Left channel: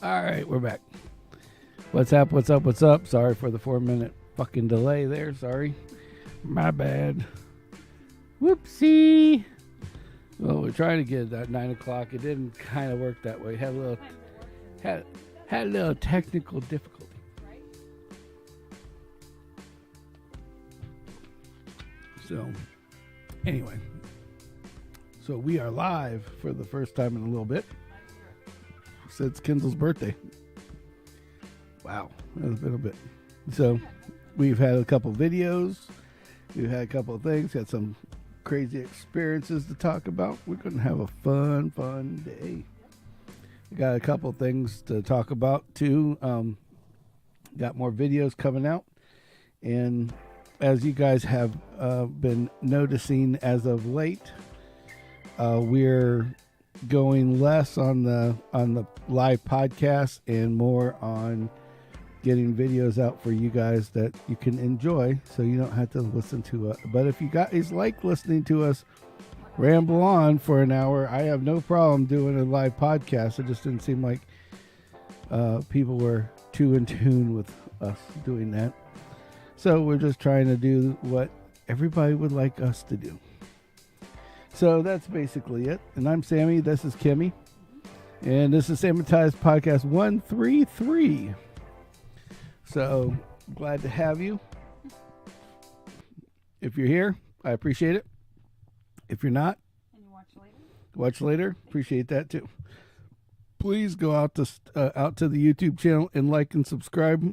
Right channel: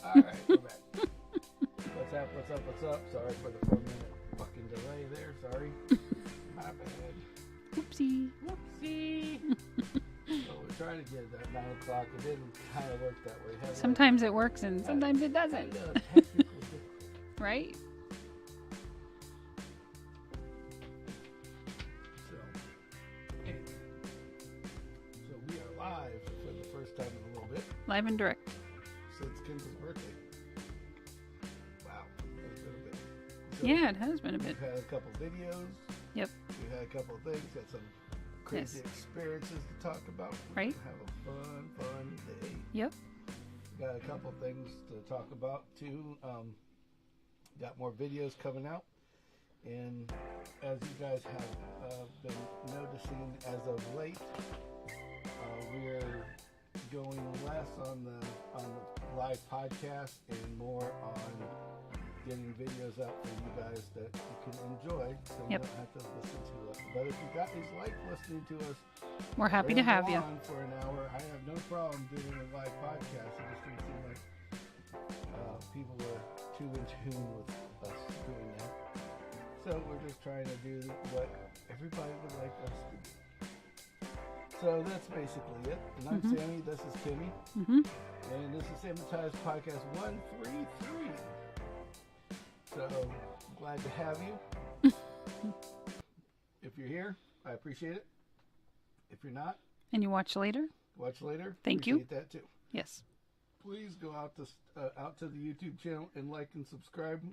All right, we're back. What's up? What's up? What's up? Sorry for the 4-minute fucking delay there. Sorry. My bad. Whoopsie. Whoopsie. Well, we're trying to get it at 9 o'clock. It didn't kind of work that way. Sometimes it works and sometimes it doesn't. Had a little technical difficulty. Right? So, anyway. So we are live for the first time in a little bit. Live and direct. Since Kindle's birthday. Wow. That's been a bit. So yeah, it has been a we've bit. had a couple videos. Yep. We've had a couple of things. Had some crazy experiences to talk about. We're Right. going to have a fun day. Yep. We got a couple of things to talk about, too. Got more videos coming out. And as you guys have been noticing as of late, we're going less on the live podcast and more on getting videos out for you guys that you can enjoy, so you don't have to listen to us. But if you guys like listening to us We're happy to have ramble you. on for an hour, I have no problem doing a live podcast. It just didn't seem like people were too in tune with us doing that. So we're just trying to do what everybody would like us to do. So that's basically it. And I'm Sammy. This is Kimmy. And this is Sammitized Podcast 133. So glad to have you. If you're here, I appreciate it. If you're not, And you watch later? watch later. Thank you. Appreciate that too. Yes. Please go out to the YouTube channel and like and subscribe.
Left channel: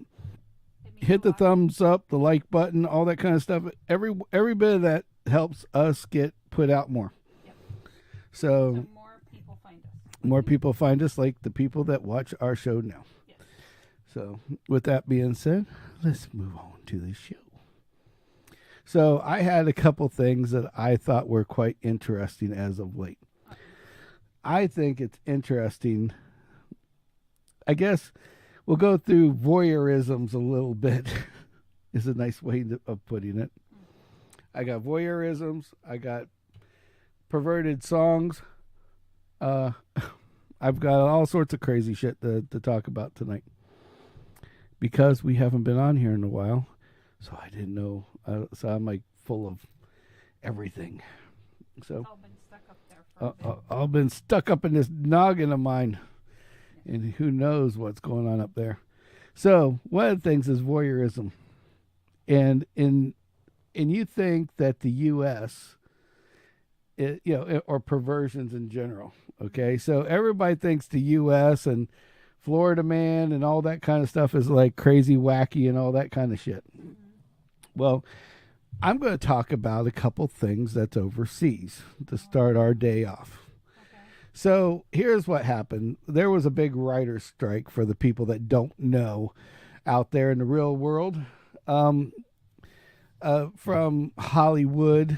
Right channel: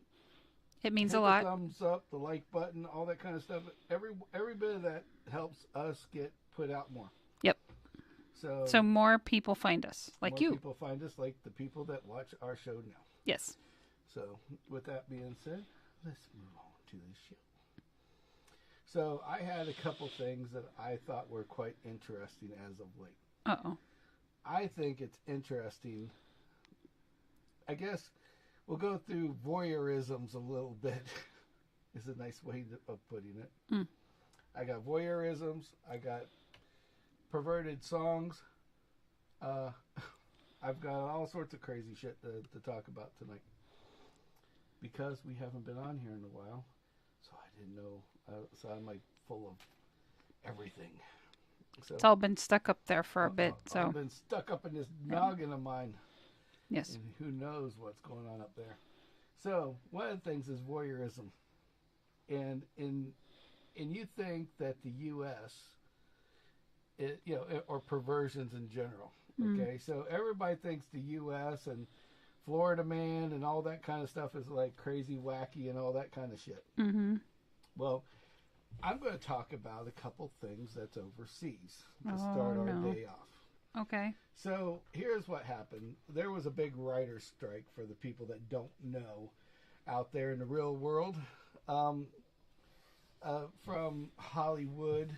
It means Hit a the lot. thumbs up, the like button, all that kind of stuff. Every bit of that helps us get put out more. Yep. So more people find us. Like more you. people find us, like the people that watch our show now. Yes. So with that being said, let's move on to the show. So I had a couple things that I thought were quite interesting as of late. Uh-oh. I think it's interesting. I guess we'll go through voyeurisms a little bit. Is a nice way of putting it. I got voyeurisms. I got perverted songs. I've got all sorts of crazy shit to talk about tonight. Because we haven't been on here in a while. So I didn't know. So I'm like full of everything. So It's all been stuck up there for a bit. So. I've been stuck up in this noggin of mine. Yes. And who knows what's going on up there. So one of the things is voyeurism. And you think that the U.S., or perversions in general, okay? So everybody thinks the U.S. and Florida Man and all that kind of stuff is like crazy wacky and all that kind of shit. Well, I'm going to talk about a couple things that's overseas to start our day off. Okay. So here's what happened. There was a big writer's strike for the people that don't know out there in the real world. From Hollywood,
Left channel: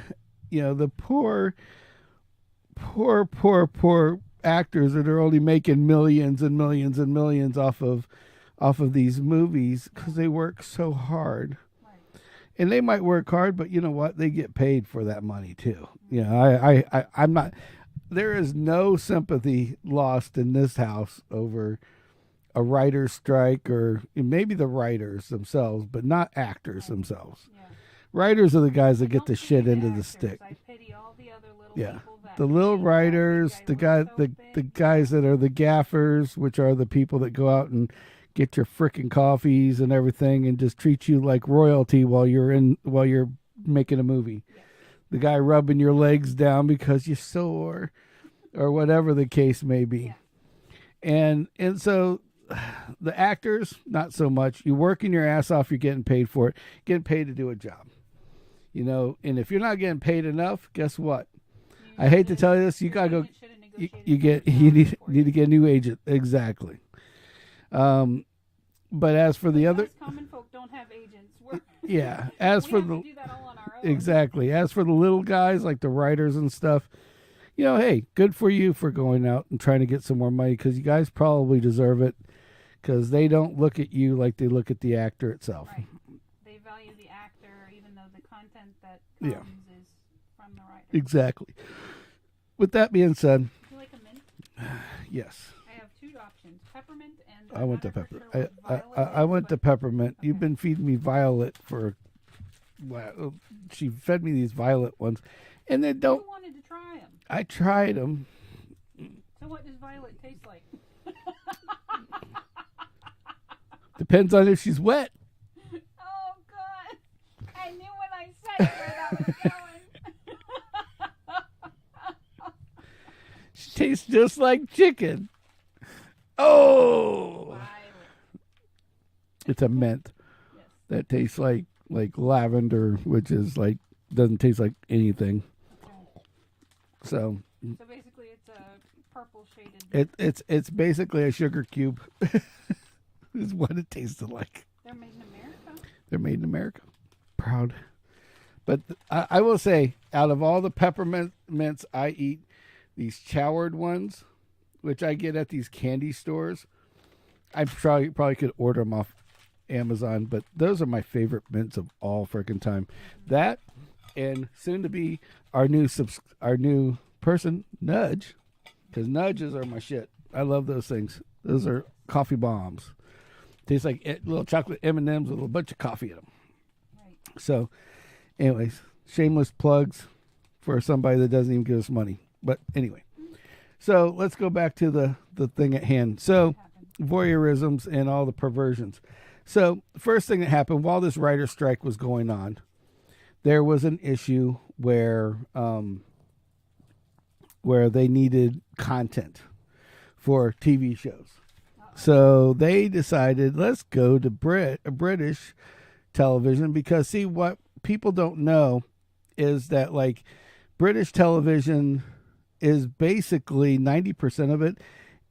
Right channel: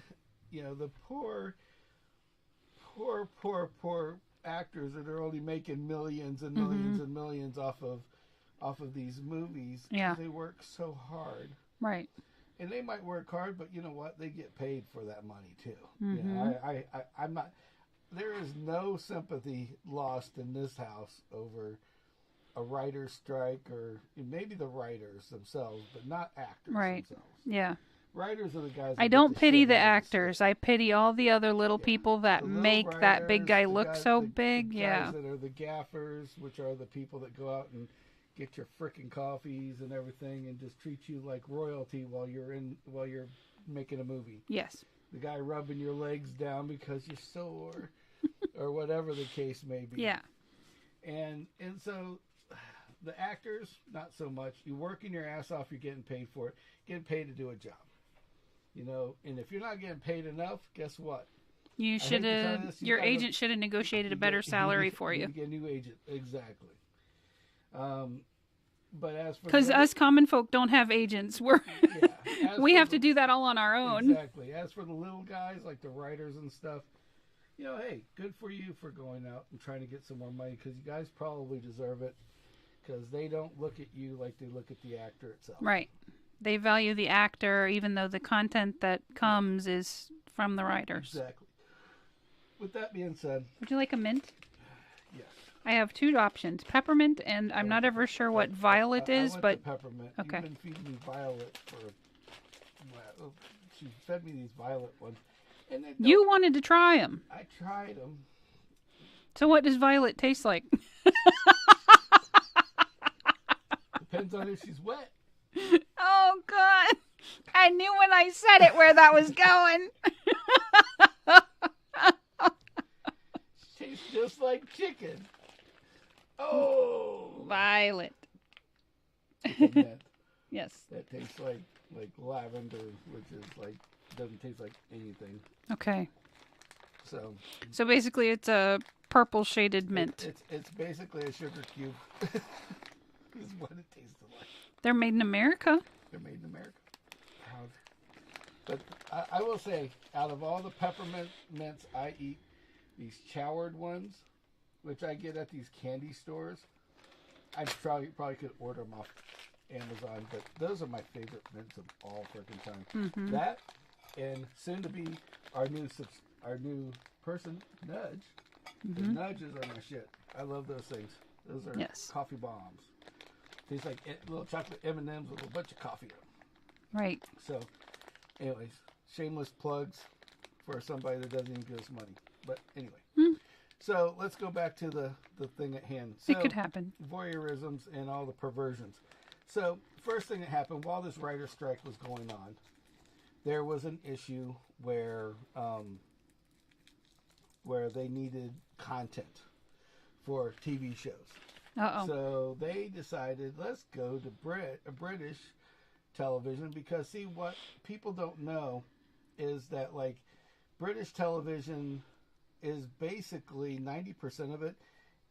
the poor actors that are only making millions and millions and millions off of these movies because they work so hard. Right. And they might work hard, but you know what? They get paid for that money too. I'm not. There is no sympathy lost in this house over a writer's strike, or maybe the writers themselves, but not actors themselves. Yeah. Writers are the guys that I get don't the pity shit the into actors. the I pity all the other little people that the little make writers, that big guy look so big. The guys that are the gaffers, which are the people that go out and get your frickin' coffees and everything and just treat you like royalty while you're making a movie. Yes. The guy rubbing your legs down because you're sore or whatever the case may be. Yeah. And so the actors, not so much. You're working your ass off, you're getting paid for it. Getting paid to do a job. And if you're not getting paid enough, guess what? I hate to tell you this. Your agent should have negotiated a better salary for you. You need to get a new agent. Exactly. But as for the because other, us common folk don't have agents. We have to do that all on our own. Exactly. As for the little guys like the writers and stuff, hey, good for you for going out and trying to get some more money, because you guys probably deserve it, because they don't look at you like they look at the actor itself. Right. They value the actor, even though the content that comes is from the writers. Exactly. with that being said, would you like a mint? yes. I have 2 options: peppermint, and I'm not ever sure what violet is. I went but to peppermint. Okay. You've been feeding me violet for. She fed me these violet ones, and they don't. You wanted to try them. I tried them. So what does violet taste like? Depends on if she's wet. Oh God! I knew when I said it where that was going. She tastes just like chicken. Oh, Violet. it's a mint. Yes. That tastes like lavender, which is like doesn't taste like anything. Okay. So basically, it's a purple shaded mint. It's basically a sugar cube. Is what it tasted like. They're made in America. They're made in America. Proud. But I will say, out of all the peppermint mints I eat, these choward ones, which I get at these candy stores, I probably could order them off Amazon, but those are my favorite mints of all freaking time. Mm-hmm. That and soon to be our new person, Nudge, because Nudges are my shit. I love those things. Those are coffee bombs. Tastes like little chocolate M&Ms with a bunch of coffee in them. Right. So, anyways, shameless plugs for somebody that doesn't even give us money. But anyway, so let's go back to the thing at hand. So, it could happen. Voyeurisms and all the perversions. So, first thing that happened while this writer's strike was going on, there was an issue where they needed content for TV shows. Uh-oh. So they decided, let's go to British television, because see, what people don't know is that like British television is basically 90% of it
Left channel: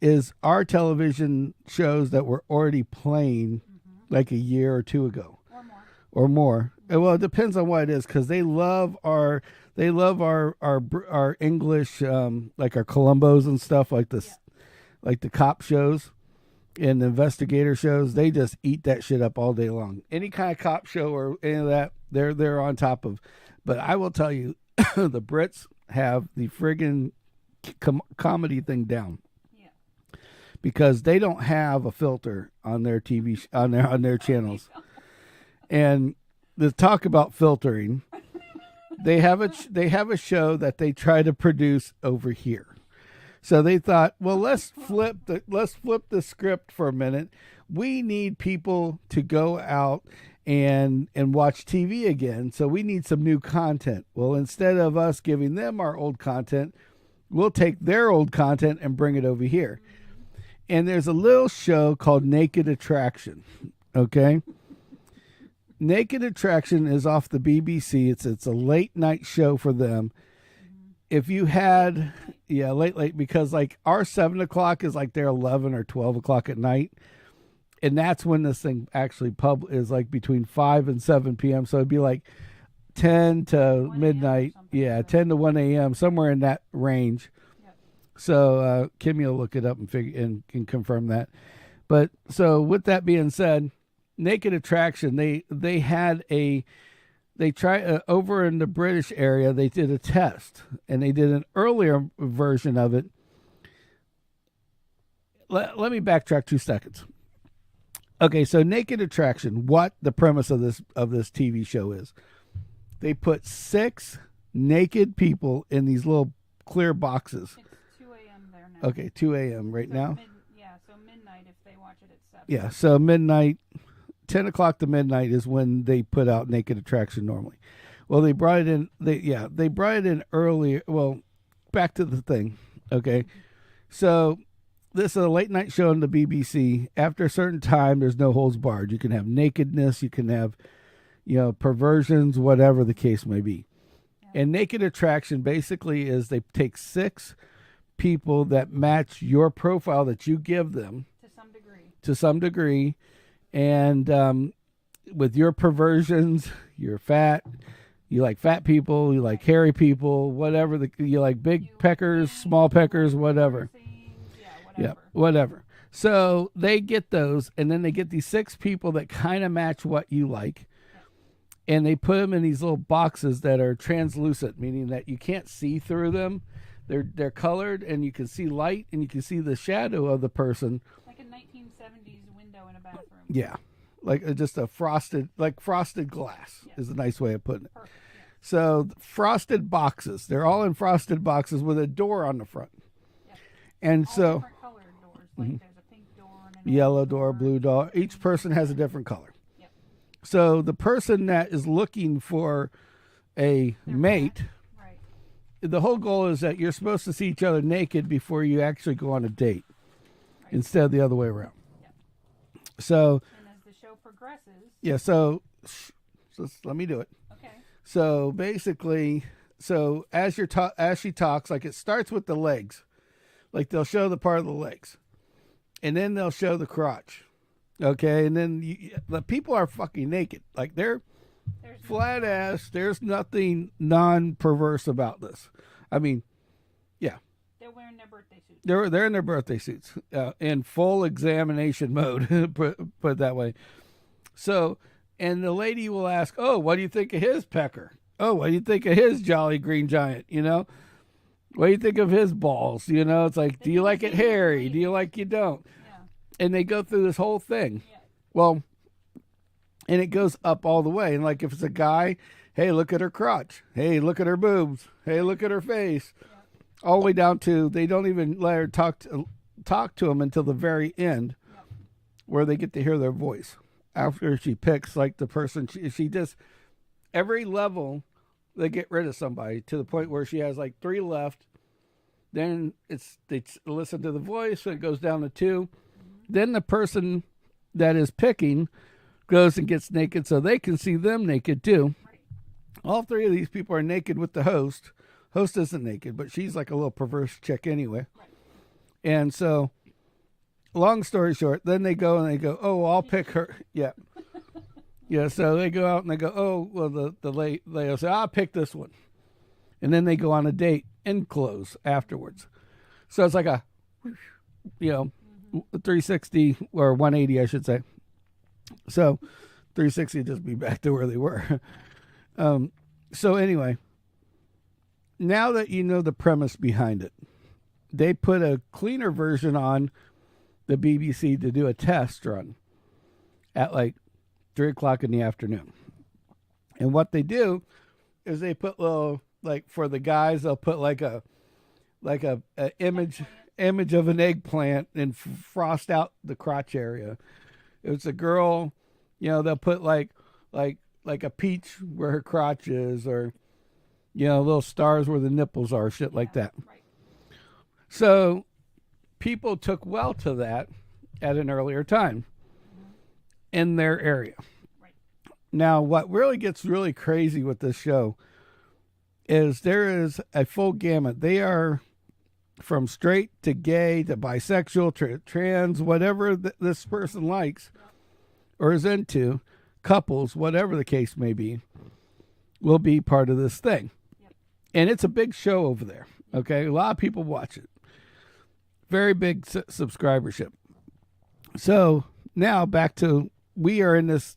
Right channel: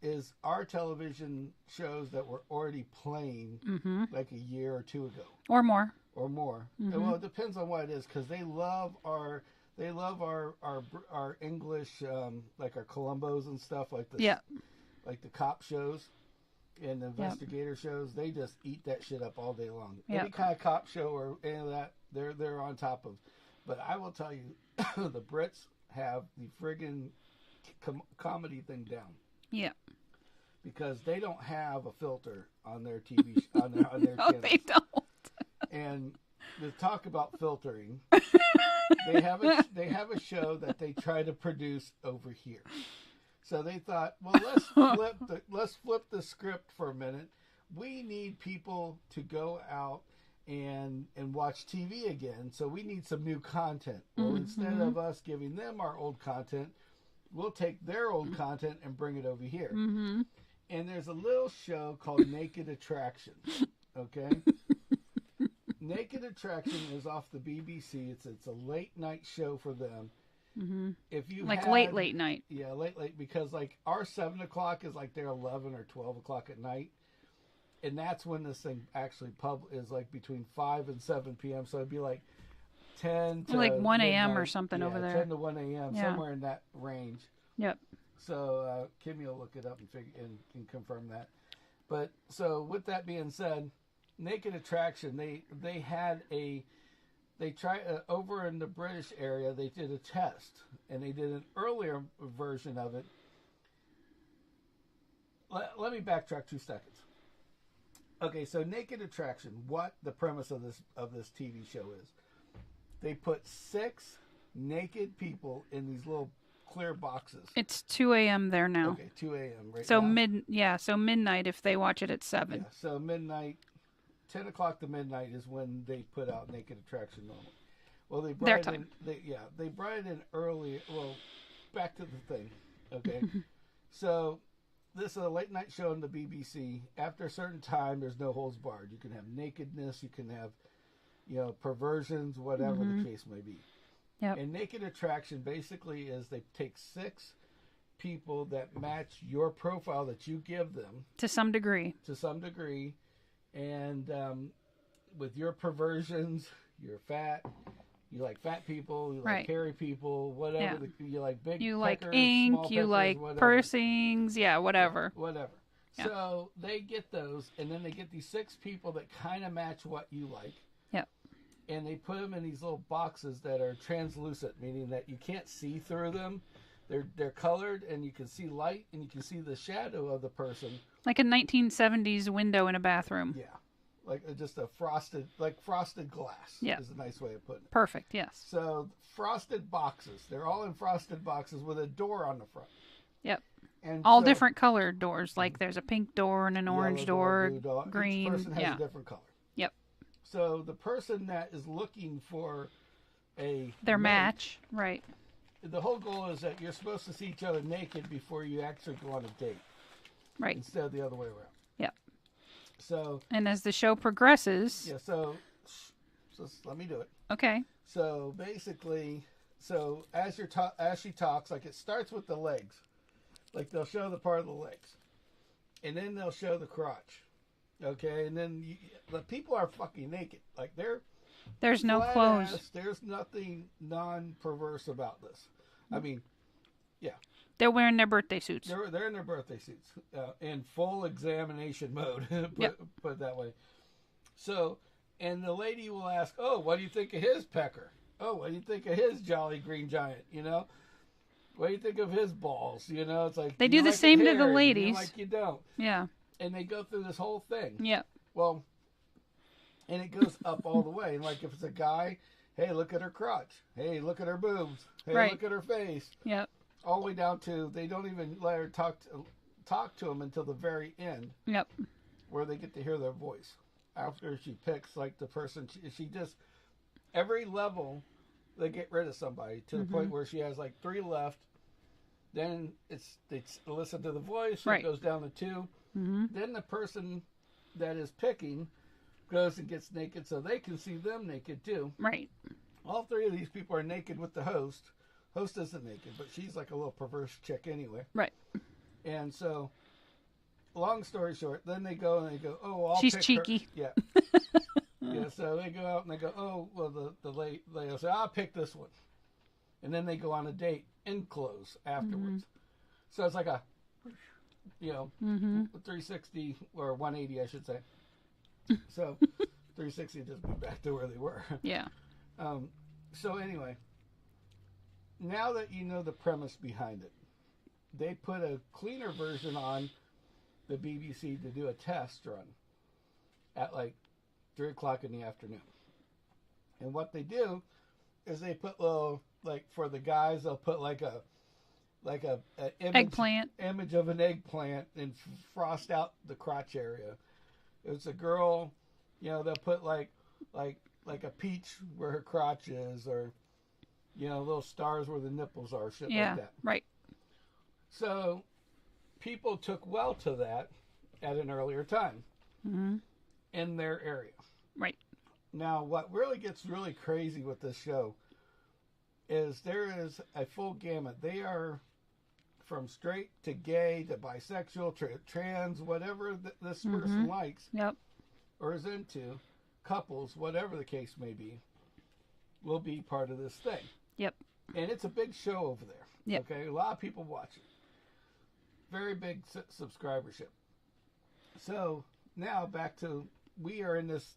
is our television shows that were already playing like a year or two ago or more. Mm-hmm. Well, it depends on what it is, because they love our English, like our Columbos and stuff like this, like the cop shows and the investigator shows. They just eat that shit up all day long. Any kind of cop show or any of that, they're on top of. But I will tell you, the Brits have the friggin' comedy thing down. Yeah. Because they don't have a filter on their TV on their No, channels. They don't. And the talk about filtering, they have a show that they try to produce over here. So they thought, well, let's flip the script for a minute. We need people to go out and watch TV again. So we need some new content. Well, instead of us giving them our old content, we'll take their old content and bring it over here. Mm-hmm. And there's a little show called Naked Attraction. Okay. Naked Attraction is off the BBC. It's a late night show for them. Mm-hmm. If you had late night, late because like our 7 o'clock is like their 11 or 12 o'clock at night, and that's when this thing actually is like between 5 and 7 p.m. So it'd be like 10 to like 1 a.m. midnight, or something. Yeah, 10 to 1 a.m. somewhere in that range. Yep. So Kimmy will look it up and confirm that. But so with that being said, Naked Attraction, they had they tried over in the British area. They did a test, and they did an earlier version of it. Let me backtrack 2 seconds. Okay, so Naked Attraction, what the premise of this TV show is, they put 6 naked people in these little clear boxes. It's 2 a.m. there now. Okay, 2 a.m. right now. So midnight if they watch it at 7. Yeah, so midnight. 10 o'clock to midnight is when they put out Naked Attraction normally. Well, they brought it in. They brought it in earlier. Well, back to the thing. Okay. So this is a late night show on the BBC. After a certain time, there's no holds barred. You can have nakedness. You can have, perversions, whatever the case may be. Yep. And Naked Attraction basically is they take 6 people that match your profile that you give them. To some degree. And with your perversions, you're fat. You like fat people. You like hairy people. Whatever. Yeah. You like big you peckers, like ink, small peckers, like whatever. Pursings, whatever. Yeah, whatever. Yeah. So they get those, and then they get these 6 people that kind of match what you like. Yeah. And they put them in these little boxes that are translucent, meaning that you can't see through them. They're colored, and you can see light, and you can see the shadow of the person. Like a 1970s window in a bathroom. Yeah, like just a frosted glass. Yeah. Is a nice way of putting it. Perfect. Yes. So frosted boxes. They're all in frosted boxes with a door on the front. Yep. And all so, different colored doors. Like there's a pink door and an yellow orange door, blue door. green, Each person has yeah. a different color. Yep. So the person that is looking for their mate, match, right? The whole goal is that you're supposed to see each other naked before you actually go on a date, Right. instead of the other way around. Yep. So. And as the show progresses. Yeah. So let me do it. Okay. So basically, as she talks, like it starts with the legs, like they'll show the part of the legs, and then they'll show the crotch. Okay, and then the people are fucking naked, like there's no flat clothes. ass. There's nothing non-perverse about this. I mean, yeah, they're wearing their birthday suits. they're in their birthday suits, in full examination mode. Put it that way. So, and the lady will ask, "Oh, what do you think of his pecker? Oh, what do you think of his jolly green giant? You know, what do you think of his balls? You know, it's like, They do do you the like same it to the hairy? Do ladies. you like you don't?" Yeah. And they go through this whole thing. Yeah. Well, and it goes up all the way. And like if it's a guy, hey, look at her crotch. Hey, look at her boobs. Hey, Right. look at her face. Yep. All the way down to they don't even let her talk to him until the very end. Yep. Where they get to hear their voice after she picks like the person. She just every level they get rid of somebody to the point where she has like 3 left. Then they listen to the voice. So Right. it goes down to 2. Then the person that is picking goes and gets naked so they can see them naked too. Right. All 3 of these people are naked with the host. Host isn't naked, but she's like a little perverse chick anyway. Right. And so, long story short, then they go and they go, oh, well, I'll She's pick her. cheeky. Yeah. Yeah, so they go out and they go, oh, well, the lady will say, I'll pick this one. And then they go on a date and close afterwards. So it's like a, 360 or 180, I should say. So 360 would just be back to where they were. Yeah. So anyway, now that you know the premise behind it, they put a cleaner version on the BBC to do a test run at like 3:00 in the afternoon. And what they do is they put little, like for the guys, they'll put like a image of an eggplant and frost out the crotch area. If it's a girl, they'll put like a peach where her crotch is, or little stars where the nipples are, shit like that. Right. So people took well to that at an earlier time in their area. Right. Now, what really gets really crazy with this show is there is a full gamut. They are from straight to gay to bisexual, trans, whatever this person likes or is into, couples, whatever the case may be, will be part of this thing. Yep. And it's a big show over there. Yep. Okay. A lot of people watch it. Very big subscribership. So now back to, we are in this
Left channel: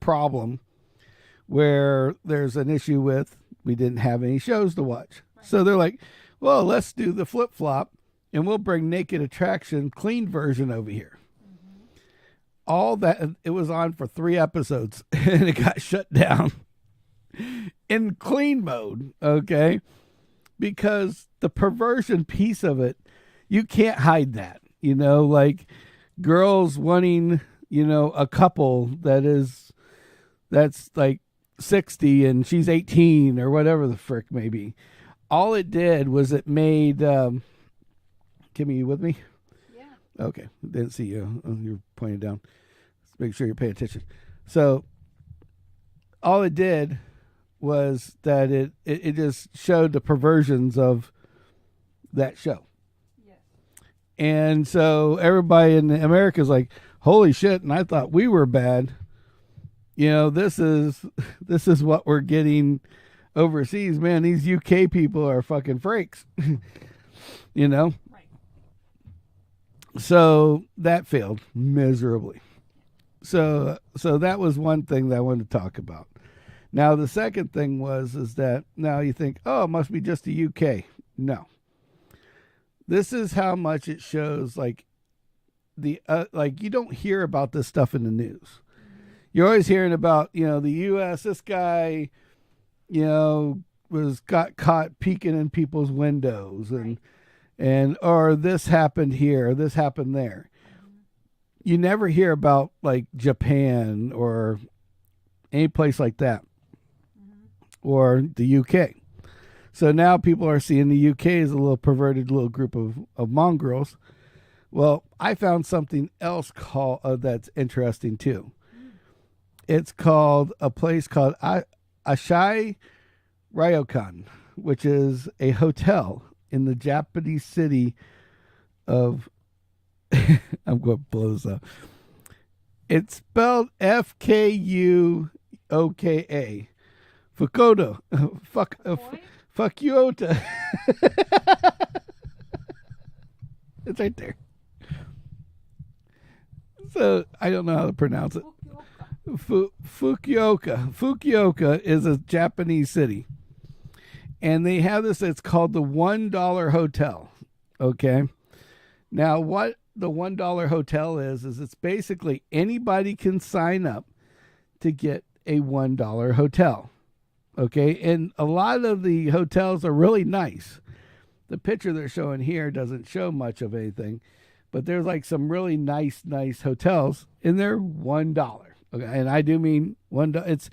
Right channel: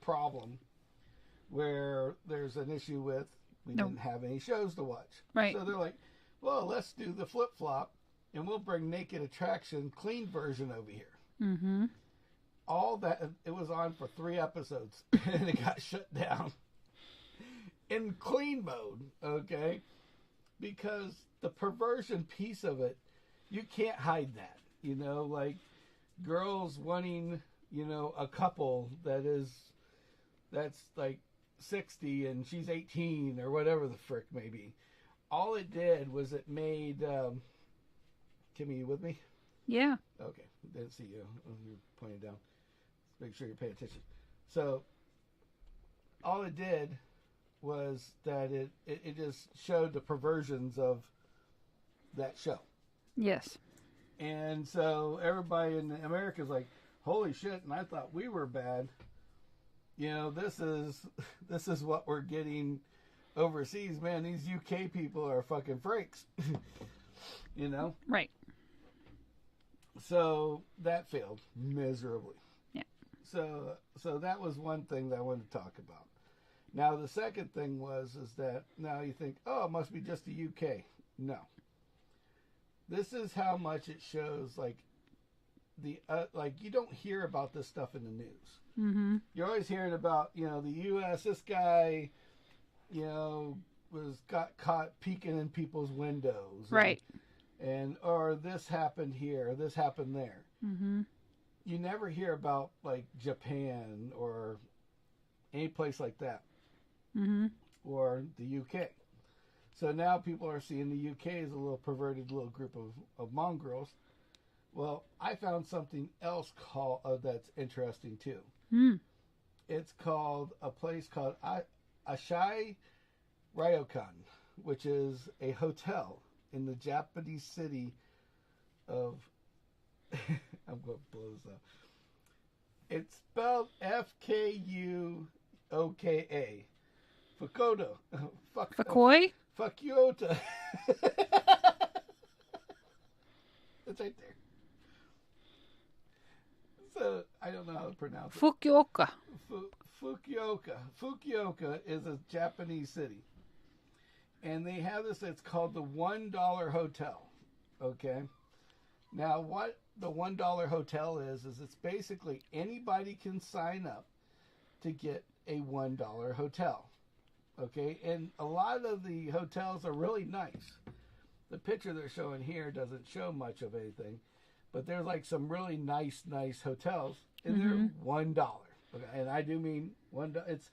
problem where there's an issue with, we didn't have any shows to watch. Right. So they're like, well, let's do the flip-flop and we'll bring Naked Attraction clean version over here. All that, it was on for 3 episodes and it got shut down in clean mode. Okay. Because the perversion piece of it, you can't hide that, like girls wanting, a couple that's like 60 and she's 18 or whatever the frick may be. All it did was it made, Kimmy, you with me? Yeah. Okay. Didn't see you. Oh, you're pointing down. Let's make sure you're paying attention. So all it did was that it just showed the perversions of that show. Yes. And so everybody in America is like, holy shit. And I thought we were bad. This is what we're getting overseas. Man, these UK people are fucking freaks. Right. So that failed miserably. Yeah. So that was one thing that I wanted to talk about. Now the second thing is that now you think, oh, it must be just the UK. No. This is how much it shows. Like like you don't hear about this stuff in the news. Mm-hmm. You're always hearing about, the U.S. This guy, got caught peeking in people's windows, Right. And or this happened here, or this happened there. Mm-hmm. You never hear about like Japan or any place like that, Mm-hmm. or the UK. So now people are seeing the UK as a little perverted little group of mongrels. Well, I found something else that's interesting too. Mm. It's called a place called Ashai Ryokan, which is a hotel in the Japanese city of I'm going to blow this up. It's spelled Fukuoka. Fukuoka. Fakoi? Fukuoka. It's right there. So I don't know how to pronounce it. Fukuoka. Fukuoka. Fukuoka is a Japanese city. And they have this, it's called the $1 Hotel. Okay. Now, what the $1 Hotel is it's basically anybody can sign up to get a $1 hotel. Okay. And a lot of the hotels are really nice. The picture they're showing here doesn't show much of anything, but there's like some really nice hotels, and they're $1. Okay. And I do mean $1. It's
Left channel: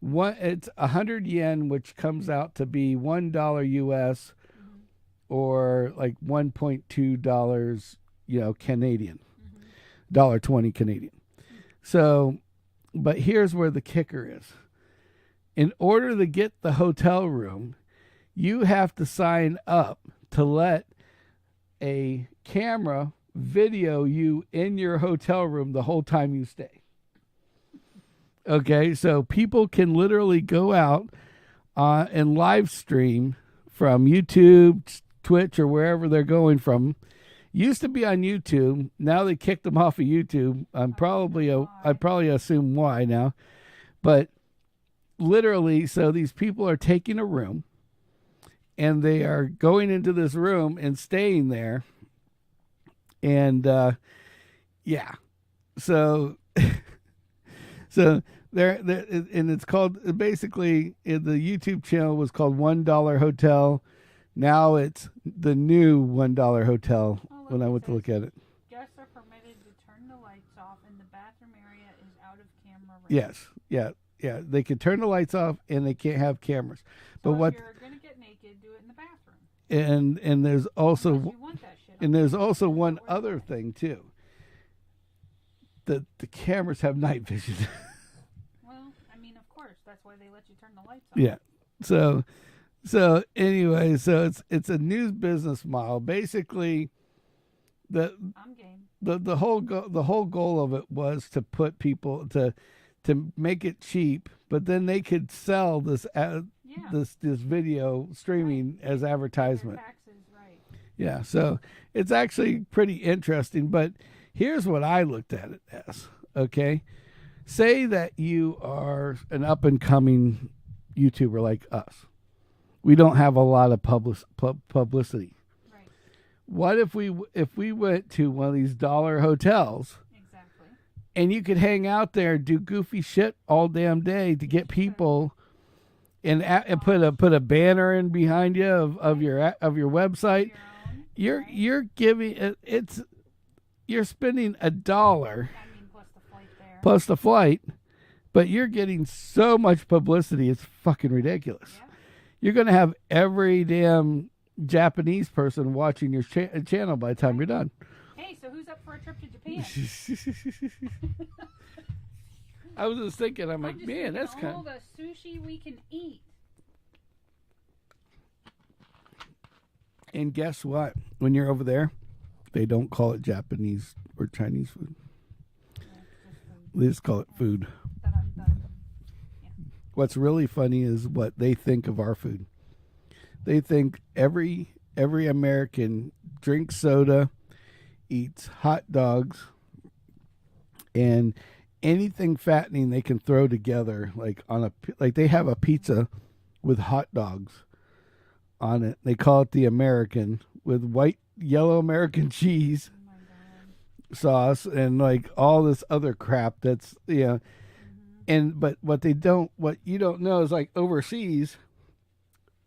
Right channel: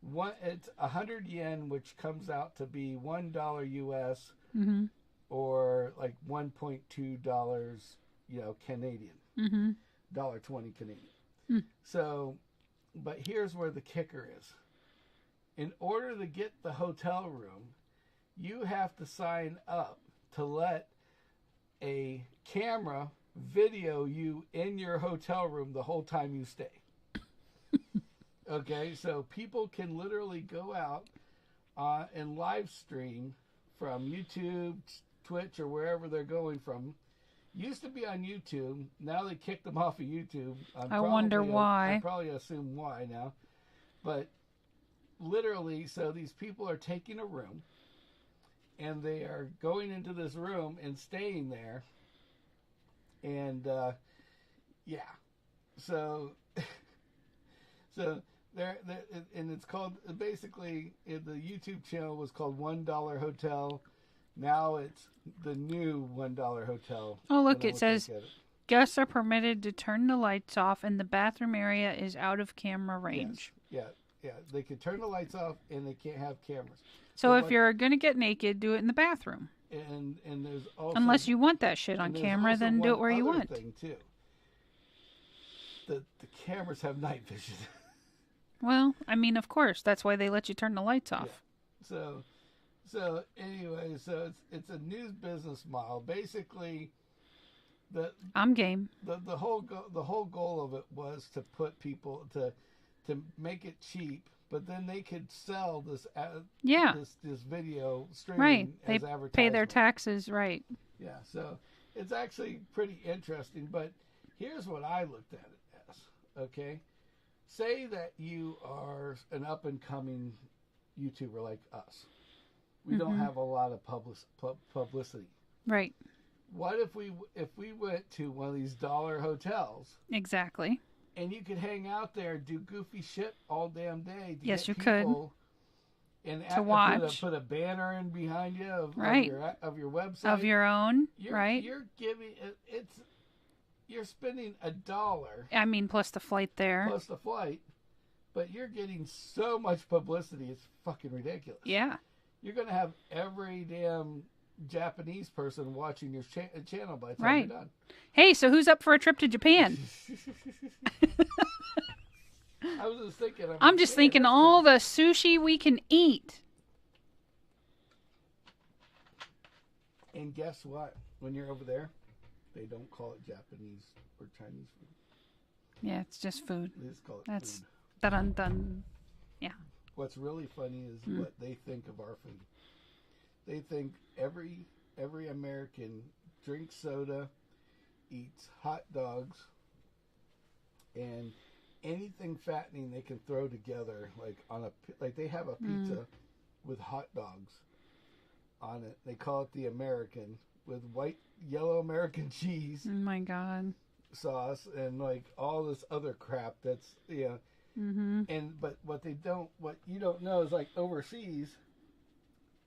100 yen, which comes out to be $1 US, Mm-hmm. or like $1.2, Canadian, Mm-hmm. $1.20 Canadian. Mm. So, but here's where the kicker is. In order to get the hotel room, you have to sign up to let a camera video you in your hotel room the whole time you stay. Okay, so people can literally go out and live stream from YouTube, Twitch, or wherever they're going from. Used to be on YouTube. Now they kicked them off of YouTube. I wonder why. I'd probably assume why now. But literally, so these people are taking a room, and they are going into this room and staying there. And yeah, so there, and it's called, basically, the YouTube channel was called $1 Hotel. Now it's the new $1 Hotel. Oh, look, it says look at it. Guests are permitted to turn the lights off, and the bathroom area is out of camera range. Yes, yeah. They can turn the lights off, and they can't have cameras. So if you're going to get naked, do it in the bathroom. And there's also, unless you want that shit on and there's camera, also then one do it where you other want. thing too. The cameras have night vision. Well, I mean, of course, that's why they let you turn the lights off. Yeah. So anyway, so it's a news business model. Basically, I'm game. The whole goal of it was to put people to make it cheap, but then they could sell this this video streaming right. as they advertisement. Pay their taxes, right? Yeah, so it's actually pretty interesting. But here's what I looked at it as. Okay, say that you are an up and coming YouTuber like us. We don't have a lot of publicity. Right. What if we went to one of these dollar hotels? Exactly. And you could hang out there, do goofy shit all damn day to Yes, get you people, and watch. put a banner in behind you of Right. your website. Of your own. Right. You're giving you're spending $1. I mean, plus the flight there. Plus the flight, but you're getting so much publicity. It's fucking ridiculous. Yeah. You're gonna have every damn Japanese person watching your channel by the time you're done. Hey, so who's up for a trip to Japan? I was just thinking. I'm just thinking all the sushi we can eat. And guess what? When you're over there, they don't call it Japanese or Chinese food. Yeah, it's just food. They just call it food. Dun. Yeah. What's really funny is what they think of our food. They think every American drinks soda, eats hot dogs, and anything fattening they can throw together, like they have a pizza with hot dogs on it. They call it the American, with white, yellow American cheese Oh my God. sauce and like all this other crap that's, and but what you don't know is like overseas,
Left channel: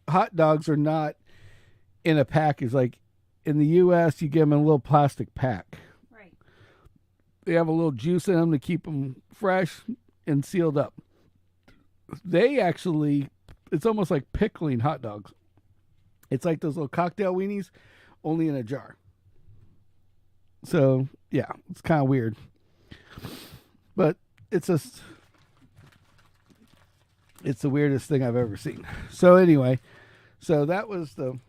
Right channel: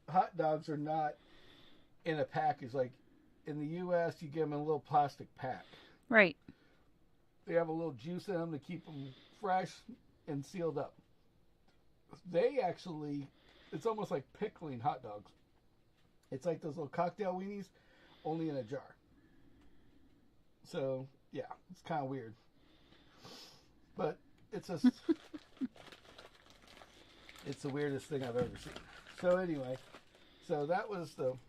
hot dogs are not in a package. Like in the U.S., you get them in a little plastic pack. Right. They have a little juice in them to keep them fresh and sealed up. They actually, it's almost like pickling hot dogs. It's like those little cocktail weenies, only in a jar. So, yeah, it's kind of weird. But it's the weirdest thing I've ever seen. So anyway, that was the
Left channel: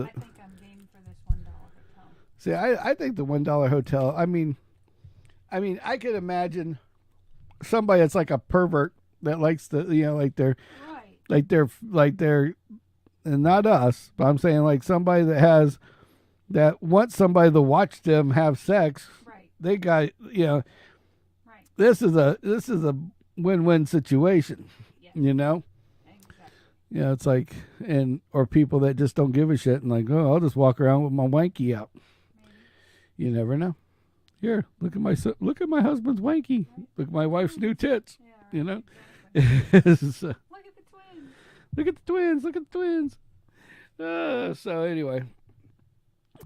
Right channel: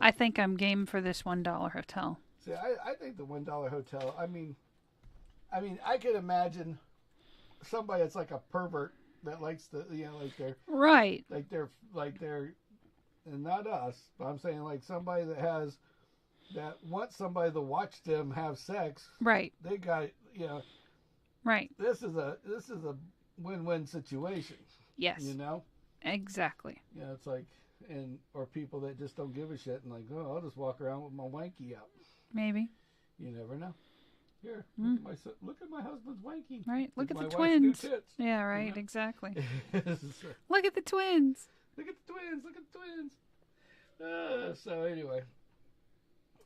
I think I'm game for this $1 hotel. See, I think the $1 hotel, I mean, I can imagine somebody that's like a pervert that likes to, like they're right, like they're, and not us, but I'm saying like somebody that wants somebody to watch them have sex. right, They got, right. this is a win-win situation. Yes, exactly. Yeah, it's like, or people that just don't give a shit and like, oh, I'll just walk around with my wanky out. Maybe. You never know. Here, look at my husband's wanky. Right. Look at my wife's new tits. Yeah, right. Exactly. So, Look at the twins. look at the twins. Look at the twins. So anyway.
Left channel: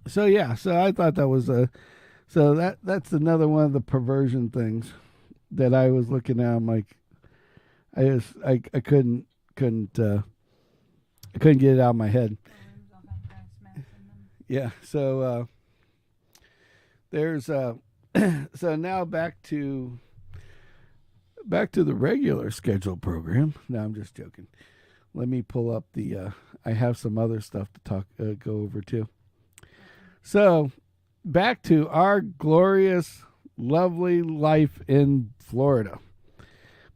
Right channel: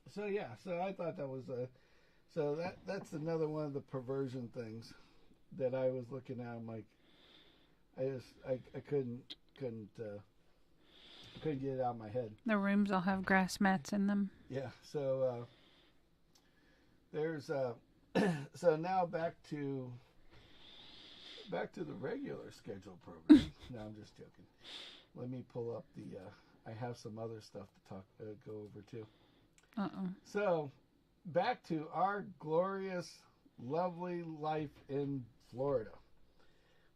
So yeah. So I thought that was that's another one of the perversion things that I was looking at. I'm like, I couldn't get it out of my head. The rooms all have grass mats in them. Yeah. So there's so now back to the regular scheduled program. No, I'm just joking. Let me pull up the I have some other stuff to go over too. So back to our glorious, lovely life in Florida.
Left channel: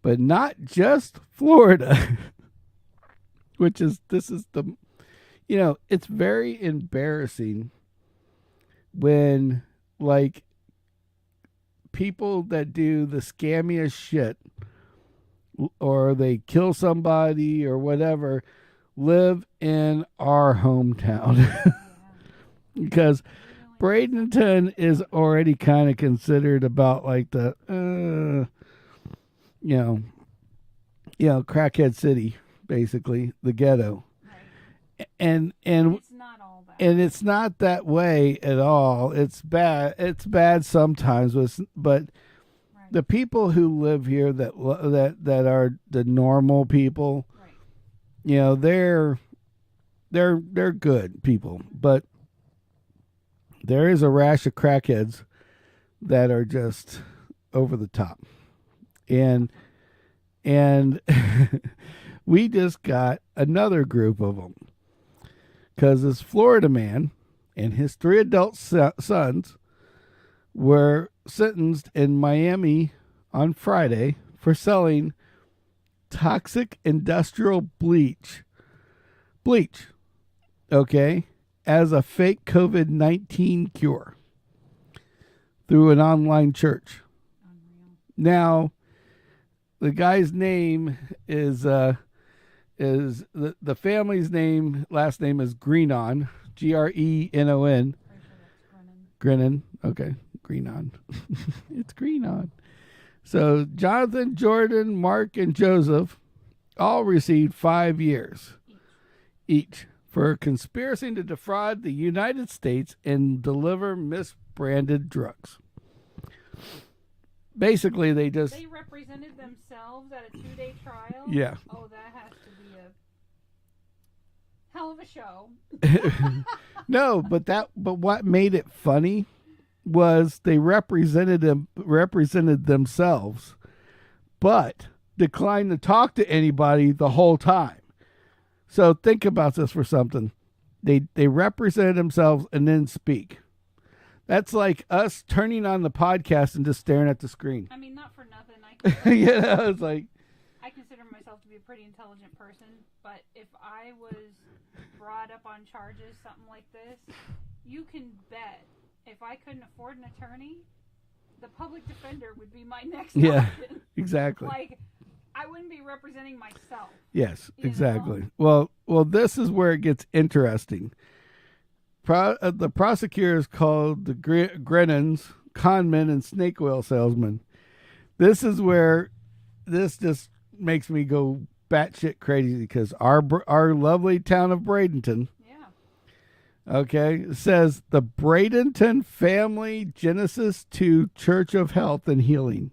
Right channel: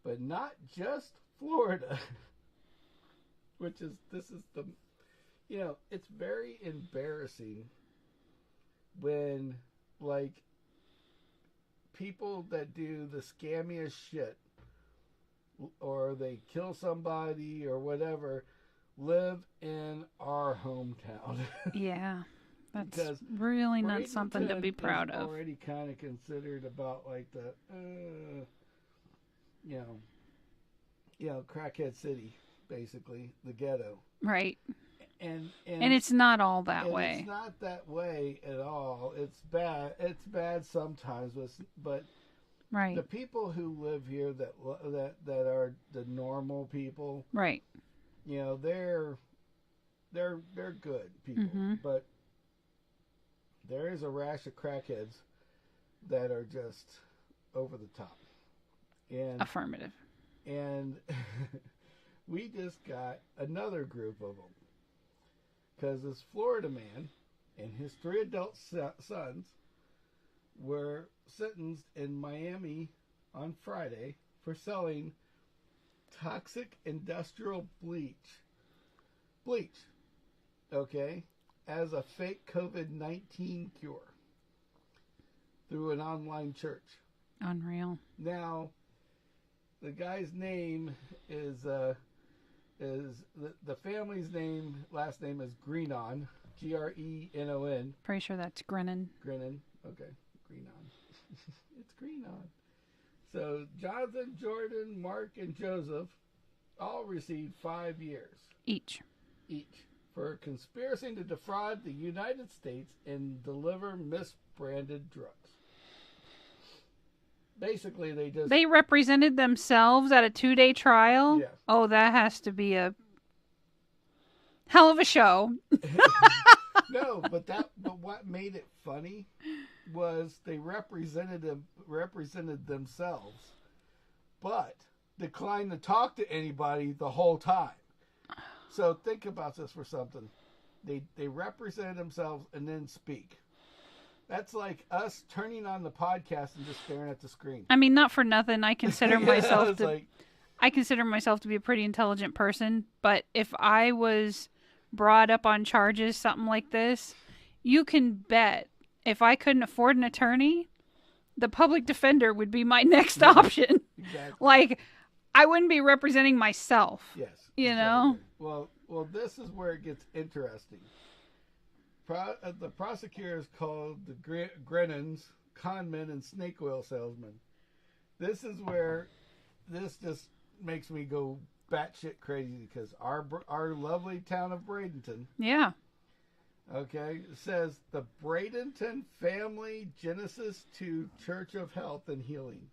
But not just Florida. This is the it's very embarrassing when like people that do the scammiest shit or they kill somebody or whatever live in our hometown. Yeah. Because really Bradenton is already kind of considered about like the crackhead city, basically the ghetto. Right. And it's not all that way. And it's not that way at all. It's bad. It's bad sometimes, but right. The people who live here that are the normal people, right? They're good people, but there is a rash of crackheads that are just over the top. And affirmative. And we just got another group of them. Because this Florida man and his 3 adult sons were sentenced in Miami on Friday for selling toxic industrial bleach, okay, as a fake COVID-19 cure through an online church. Unreal. Now, the guy's name is the family's last name is Greenon, Grenon. Pretty sure that's Grennan. Grennan, okay, Greenon. It's Greenon. So Jonathan, Jordan, Mark, and Joseph all received 5 years each for conspiracy to defraud the United States and deliver misbranded drugs. Basically, they represented themselves at a 2-day trial. Yeah. Oh, that has to be a hell of a show. No, but what made it funny was they represented themselves, but declined to talk to anybody the whole time. So think about this for something. They represented themselves and then speak. That's like us turning on the podcast and just staring at the screen. I mean, not for nothing. I consider I consider myself to be a pretty intelligent person, but if I was brought up on charges, something like this, you can bet if I couldn't afford an attorney, the public defender would be my next option. Exactly. Like, I wouldn't be representing myself. Yes, you exactly. know? Well, this is where it gets interesting. the prosecutors called the Grennans conmen and snake oil salesmen. This is where this just makes me go batshit crazy because our lovely town of Bradenton. Yeah. Okay, it says the Bradenton Family Genesis 2 Church of Health and Healing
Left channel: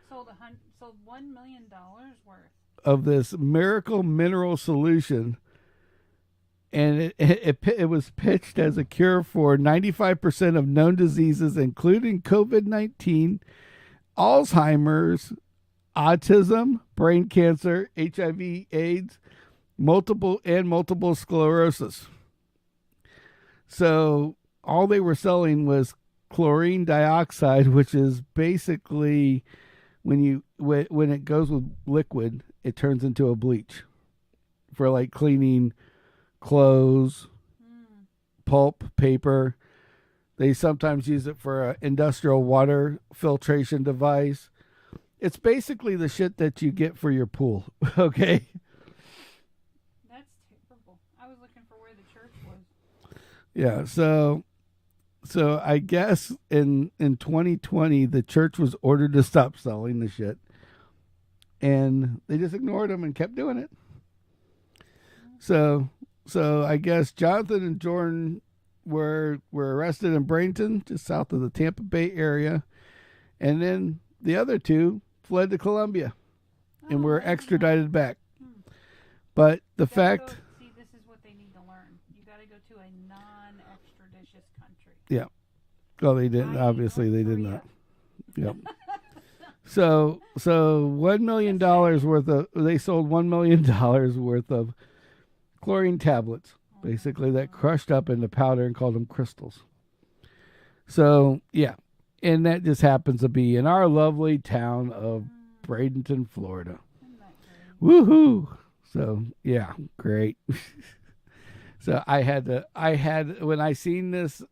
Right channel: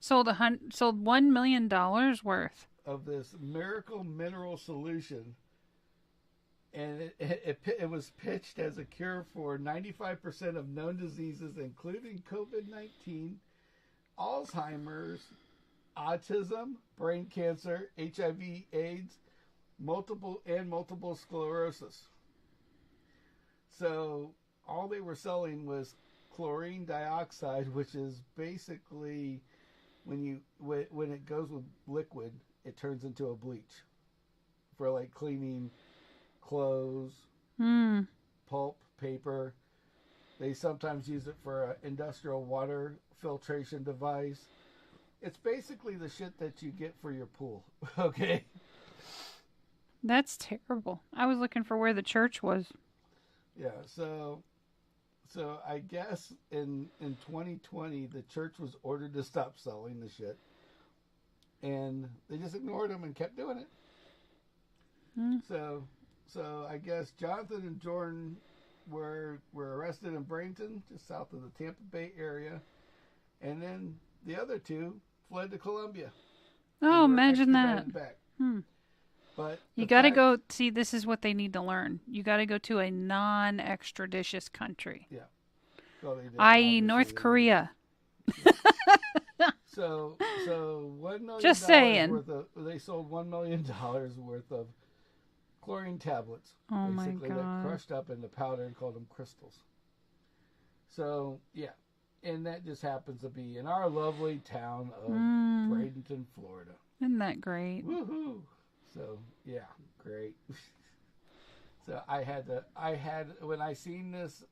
sold $1 million worth of this miracle mineral solution. And it was pitched as a cure for 95% of known diseases, including COVID-19, Alzheimer's, autism, brain cancer, HIV, AIDS, multiple sclerosis. So all they were selling was chlorine dioxide, which is basically when it goes with liquid, it turns into a bleach for like cleaning clothes, pulp, paper. They sometimes use it for an industrial water filtration device. It's basically the shit that you get for your pool. Okay. That's terrible. I was looking for where the church was. Yeah. So I guess in 2020, the church was ordered to stop selling the shit. And they just ignored them and kept doing it. So I guess Jonathan and Jordan were arrested in Bradenton, just south of the Tampa Bay area, and then the other two fled to Colombia and were extradited back. But you gotta go see. This is what they need to learn. You gotta go to a non-extraditious country. Yeah. Well, they did. I.e., North Korea. Yeah. So $1 million worth of they sold $1 million worth of chlorine tablets, basically, that crushed up into powder and called them crystals. So, yeah. And that just happens to be in our lovely town of Bradenton, Florida. Isn't that great? Woohoo! So, yeah, great. So when I seen this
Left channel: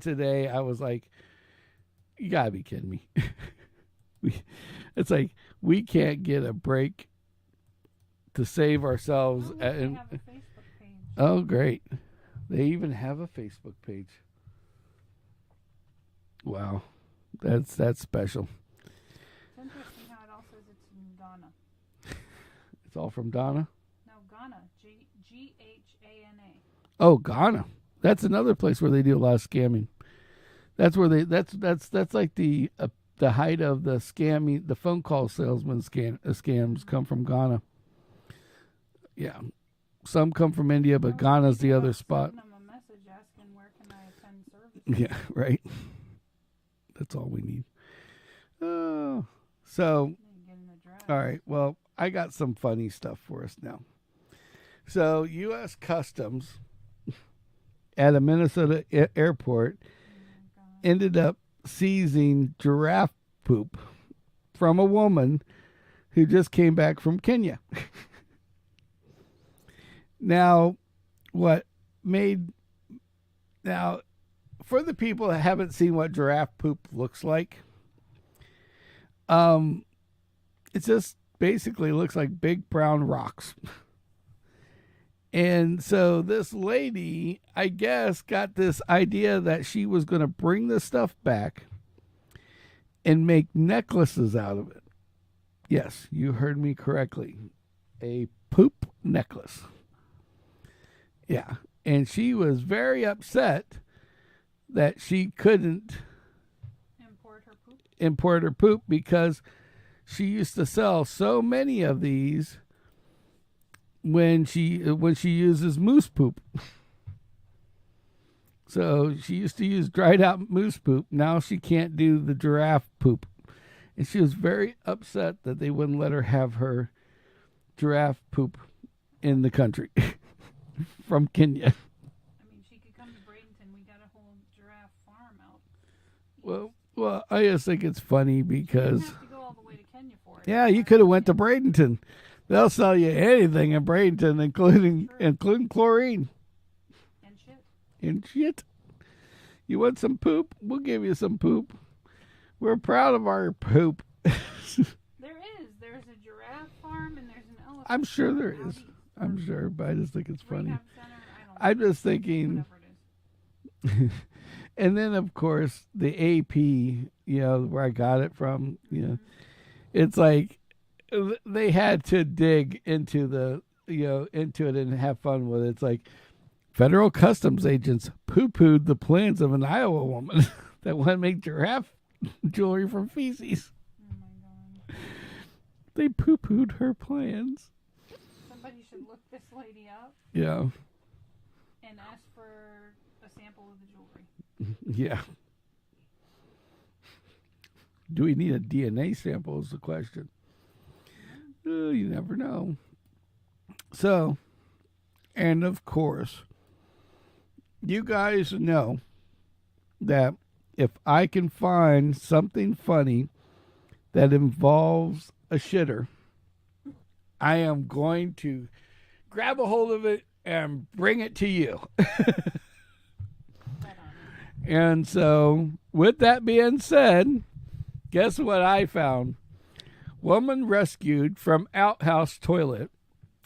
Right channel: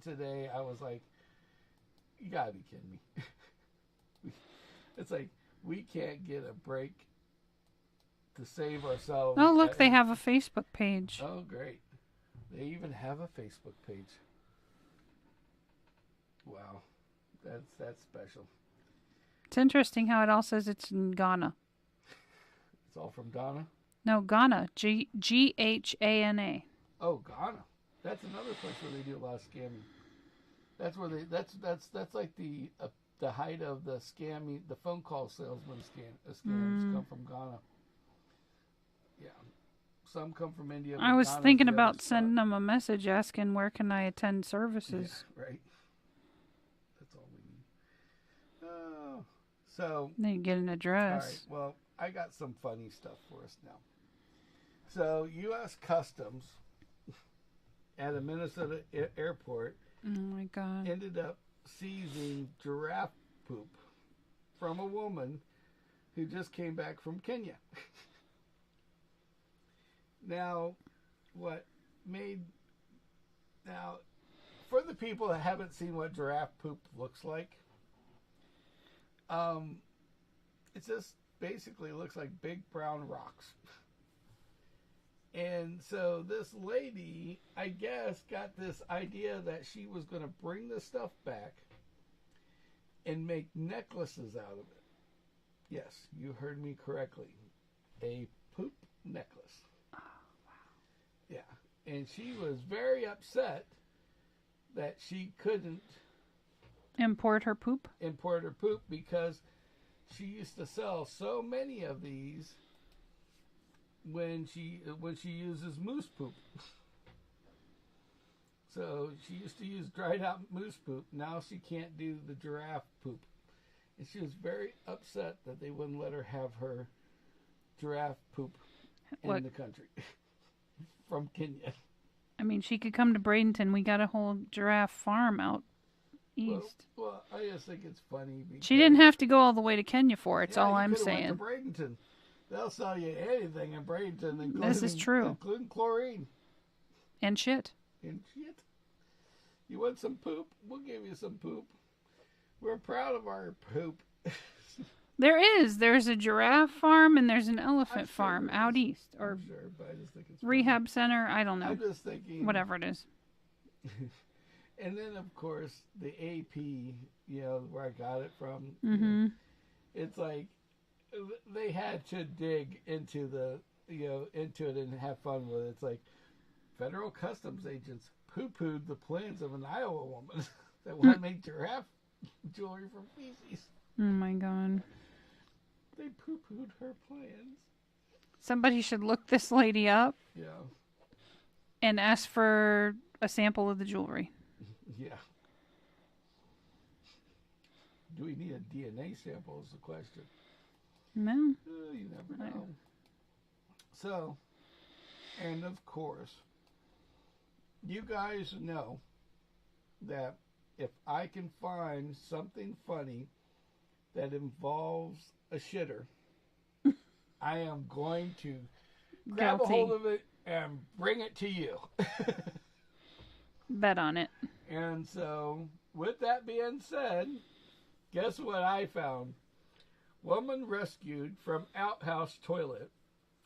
today, I was like, you gotta be kidding me. It's like, we can't get a break to save ourselves. Oh, look, they have a Facebook page. Oh, great. They even have a Facebook page. Wow. That's special. It's interesting how it all says it's in Ghana. It's all from Ghana? No, Ghana. Ghana. Oh, Ghana. That's another place where they do a lot of scamming. That's where that's like the height of the scamming, the phone call salesman scams come from Ghana. Yeah. Some come from India, but Ghana's the other spot. I was thinking about sending them a message asking where can I attend services. Yeah, right. That's all we need. Oh, so then you get an address. All right. Well, I got some funny stuff for us now. So, U.S. Customs at a Minnesota airport ended up seizing giraffe poop from a woman who just came back from Kenya. Now, for the people that haven't seen what giraffe poop looks like, it just basically looks like big brown rocks. And so this lady, I guess, got this idea that she was going to bring this stuff back and make necklaces out of it. Yes, you heard me correctly. A poop necklace. Yeah. And she was very upset that she couldn't import her poop because she used to sell so many of these when she uses moose poop. So she used to use dried out moose poop. Now she can't do the giraffe poop. And she was very upset that they wouldn't let her have her giraffe poop in the country from Kenya. I mean, she could come to Bradenton. We got a whole giraffe farm out east. Well, I just think it's funny because she didn't have to go all the way to Kenya for it. Yeah, you could have went to Bradenton. They'll sell you anything in Bradenton, including chlorine. And shit. You want some poop? We'll give you some poop. We're proud of our poop. There's a giraffe farm and there's an elephant farm out east. I'm sure, but I just think it's rehab center. I don't know. I'm just thinking whatever it is. And then, of course, the AP, where I got it from, it's like they had to dig into into it and have fun with it. It's like federal customs agents poo-pooed the plans of an Iowa woman that wanted to make giraffe jewelry from feces. Oh, my God. They poo-pooed her plans. Somebody should look this lady up. Yeah. And ask for a sample of the jewelry. Yeah. Do we need a DNA sample is the question. No. You never know. So, and of course, you guys know that if I can find something funny that involves a shitter, I am going to grab a hold of it and bring it to you. Bet on it. And so, with that being said, guess what I found? Woman rescued from outhouse toilet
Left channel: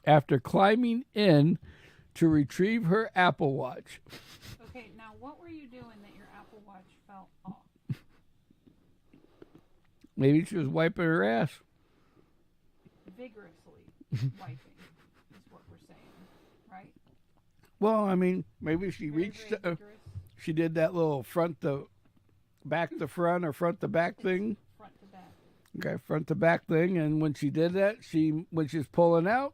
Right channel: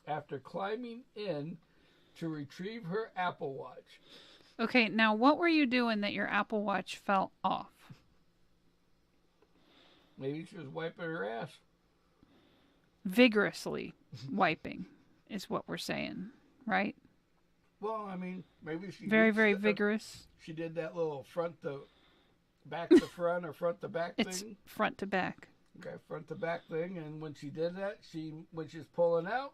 after climbing in to retrieve her Apple Watch. Okay, now what were you doing that your Apple Watch fell off? Maybe she was wiping her ass. Vigorously wiping is what we're saying, right? Well, I mean, maybe she very vigorous. She did that little front to back to front or front to back thing. Front to back. Okay, front to back thing, and when she did that, when she's pulling out,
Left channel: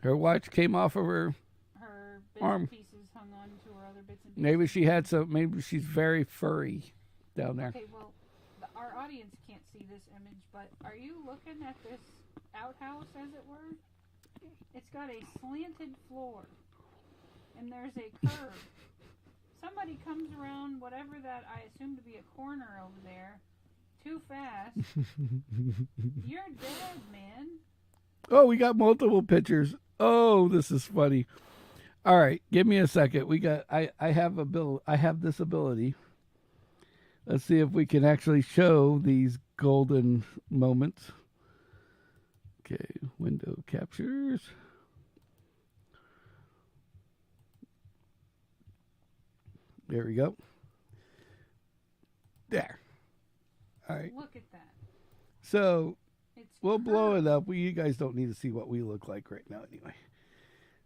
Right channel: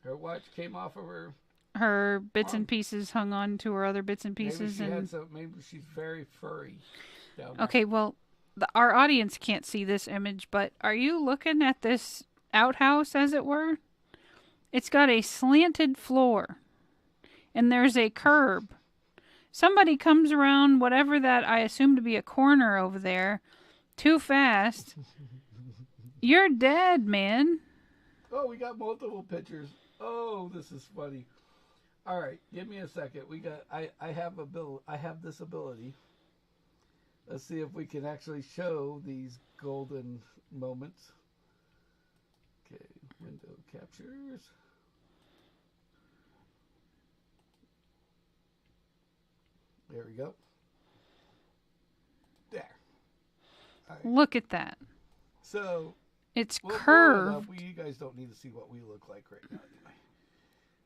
her watch came off of her. Her bits arm. And pieces hung on to her other bits and pieces. Maybe she had some. Maybe she's very furry down there. Okay, well, our audience can't see this image, but are you looking at this outhouse, as it were? It's got a slanted floor, and there's a curb. Somebody comes around whatever that I assume to be a corner over there too fast. You're dead, man. Oh, we got multiple pictures. Oh, this is funny. All right, give me a second. I have this ability. Let's see if we can actually show these golden moments. Okay, window captures. There we go. There. All right. Look at that. So it's we'll curved. blow it up. You guys don't need to see what we look like right now anyway.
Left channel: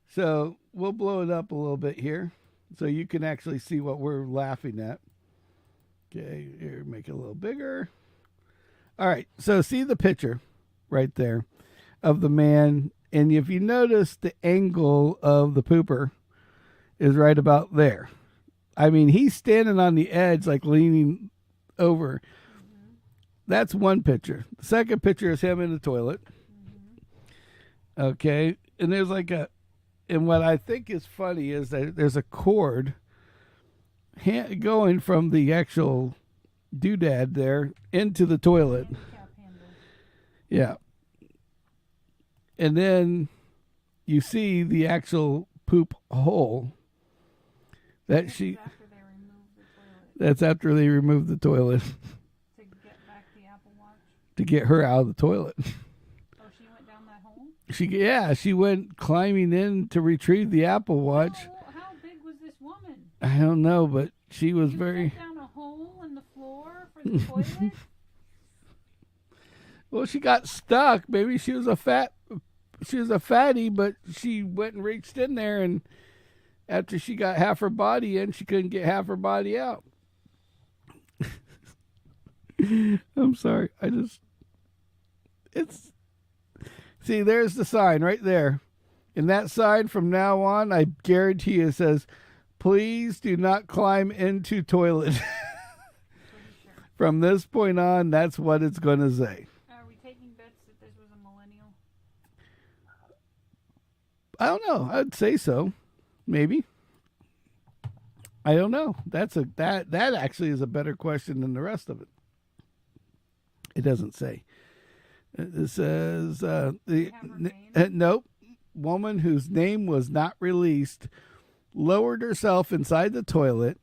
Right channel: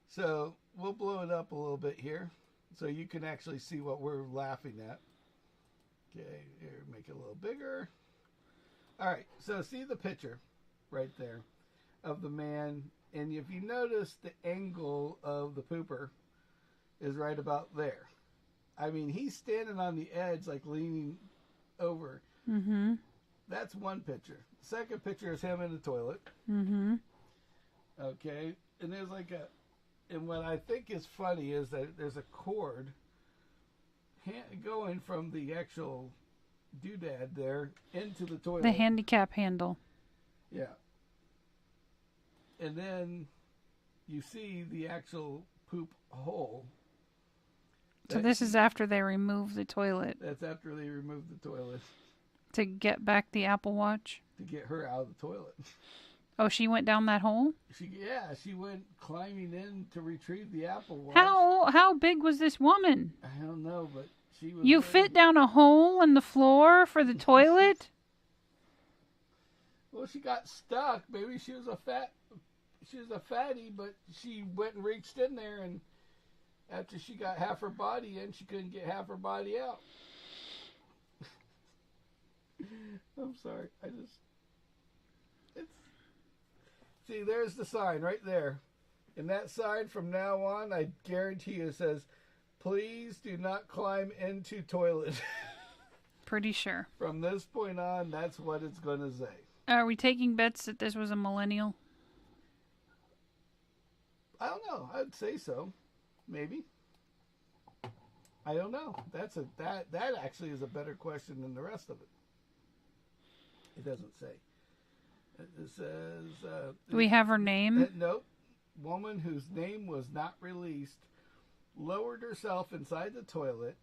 So we'll blow it up a little bit here so you can actually see what we're laughing at. Okay, here, make it a little bigger. All right, so see the picture right there of the man. And if you notice, the angle of the pooper is right about there. I mean, he's standing on the edge, like leaning over. Mm-hmm. That's one picture. The second picture is him in the toilet. Mm-hmm. Okay, and there's and what I think is funny is that there's a cord going from the actual doodad there into the toilet. The handicap handle. Yeah. And then you see the actual poop hole. So this is after they remove the toilet. That's after they remove the toilet. To get back the Apple Watch? To get her out of the toilet. Oh, she went down that hole? She went climbing in to retrieve the Apple Watch. How big was this woman? I don't know, but she was fit down a hole in the floor for the toilet? Well, she got stuck. Maybe she was a fatty, but she went and reached in there, and after she got half her body in, she couldn't get half her body out. I'm sorry. See, there's the sign right there. And that sign from now on, I guarantee you, says, please do not climb into toilet. Pretty sure. From this point on, that's what it's going to say. Are we taking bets that this was a millennial? I don't know. I'd say so. Maybe. I don't know. That actually is a better question than the rest of it. It doesn't say. It says... we have her name? Nope. Woman whose name was not released lowered herself inside the toilet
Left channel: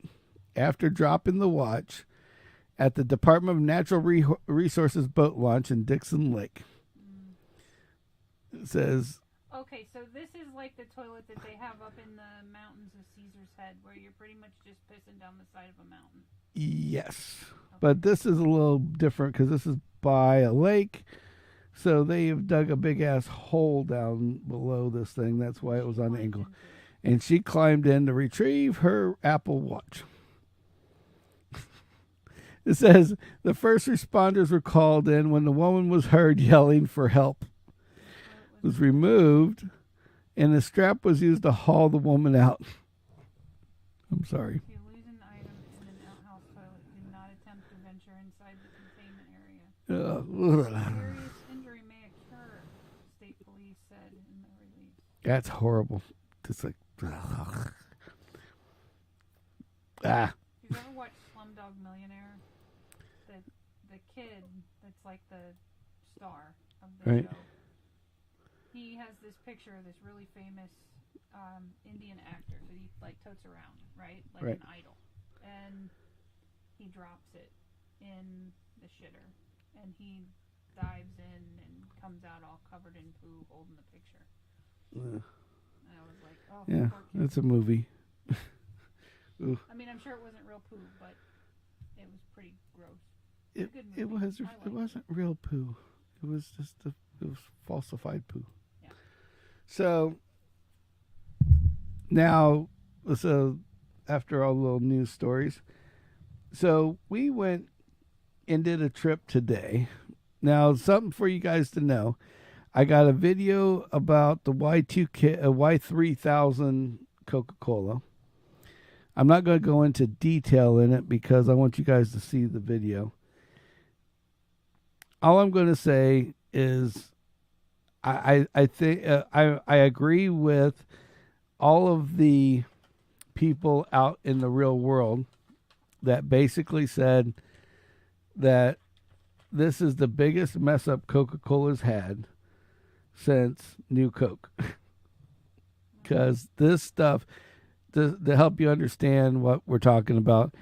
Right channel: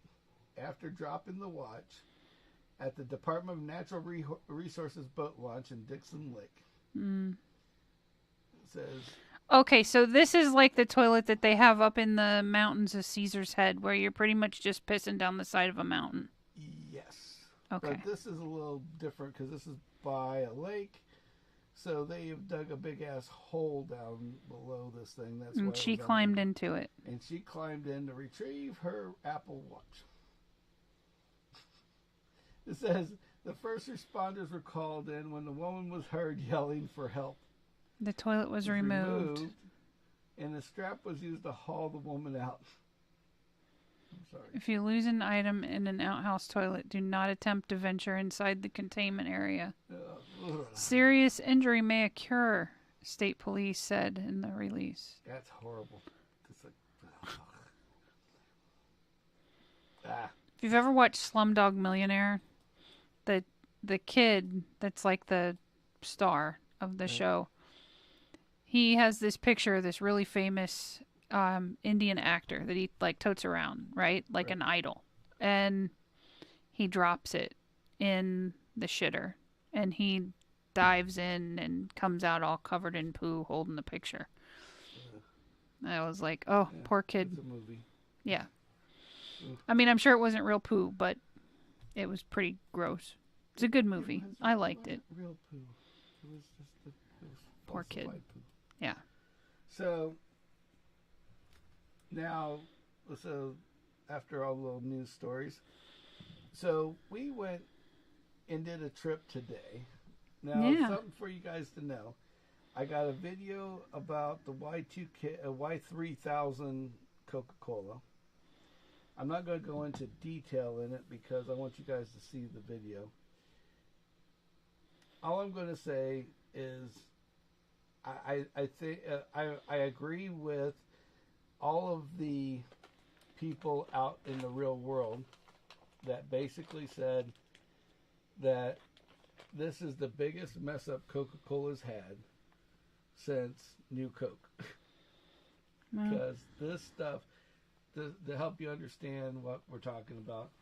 after dropping the watch at the Department of Natural Resources boat launch in Dixon Lake. It says... Okay, so this is like the toilet that they have up in the mountains of Caesar's Head, where you're pretty much just pissing down the side of a mountain. Yes. Okay. But this is a little different because this is by a lake. So they have dug a big ass hole down below this thing. That's why she it was on climbed angle. into it. And she climbed in to retrieve her Apple Watch. It says the first responders were called in when the woman was heard yelling for help. The toilet was removed, and the strap was used to haul the woman out. I'm sorry. If you lose an item in an outhouse toilet, do not attempt to venture inside the containment area. Serious injury may occur, state police said in the release. That's horrible. Just like, If you've ever watched Slumdog Millionaire, the kid that's like the star of the show, he has this picture of this really famous Indian actor that he like totes around, right? Like an idol. And he drops it in the shitter, and he dives in and comes out all covered in poo holding the picture. I was like, oh, poor kid. It's a movie. Yeah. I mean, I'm sure it wasn't real poo, but it was pretty gross. It's a good movie. I liked it. It wasn't real poo. It was just it was falsified poo. Yeah. So now, after all the little news stories, so we went and did a trip today. Now, something for you guys to know. I got a video about the Y3000 Coca-Cola. I'm not going to go into detail in it because I want you guys to see the video. All I'm going to say is I think I agree with all of the people out in the real world that basically said that this is the biggest mess up Coca-Cola's had since New Coke. Because this stuff, to help you understand what we're talking about,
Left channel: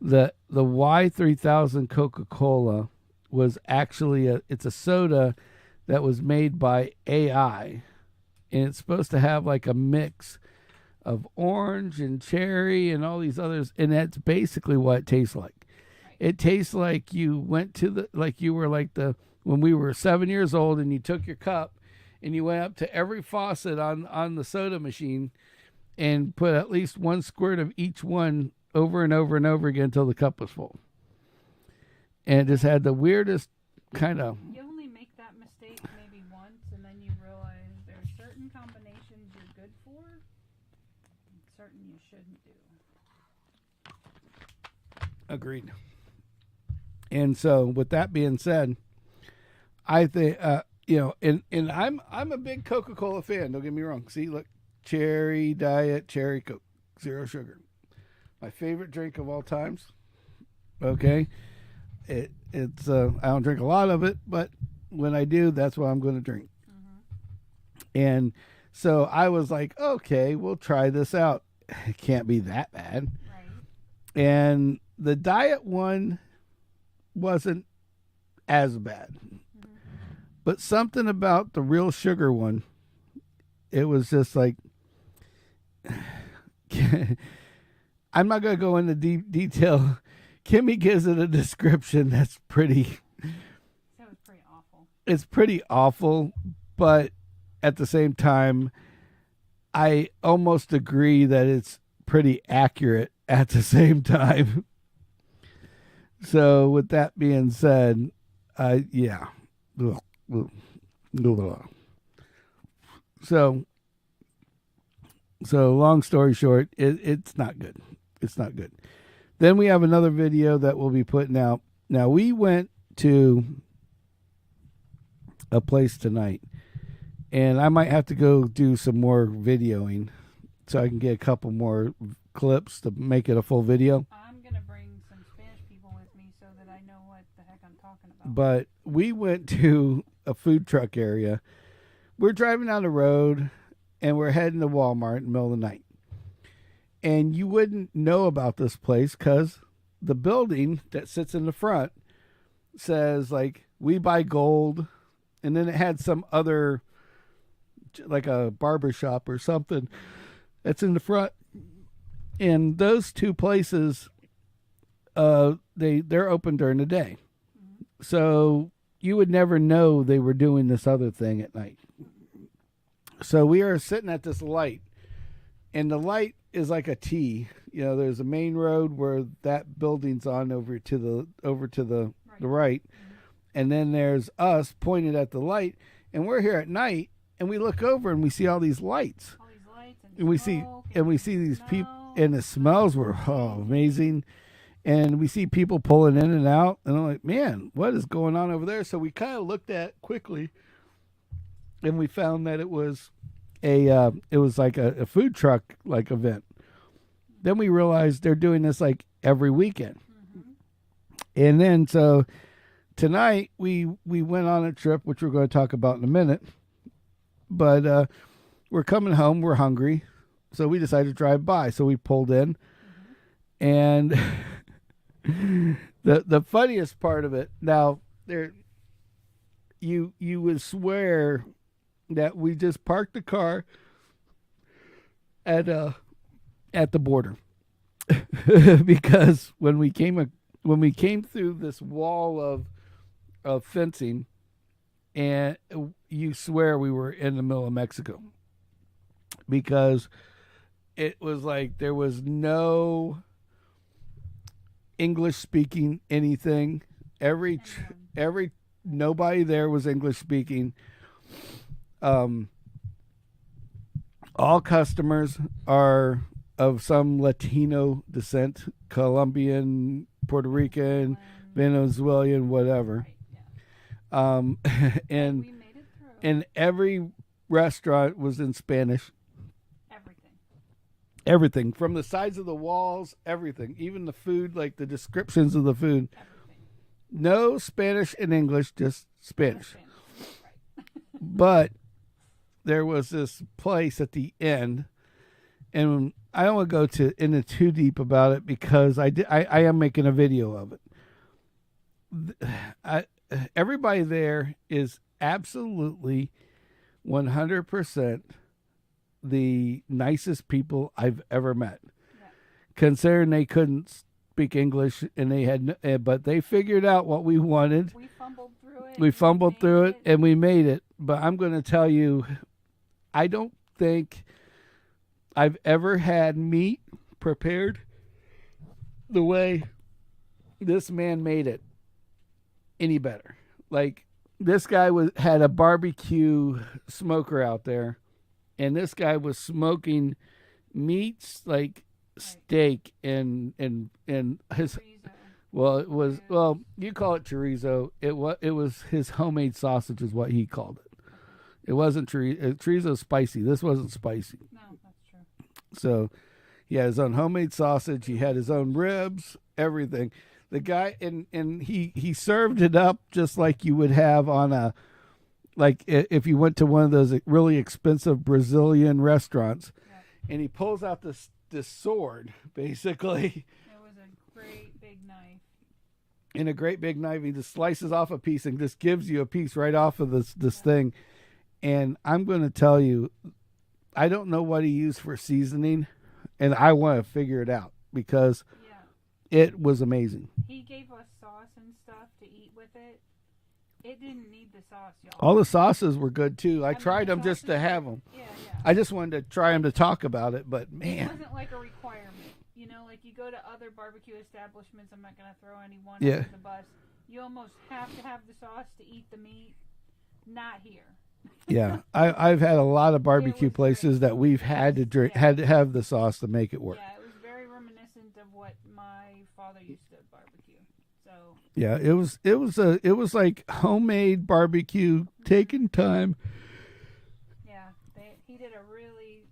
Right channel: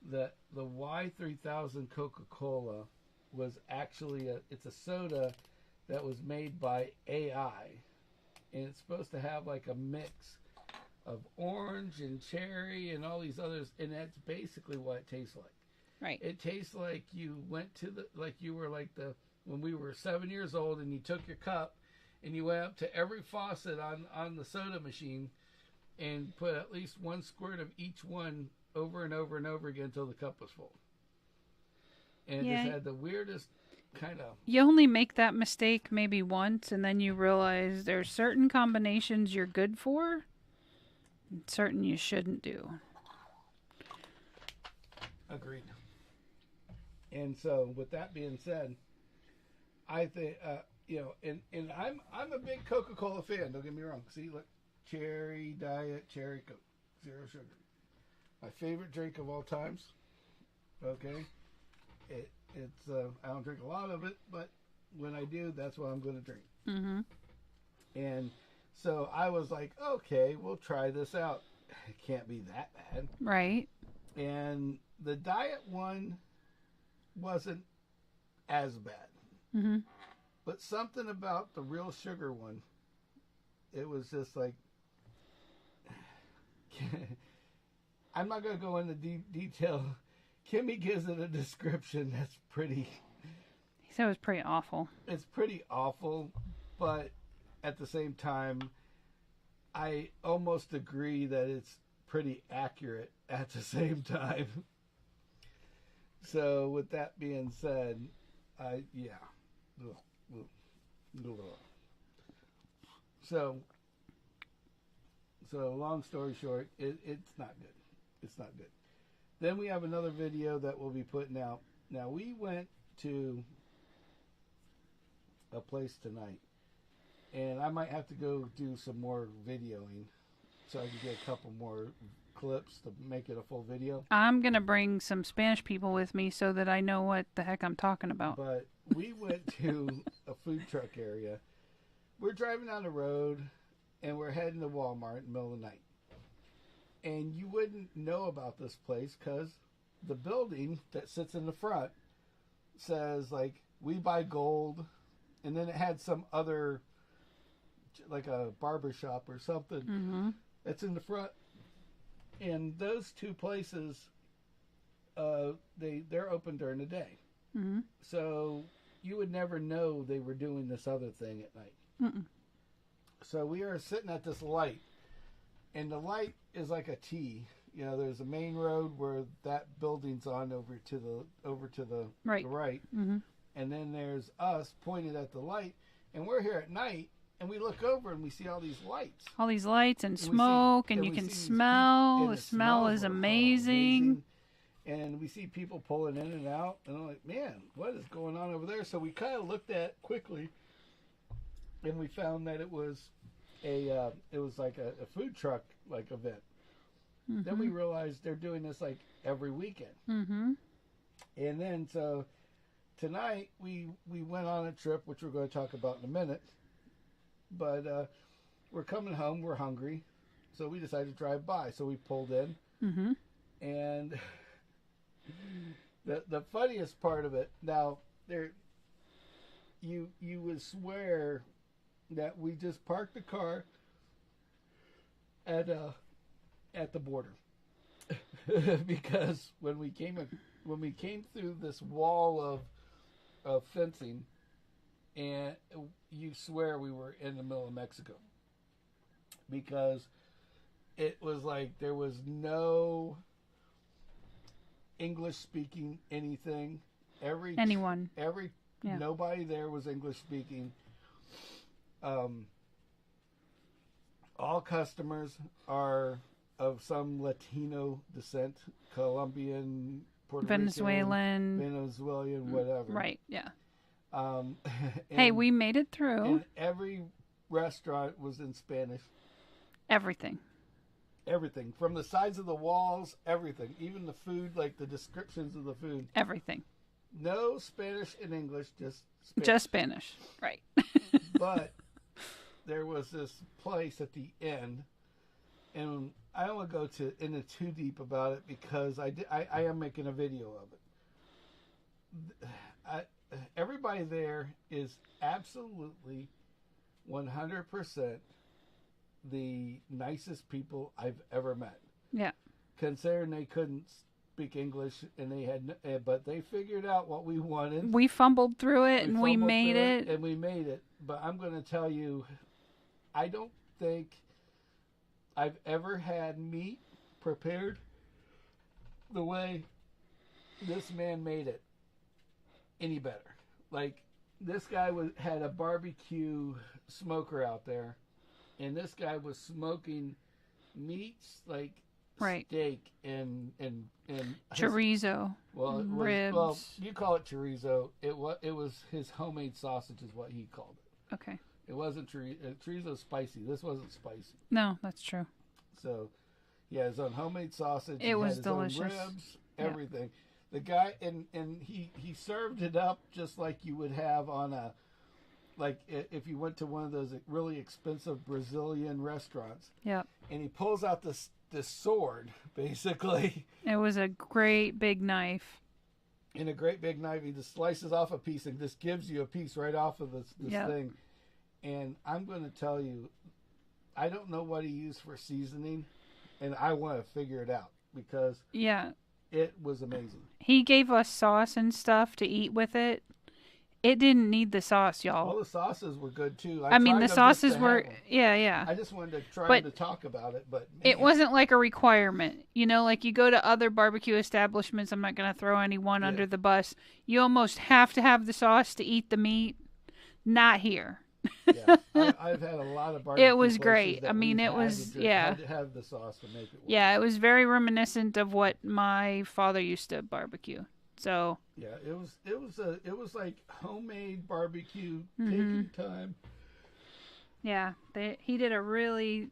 the Y3000 Coca-Cola was actually it's a soda that was made by AI, and it's supposed to have like a mix of orange and cherry and all these others, and that's basically what it tastes like. Right. It tastes like you went to when we were 7 years old and you took your cup and you went up to every faucet on the soda machine and put at least one squirt of each one over and over and over again until the cup was full. And it just had the weirdest kind of... You only make that mistake maybe once, and then you realize there's certain combinations you're good for and certain you shouldn't do. Agreed. And so, with that being said, I think, and I'm a big Coca-Cola fan. Don't get me wrong. See, look, cherry, diet, cherry Coke, 0 sugar. My favorite drink of all times. Okay. It's I don't drink a lot of it, but when I do, that's what I'm going to drink. Mm-hmm. And so I was like, okay, we'll try this out. It can't be that bad. Right. And the diet one wasn't as bad. Mm-hmm. But something about the real sugar one, it was just like, I'm not going to go into detail. Kimmy gives it a description that's pretty... He said it was pretty awful. It's pretty awful, but at the same time, I almost agree that it's pretty accurate at the same time. So with that being said, yeah. So long story short, it's not good. It's not good. Then we have another video that we'll be putting out. Now, we went to a place tonight, and I might have to go do some more videoing so I can get a couple more clips to make it a full video. I'm going to bring some Spanish people with me so that I know what the heck I'm talking about. But we went to a food truck area. We're driving down the road, and we're heading to Walmart in the middle of the night. And you wouldn't know about this place because the building that sits in the front says, like, we buy gold. And then it had some other like a barber shop or something that's in the front. And those two places, they're open during the day. So you would never know they were doing this other thing at night. So we are sitting at this light, and the light is like a T. You know, there's a main road where that building's on over to the right. And then there's us pointed at the light, and we're here at night, and we look over and we see all these lights. All these lights and smoke, and you can smell. And the smells were amazing. And we see people pulling in and out, and I'm like, man, what is going on over there? So we kind of looked at it quickly, and we found that it was like a food truck like event. Then we realized they're doing this like every weekend. And then so tonight we went on a trip, which we're going to talk about in a minute. But we're coming home, we're hungry, so we decided to drive by. So we pulled in, and the funniest part of it, now you would swear that we just parked the car at the border. Because when we came through this wall of fencing, and you swear we were in the middle of Mexico, because it was like there was no English speaking anything. Nobody there was English speaking. All customers are of some Latino descent, Colombian, Puerto Rican, Venezuelan, whatever. Right, yeah. Hey, we made it through. And every restaurant was in Spanish. Everything. From the sides of the walls, everything. Even the food, like the descriptions of the food. Everything. No Spanish and English, just Spanish. Just Spanish, right. But there was this place at the end, and I don't want to go into too deep about it because I am making a video of it. Everybody there is absolutely 100% the nicest people I've ever met. Yeah. Considering they couldn't speak English and they had, but they figured out what we wanted. We fumbled through it. And we made it. But I'm going to tell you, I don't think I've ever had meat prepared the way this man made it any better. Like, this guy had a barbecue smoker out there, and this guy was smoking meats like steak and chorizo. Well, it was ribs. Well, you call it chorizo. It was his homemade sausage is what he called it. Okay. It wasn't chorizo. Chorizo's spicy. This wasn't spicy. No, that's true. So, he had his own homemade sausage. He had his own ribs, everything. Yeah. The guy, and he served it up just like you would have on a, like if you went to one of those really expensive Brazilian restaurants. Yep. And he pulls out this sword, basically. It was a great big knife. And a great big knife. He just slices off a piece and just gives you a piece right off of this thing. And I'm going to tell you, I don't know what he used for seasoning, and I want to figure it out because it was amazing. He gave us sauce and stuff to eat with it. It didn't need the sauce, y'all. All the sauces were good too. I tried the them sauces just to have them. Yeah. I just wanted to try them to talk about it, but man. It wasn't like a requirement. You know, like you go to other barbecue establishments. I'm not going to throw anyone under the bus. You almost have to have the sauce to eat the meat. Not here. Yeah, I've had a lot of barbecue places great. that we've had to have the sauce to make it work. Yeah, it was very reminiscent of what my father used to barbecue. So yeah, it was like homemade barbecue, taking time. Yeah, they did a really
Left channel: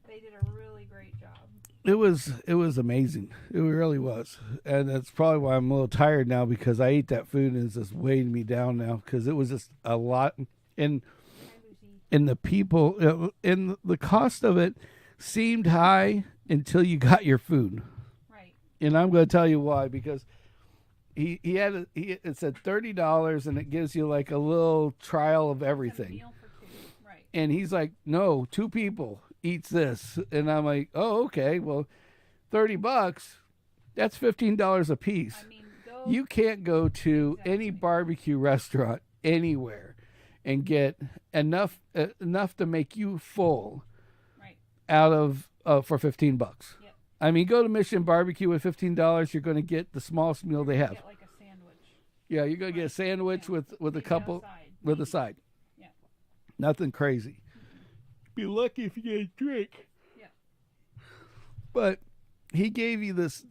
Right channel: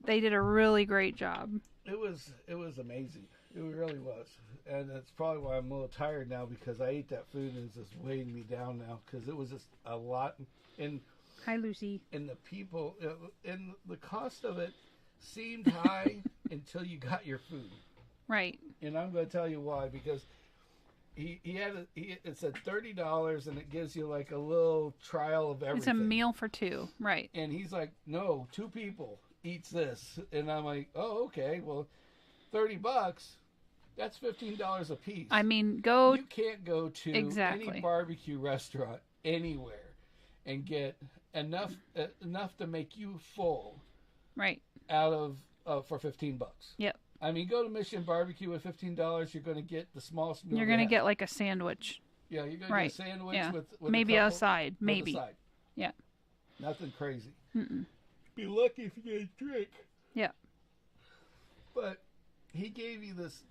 great job. It was amazing. It really was, and that's probably why I'm a little tired now because I ate that food and it's just weighing me down now because it was just a lot. And hi, Lucy. And the people, and the cost of it seemed high until you got your food. Right. And I'm going to tell you why, because it said $30 and it gives you like a little trial of everything. It's a meal for two, right? And he's like, no, 2 people eats this, and I'm like, oh, okay, well, $30. That's $15 a piece. I mean, you can't go to any barbecue restaurant anywhere and get enough to make you full, right? Out of for $15. Yep. I mean, go to Mission Barbecue with $15. You're going to get the smallest meal. You're going to get like a sandwich. Yeah, you're going to get a sandwich with maybe a couple, a side, maybe with a side. Yeah. Nothing crazy. Mm-mm. Be lucky if you get a drink. Yeah. But he gave this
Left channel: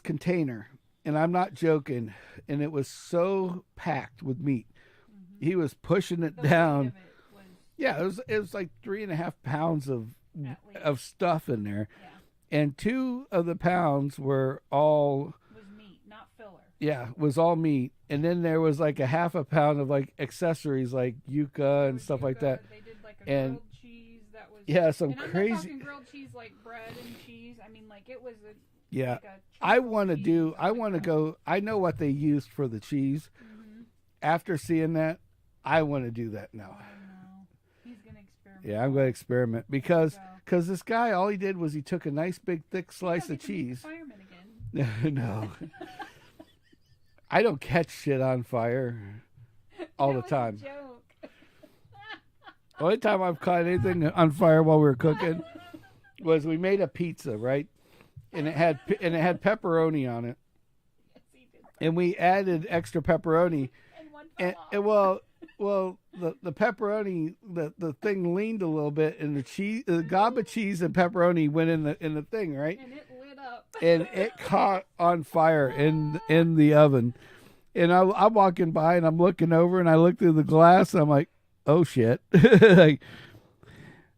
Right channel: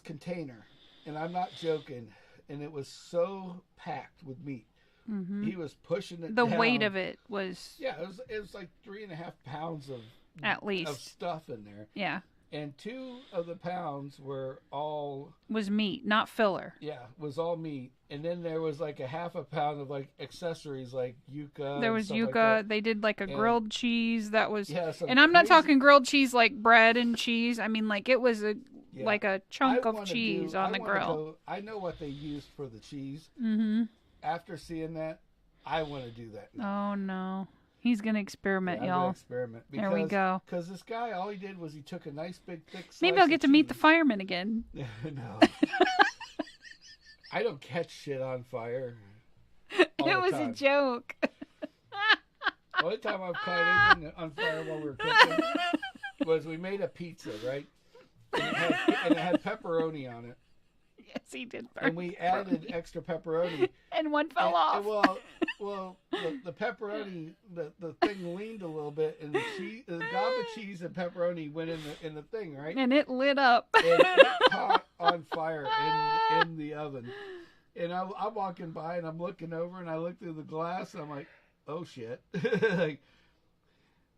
container, and I'm not joking, and it was so packed with meat. Mm-hmm. He was pushing it down. The weight of it was... Yeah, it was like 3.5 pounds of... At least. Of stuff in there. Yeah. And 2 of the pounds were all... Was meat, not filler. Yeah, was all meat. And then there was like a half a pound of like accessories like yuca. There was stuff yuca. Like that. They did like a grilled cheese that was... Yeah, and I'm not talking grilled cheese like bread and cheese. I mean, like it was like a chunk of cheese on the grill. I know what they used for the cheese. Mm-hmm. After seeing that, I want to do that now. Oh, no. He's going to experiment, I'm y'all. going to experiment. Because this guy, all he did was he took a nice big thick slice Maybe I'll get of to cheese. meet the fireman again. No. I don't catch shit on fire all the time. It was a joke. The only time I've caught anything on fire while we were cooking was we made a pizza, right? And it had pepperoni on it. Yes, he did. And we added extra pepperoni. And one fell off. And well, the pepperoni, the thing leaned a little bit, and the gob of cheese and pepperoni went in the thing, right? And it lit up. And it caught on fire in the oven. And I'm walking by and I'm looking over and I look through the glass and I'm like, oh shit. Like,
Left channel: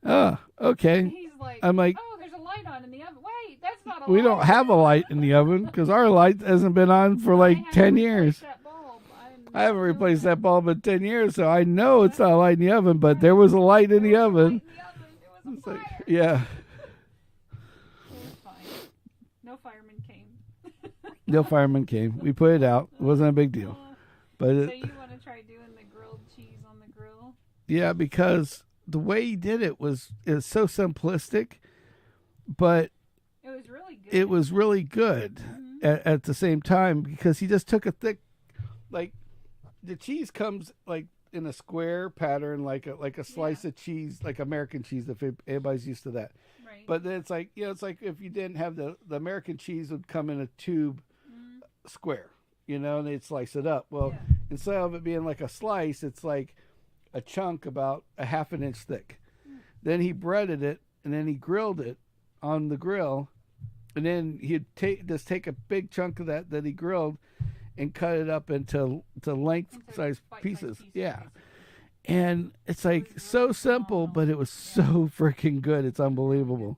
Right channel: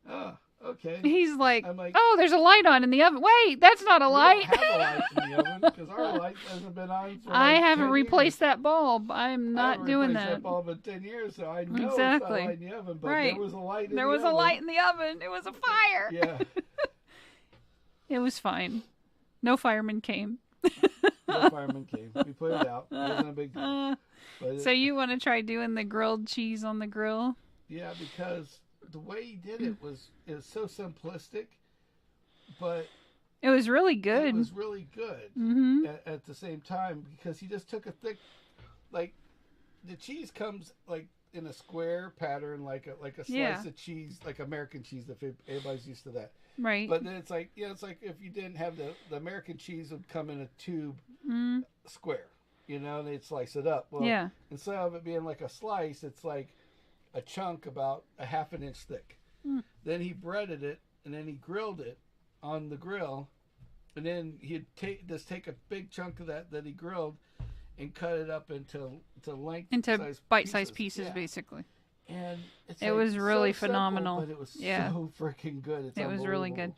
oh, okay. He's like, I'm like, oh, there's a light on in the oven. Wait, that's not a we light. We don't have a light in the oven because our light hasn't been on for like 10 years. I haven't replaced that bulb. I haven't replaced that bulb in 10 years, so I know it's not a light in the oven, but there was a light in the oven. There was a light in the oven. It was a fire. Yeah. It was fine. No fireman came. No fireman came. We put it out. It wasn't a big deal. So you want to try doing the grilled cheese on the grill? Yeah, because the way he did it was so simplistic, but it was really good. It was really good at the same time because he just took a thick, like the cheese comes like in a square pattern, like a slice of cheese, like American cheese. If anybody's used to that, right? But then it's like it's like if you didn't have the American cheese would come in a tube square, and they'd slice it up. Well, instead of it being like a slice, it's like a chunk about a half an inch thick. Then he breaded it and then he grilled it on the grill, and then he'd take a big chunk of that he grilled and cut it up into bite-sized pieces, basically. And it was really so phenomenal. Simple, but it was so freaking good. It's unbelievable. Was really good.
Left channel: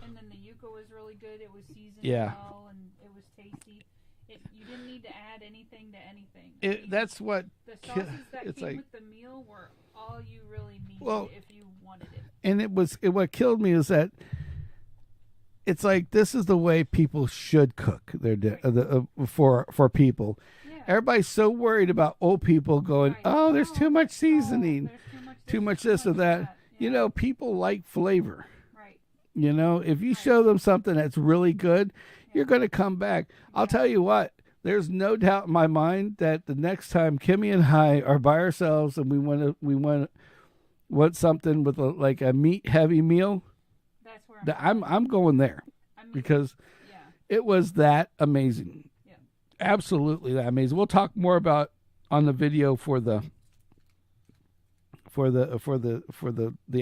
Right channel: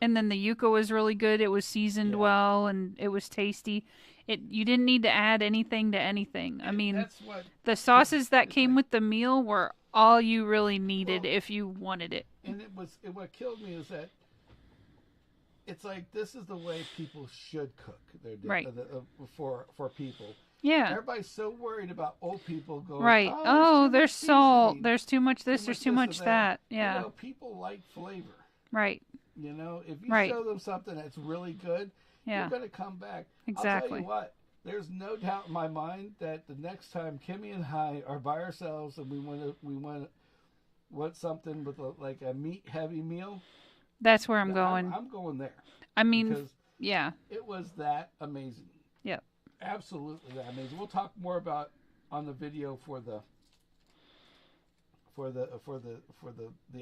And then the yuca was really good. It was seasoned well, and it was tasty. You didn't need to add anything to anything. I mean, that's what the sauces that came with the meal were all you really needed if you wanted it. And what killed me is that it's like this is the way people should cook their for people. Yeah. Everybody's so worried about old people going, right. there's too much seasoning. Salt. There's too much this, there's too much that. Yeah. People like flavor. Right. If you show them something that's really good, you're going to come back. Exactly. I'll tell you what, there's no doubt in my mind that the next time Kimmy and I are by ourselves and we want something with a meat heavy meal, that's where I'm going. I'm going there. I mean, because it was that amazing. Yeah, absolutely that amazing. We'll talk more about on the video for the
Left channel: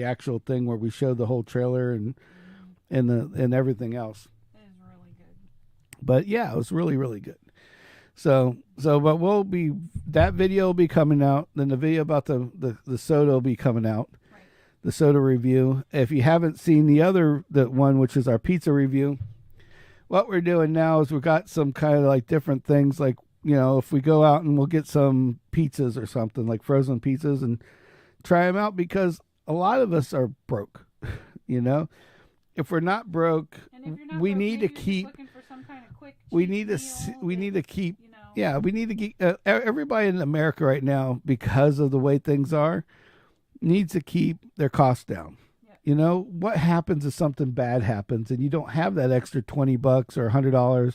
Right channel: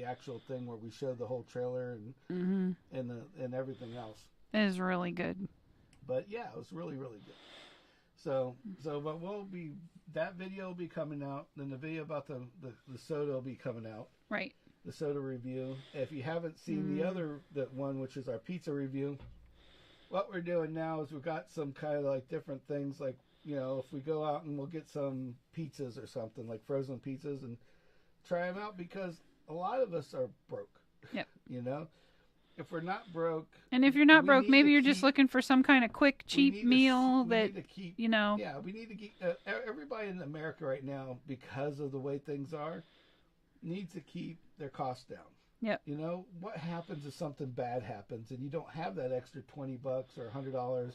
actual thing where we show the whole trailer and everything else. It is really good. But yeah, it was really, really good. So but that video will be coming out. Then the video about the soda will be coming out. Right. The soda review. If you haven't seen the one, which is our pizza review, what we're doing now is we've got some kind of like different things. Like, if we go out and we'll get some pizzas or something like frozen pizzas and try them out because a lot of us are broke, if we're not broke, and if you're not broke, maybe you're just looking for some kind of quick, cheap meal. We need to keep, you know. Yeah, we need to keep. Everybody in America right now, because of the way things are, needs to keep their costs down. Yep. You know, what happens if something bad happens and you don't have that extra $20 or $100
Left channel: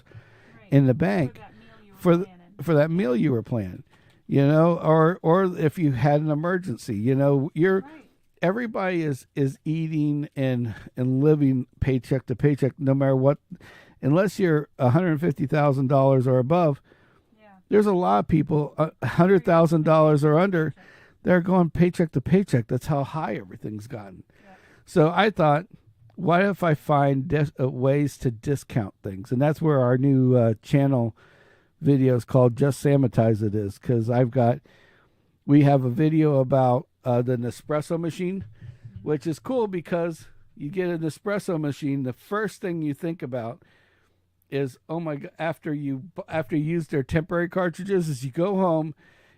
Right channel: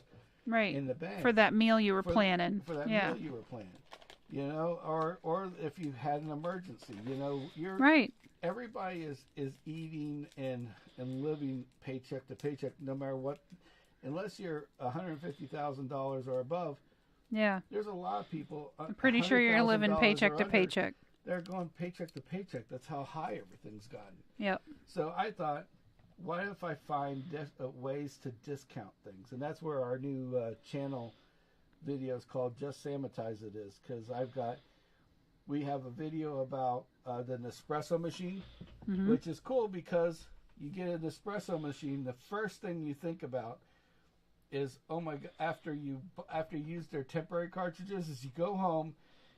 in the bank for that meal you were planning? For that meal you were planning, you know, or if you had an emergency, you know, you're right. Everybody is eating and living paycheck to paycheck, no matter what, unless you're $150,000 or above. Yeah. There's a lot of people $100,000 or under. They're going paycheck to paycheck. That's how high everything's gotten. Yep. So I thought, what if I find ways to discount things? And that's where our new channel video is called Just Sammitized It is, because we have a video about the Nespresso machine, which is cool because you get an Nespresso machine. The first thing you think about is, oh my God, after you use their temporary cartridges, is you go home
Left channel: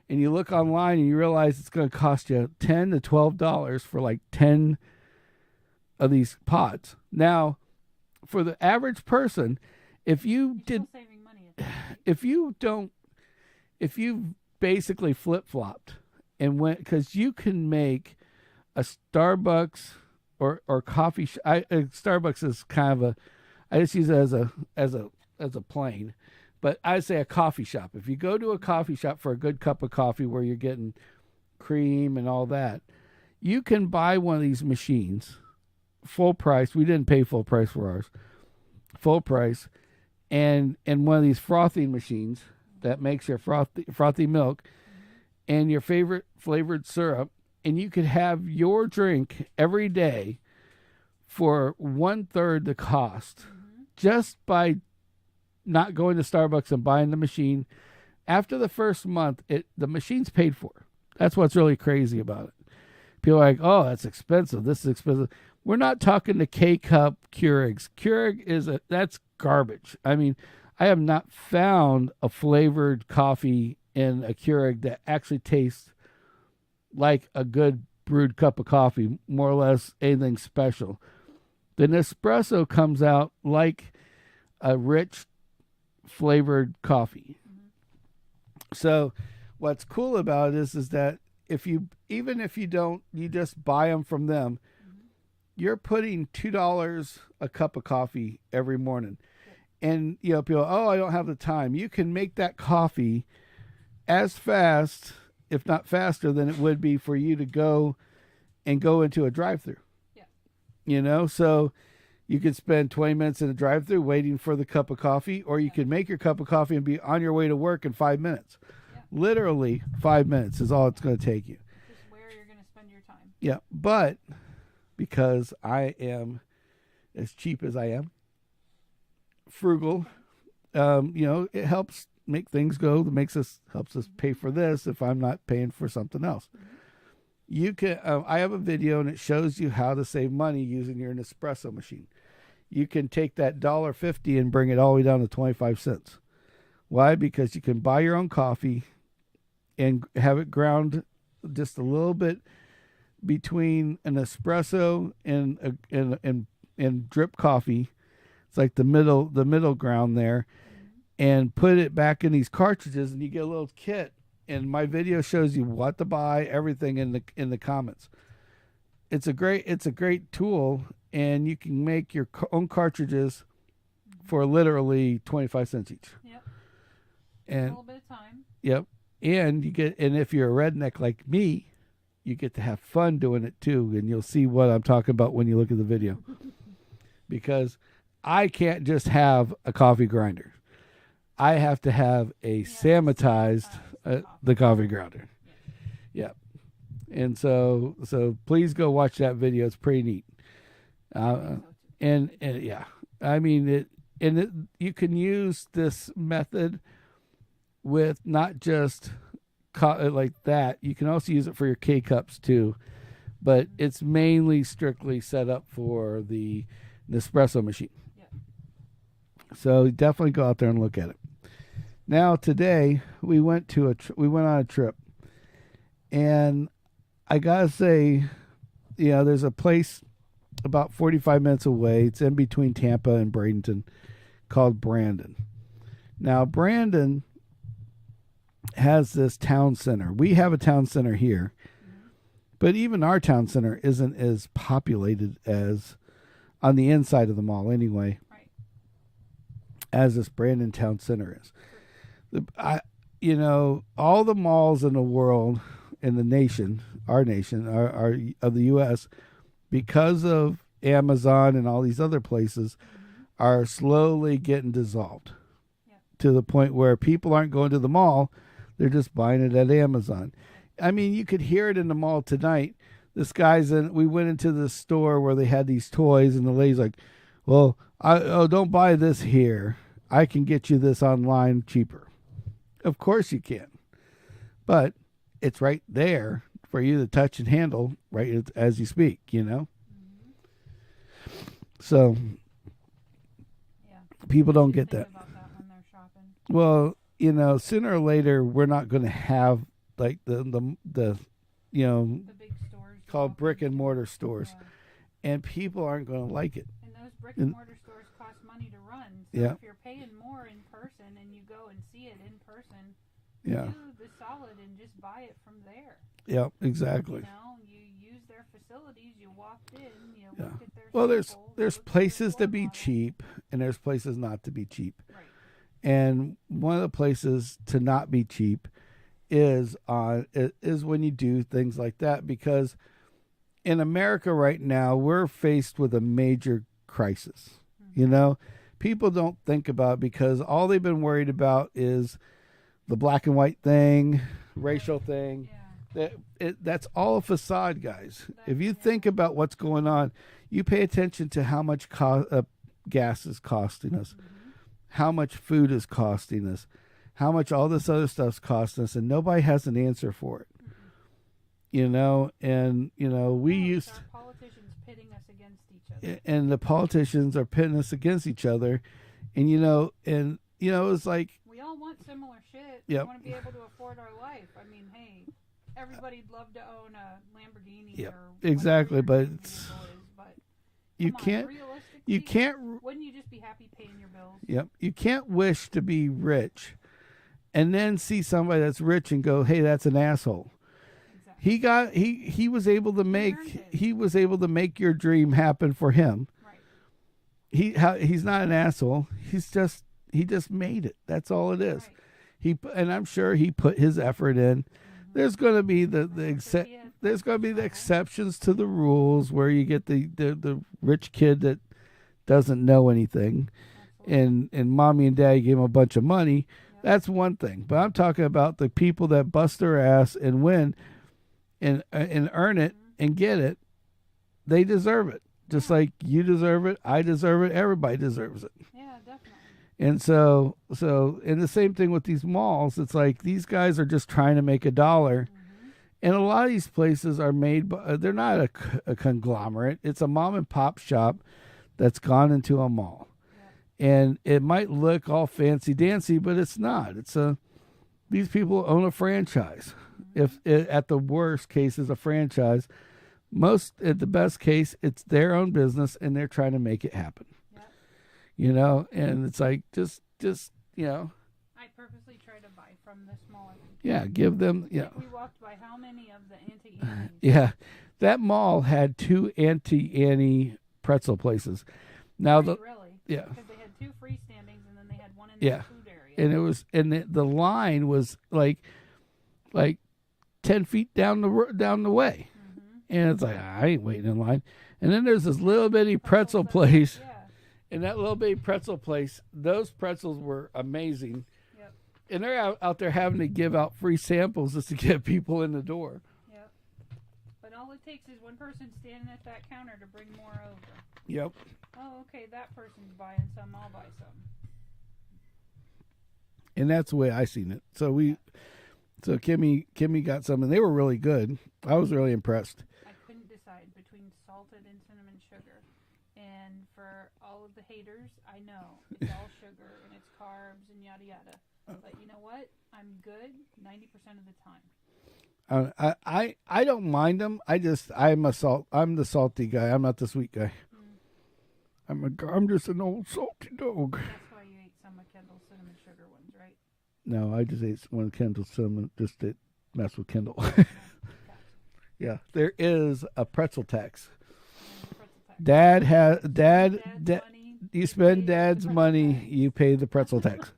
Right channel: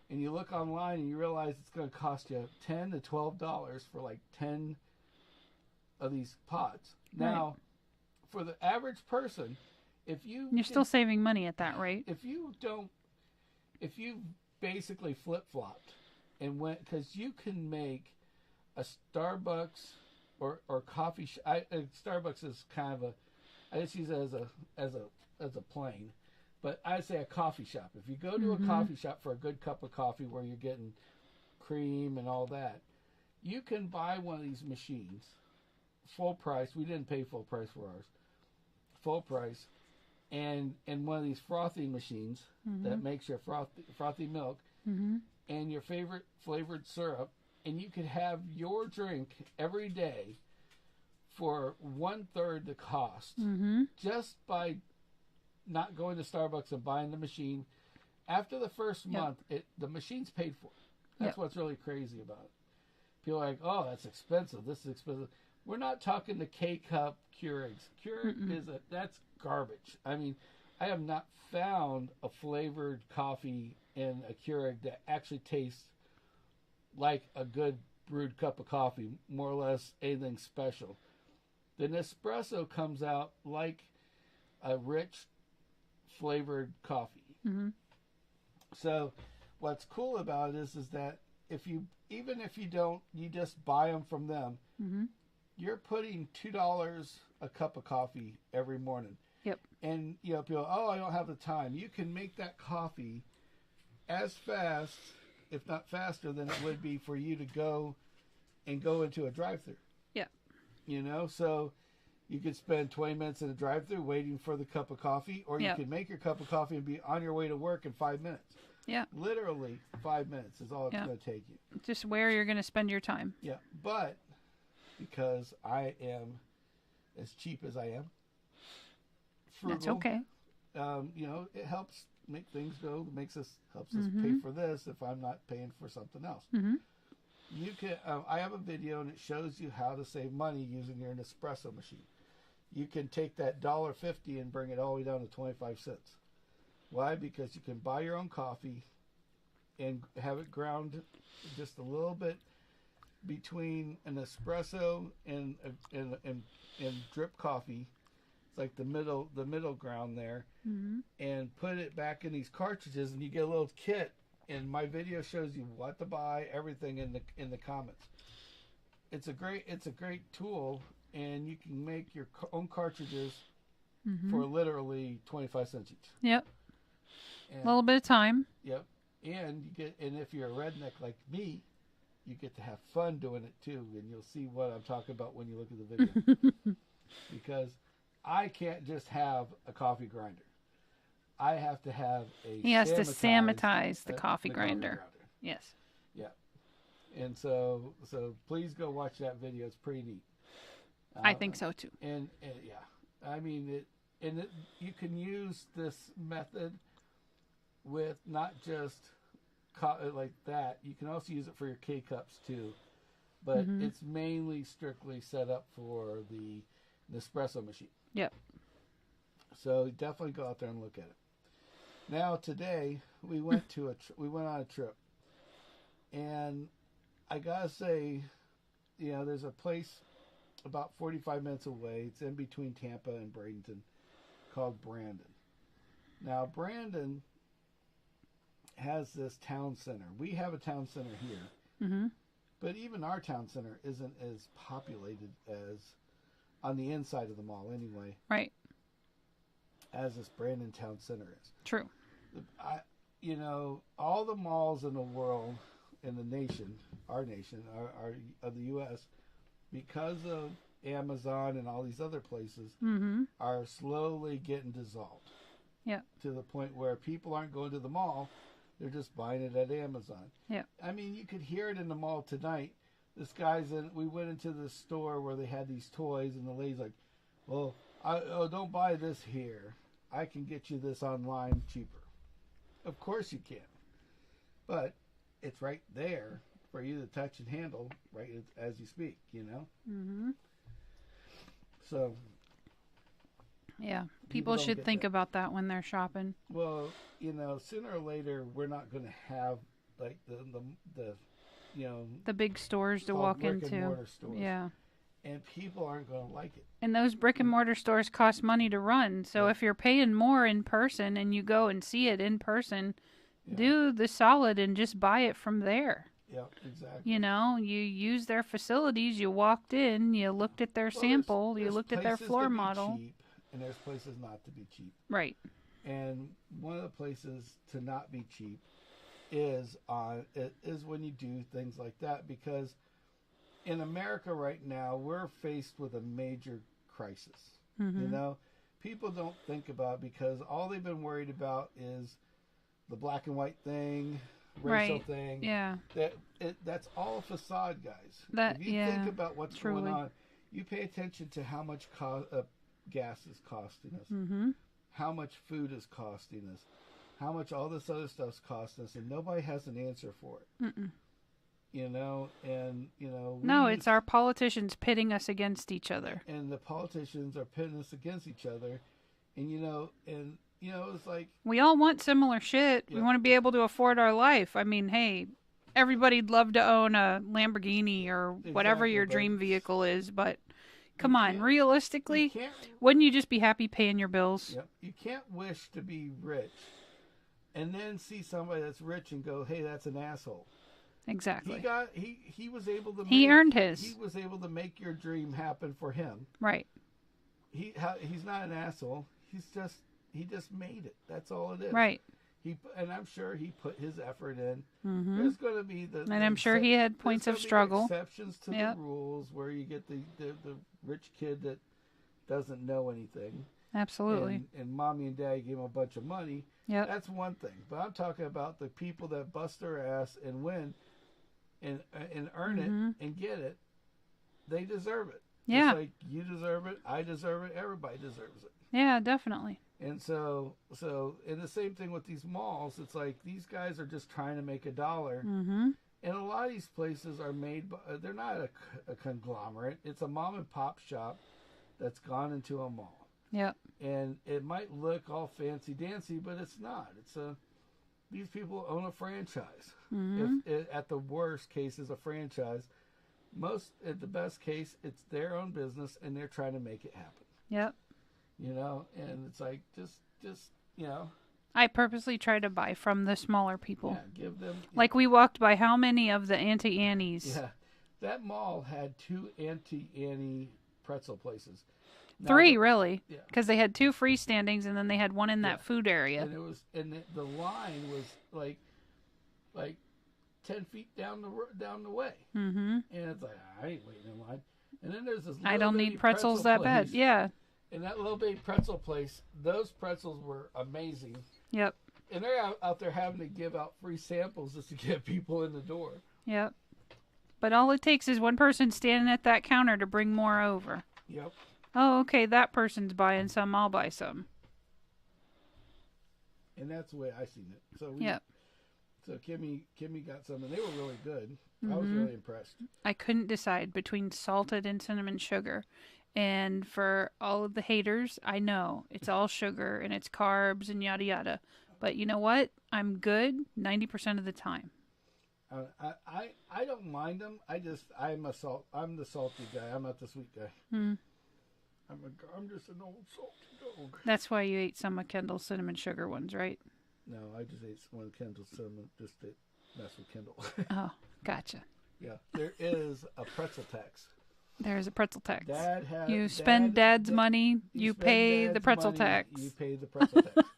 and you look online and you realize it's going to cost you $10 to $12 for like 10 of these pods. Now, for the average person, you're still saving money at that rate. If you basically flip-flopped and went, because you can make a Starbucks or coffee. Starbucks is kind of I just use it as a plane. But I say a coffee shop. If you go to a coffee shop for a good cup of coffee where you're getting cream and all that, you can buy one of these machines, full price. We didn't pay full price for ours. Full price. And one of these frothing machines that makes your frothy milk and your favorite flavored syrup. And you could have your drink every day for 1/3 the cost just by not going to Starbucks and buying the machine. After the first month, the machine's paid for. That's what's really crazy about it. People are like, oh, that's expensive. This is expensive. We're not talking the K-Cup Keurigs. Keurig that's garbage. I mean, I have not found a flavored coffee in a Keurig that actually tastes like a good brewed cup of coffee, more or less anything special. The Nespresso comes out like a rich flavored coffee. So what's cool about it is that even if you don't, you just buy them from them, you're putting $2 a cup of coffee every morning. Yep. And you know, people, I don't have the time. You can make that coffee as fast, if not faster, than it would be for you to go into a drive-through. Yeah. You know, so you could spend 20 minutes in a drive-through waiting for the cup of coffee, or you could make your cup of coffee and be on your way to work in 5 minutes. Yeah. Literally 5 minutes is all it's going to take you. Just where you're going to spend your time. Yeah. But because I am as cheap as I am, frugal, that's okay. You know, it helps make things go. Helps us pay for this if I'm not paying for something else. You can. I have a video and it shows you how to save money using your Nespresso machine. You can take that $1.50 and bring it all the way down to 25 cents. Why? Because you can buy your own coffee and have it ground just a little bit between an espresso and drip coffee. It's like the middle ground there, and put it back in these cartridges, and you get a little kit. And my video shows you what to buy, everything in the comments. It's a great tool, and you can make your own cartridges for literally 25 cents each. Yep. And a little bit of time. Yep. And if you're a redneck like me, you get to have fun doing it too, and you'll see what I'm talking about when you look at the video. Because I can't just have a coffee grinder. I have to have a Sammitized the coffee grinder. Yes. Yep. And so please go watch that video. It's pretty neat. I think so too. And yeah, I mean you can use this method with not just like that. You can also use it for your K-Cups too, but it's mainly strictly set up for the Nespresso machine. Yep. So definitely go out there and look at it. Now today we went on a trip, and I gotta say, there's a place about 45 minutes away. It's in between Tampa and Bradenton, called Brandon. Now, Brandon has this town center. We have a town center here, but even our town center isn't as populated as on the inside of the mall anyway. Right. As this Brandon town center is. True. All the malls in the world, in the nation, our nation, our of the U.S., because of Amazon and all these other places, are slowly getting dissolved. Yeah. To the point where people aren't going to the mall, they're just buying it at Amazon. Yeah. I mean, you could hear it in the mall tonight. This guy's in. We went into the store where they had these toys, and the lady's like, "Well, don't buy this here. I can get you this online cheaper." Of course you can, but it's right there for you to touch and handle right as you speak. So. Yeah. People don't get think that. about that when they're shopping. Well, sooner or later we're not going to have like the big stores to called walk brick into. and mortar stores. Yeah. And people aren't going to like it. And those brick and mortar stores cost money to run. So if you're paying more in person and you go and see it in person, do the solid and just buy it from there. Yep, exactly. You use their facilities. You walked in. You looked at their sample. There's you looked at their places floor to be model. cheap, and there's places not to be cheap. Right. And one of the places to not be cheap is when you do things like that, because in America right now we're faced with a major crisis. People don't think about it because all they've been worried about is the black and white thing, racial thing. Yeah. That's all a facade, guys. If you think about what's going on, you pay attention to how much gas is costing us, how much food is costing us, how much all this other stuff's costing us, and nobody has an answer for it. No, it's our politicians pitting us against each other. And the politicians are pitting us against each other, and it's like we all want similar shit. Yep. We want to be able to afford our life. I mean, hey, everybody'd love to own a Lamborghini or whatever your dream vehicle is, but come on, realistically, wouldn't you just be happy paying your bills? Yep. You can't wish to be rich and then see somebody that's rich and go, "Hey, that's an asshole." Exactly. He was able to make. He earned his. He was able to make your dream happen for him. Right. He's not an asshole. He just made it. That's all it is. Right. And I'm sure he put his effort in. There's going to be I'm sure he had points of struggle. There's going to be exceptions to the rules where you get the rich kid that doesn't know anything. Absolutely. And mommy and daddy gave him a bunch of money. Yep. That's one thing. But I'm talking about the people that bust their ass and win and earn it and get it. They deserve it. Yeah. Just like you deserve it, I deserve it, everybody deserves it. Yeah, definitely. And so and the same thing with these malls. It's like these guys are just trying to make $1. And a lot of these places are made by, they're not a conglomerate. It's a mom and pop shop that's gone into a mall. Yep. And it might look all fancy dancy, but it's not. These people own a franchise. If it, at the worst case is a franchise, at the best case, it's their own business and they're trying to make it happen. Yep. And it's like just I purposely try to buy from the smaller people. Yeah, give them. Like we walked by how many of the Auntie Annie's? Yeah, that mall had 2 Auntie Annie pretzel places. Now 3 really. Yeah, because they had 2 freestandings and then they had one in that food area. And the line was like 10 feet down the way. And it's like I ain't waiting in line. And then there's this little bitty pretzel place. Yeah. And that little bitty pretzel place, those pretzels were amazing. Yep. And they're out there having to give out free samples just to get people in the door. Yep. But all it takes is one person standing at that counter to bring more over. Yep. Oh, okay, that person's buying some, I'll buy some. And that's the way I seen it. So so Kimmy got some, and they were really good. I was really impressed. I couldn't decide between salted and cinnamon sugar. And for all of the haters, I know it's all sugar and it's carbs and yada yada. But you know what? I'm good 90% of the time. I don't mind them. I'm the salty guy. I'm not the sweet guy. I'm just an old salty dog. That's why you ate some of Kendall's cinnamon sugar ones, right? No, I just ate one of Kendall's cinnamon just to mess with Kendall. Oh, gotcha. Yeah, there is a pretzel tax. There is a pretzel tax. Dad has you spend Dad's money. You pay spend Dad's the pretzel money. tax. You pay the pretzel tax.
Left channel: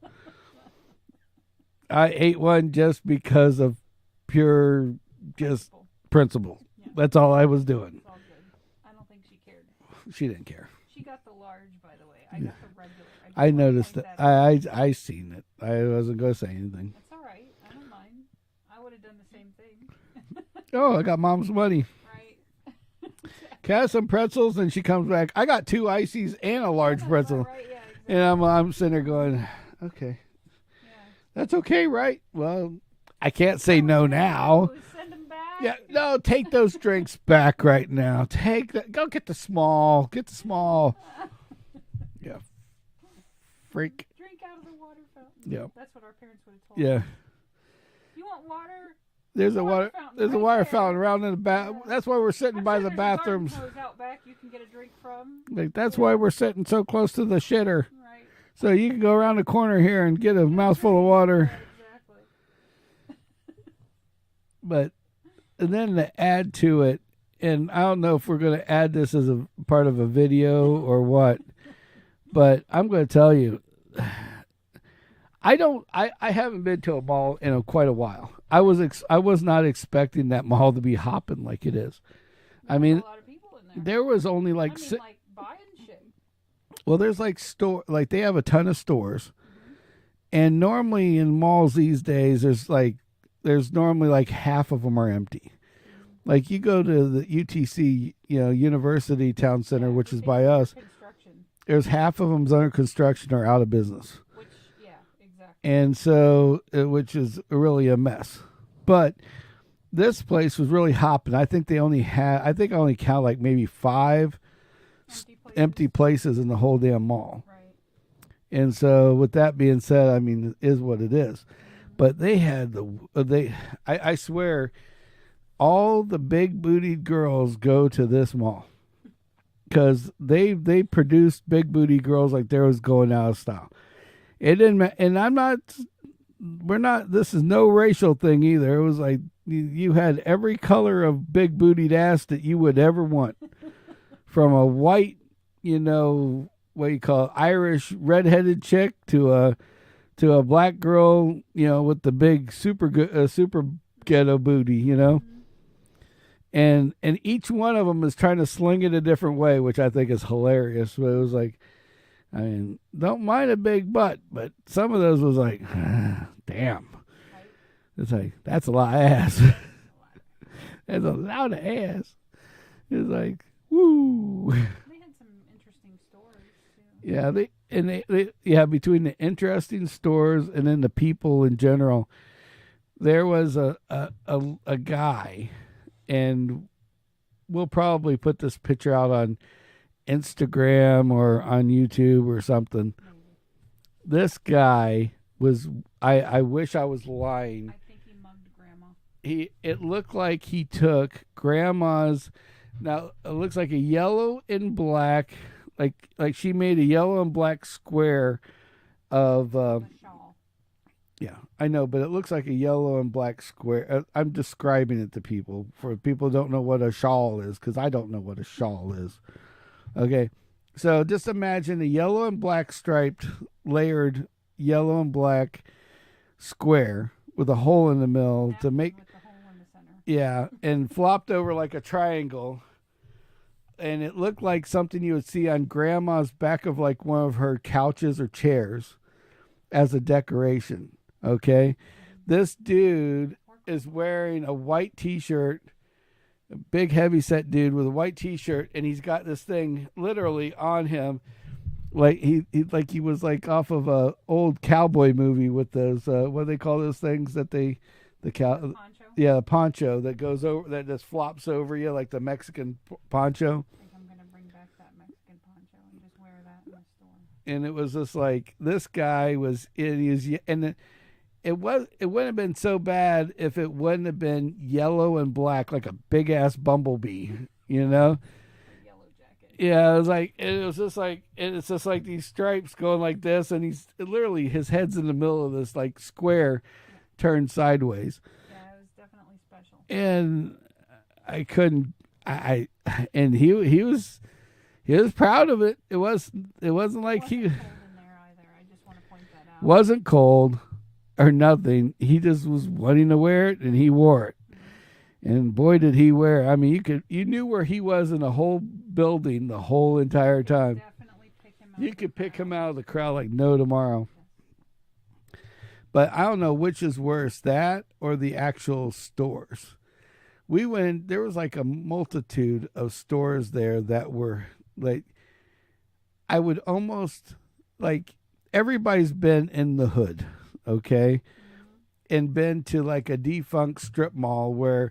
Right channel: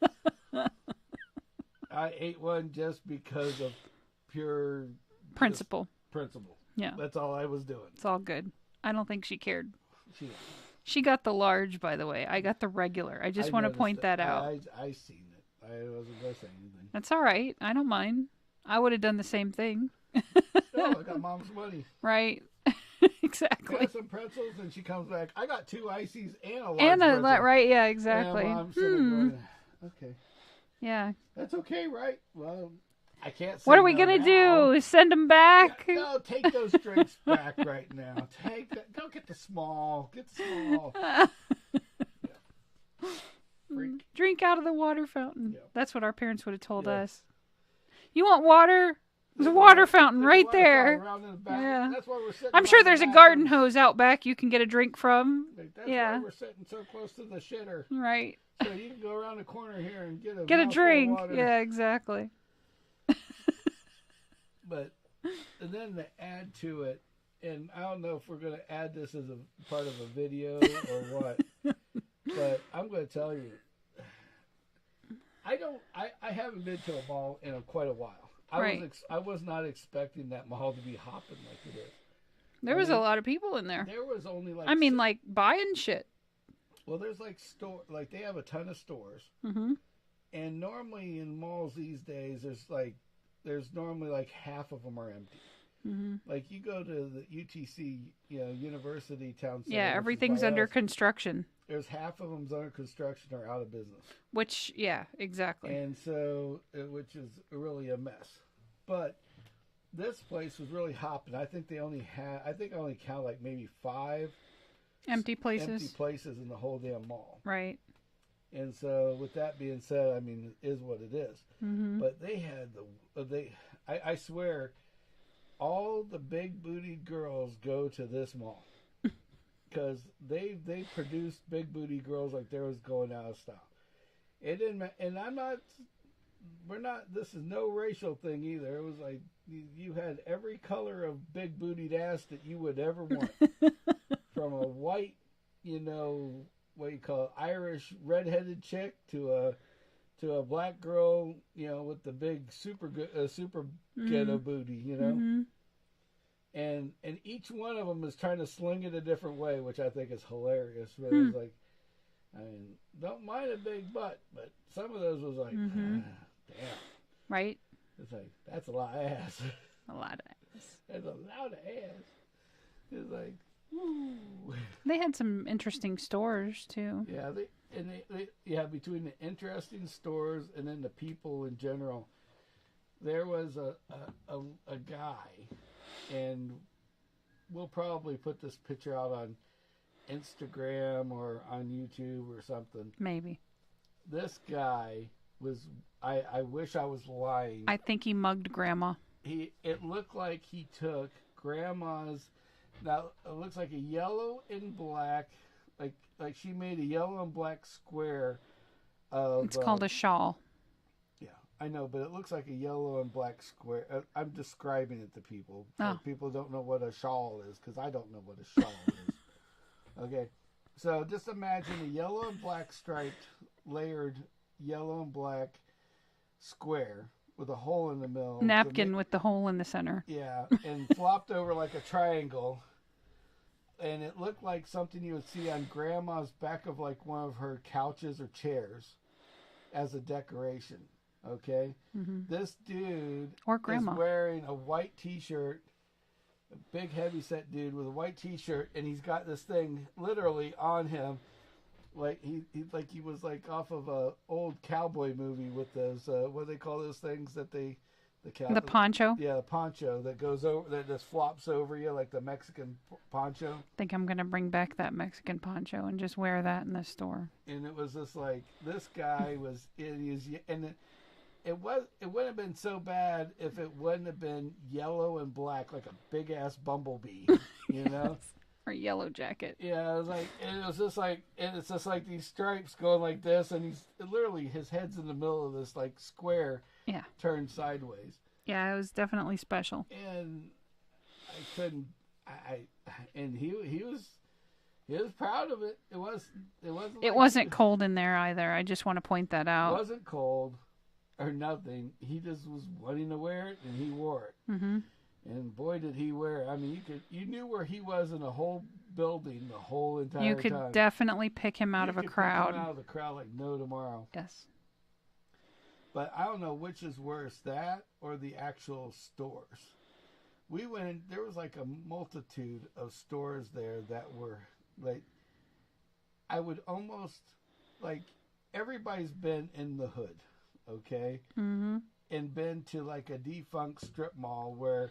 I ate one just because of pure principle. Yeah, that's all I was doing. It's all good. I don't think she cared. She didn't care. She got the large, by the way. I got the regular. I just want to point that out. I seen it. I wasn't going to say anything. That's all right. I don't mind. I would have done the same thing. Oh, I got Mom's money. Right. Exactly. Can I have some pretzels? And she comes back. I got 2 ices and a large pretzel. Right, yeah, exactly. And I'm sitting there going, okay. Yeah. That's okay, right? Well, I can't say no now. What are we going to do? Send them back? Yeah, no, take those drinks back right now. Go get the small. Get the small. Yeah. Freak. Drink out of the water fountain. Yeah. That's what our parents would have told us. You want water? There's a water fountain right there. Fountain around in the bathroom. Yeah. That's why we're sitting. I'm sure there's a garden hose out back you can get a drink from. That's why we're sitting so close to the shitter. Right. So you can go around the corner here and get a mouthful of water. Yeah, exactly. But and then to add to it, and I don't know if we're going to add this as a part of a video or what, but I'm going to tell you, I haven't been to a mall in quite a while. I was not expecting that mall to be hopping like it is. There was a lot of people in there. There was only like like buying shit. Well, there's they have a ton of stores, and normally in malls these days there's normally like half of them are empty. Like you go to the UTC, University Town Center, which is by us. Everything's under construction. There's half of them's under construction or out of business. Which, yeah, exactly. And so, which is really a mess. But this place was really hopping. I think I only count like maybe 5 empty places in the whole damn mall. Right. And so, with that being said, I mean, it is what it is. But they had I swear, all the big bootied girls go to this mall because they produced big booty girls like they was going out of style. It didn't, and this is no racial thing either. It was like you had every color of big bootied ass that you would ever want, from a white, what you call it, Irish redheaded chick to a black girl, with the big super ghetto booty, and each one of them is trying to sling it a different way, which I think is hilarious. But it was like, I mean, don't mind a big butt, but some of those was like, damn, right? It's like that's a lot of ass. That's a lot of ass. It's like, woo. They had some interesting stores too. Yeah, between the interesting stores and then the people in general, there was a guy, and we'll probably put this picture out on Instagram or on YouTube or something. Maybe. This guy was, I wish I was lying. I think he mugged Grandma. It looked like he took Grandma's. Now it looks like a yellow and black, like she made a yellow and black square of. It's called a shawl. Yeah, I know, but it looks like a yellow and black square. I'm describing it to people for people who don't know what a shawl is, because I don't know what a shawl is. Okay, so just imagine a yellow and black striped, layered yellow and black square with a hole in the middle. Napkin with the hole in the center. Yeah, and flopped over like a triangle. And it looked like something you would see on Grandma's back of like one of her couches or chairs as a decoration. Okay? This dude is wearing a white T-shirt, a big heavy-set dude with a white T-shirt, and he's got this thing literally on him. Like he was like off of a old cowboy movie with those what do they call those things that the poncho? Yeah, the poncho that goes over, that just flops over you, like the Mexican poncho. I think I'm gonna bring back that Mexican poncho and just wear that in the store. And it was just like this guy was it wouldn't have been so bad if it wouldn't have been yellow and black like a big ass bumblebee, you know. Or Yellow Jacket. Yeah, it's just like these stripes going like this, and his head's in the middle of this like square, turned sideways. Yeah, it was definitely special. And I couldn't, and he was proud of it. It wasn't cold in there either. I just want to point that out. Wasn't cold or nothing. He just was wanting to wear it, and he wore it. Mm-hmm. And boy, did he wear! I mean, you knew where he was in the whole building the whole entire time. You could definitely pick him out of a crowd. You could pick him out of the crowd like no tomorrow. Yes. But I don't know which is worse, that or the actual stores. We went. There was like a multitude of stores there that were like. I would almost like everybody's been in the hood, okay, and been to like a defunct strip mall where.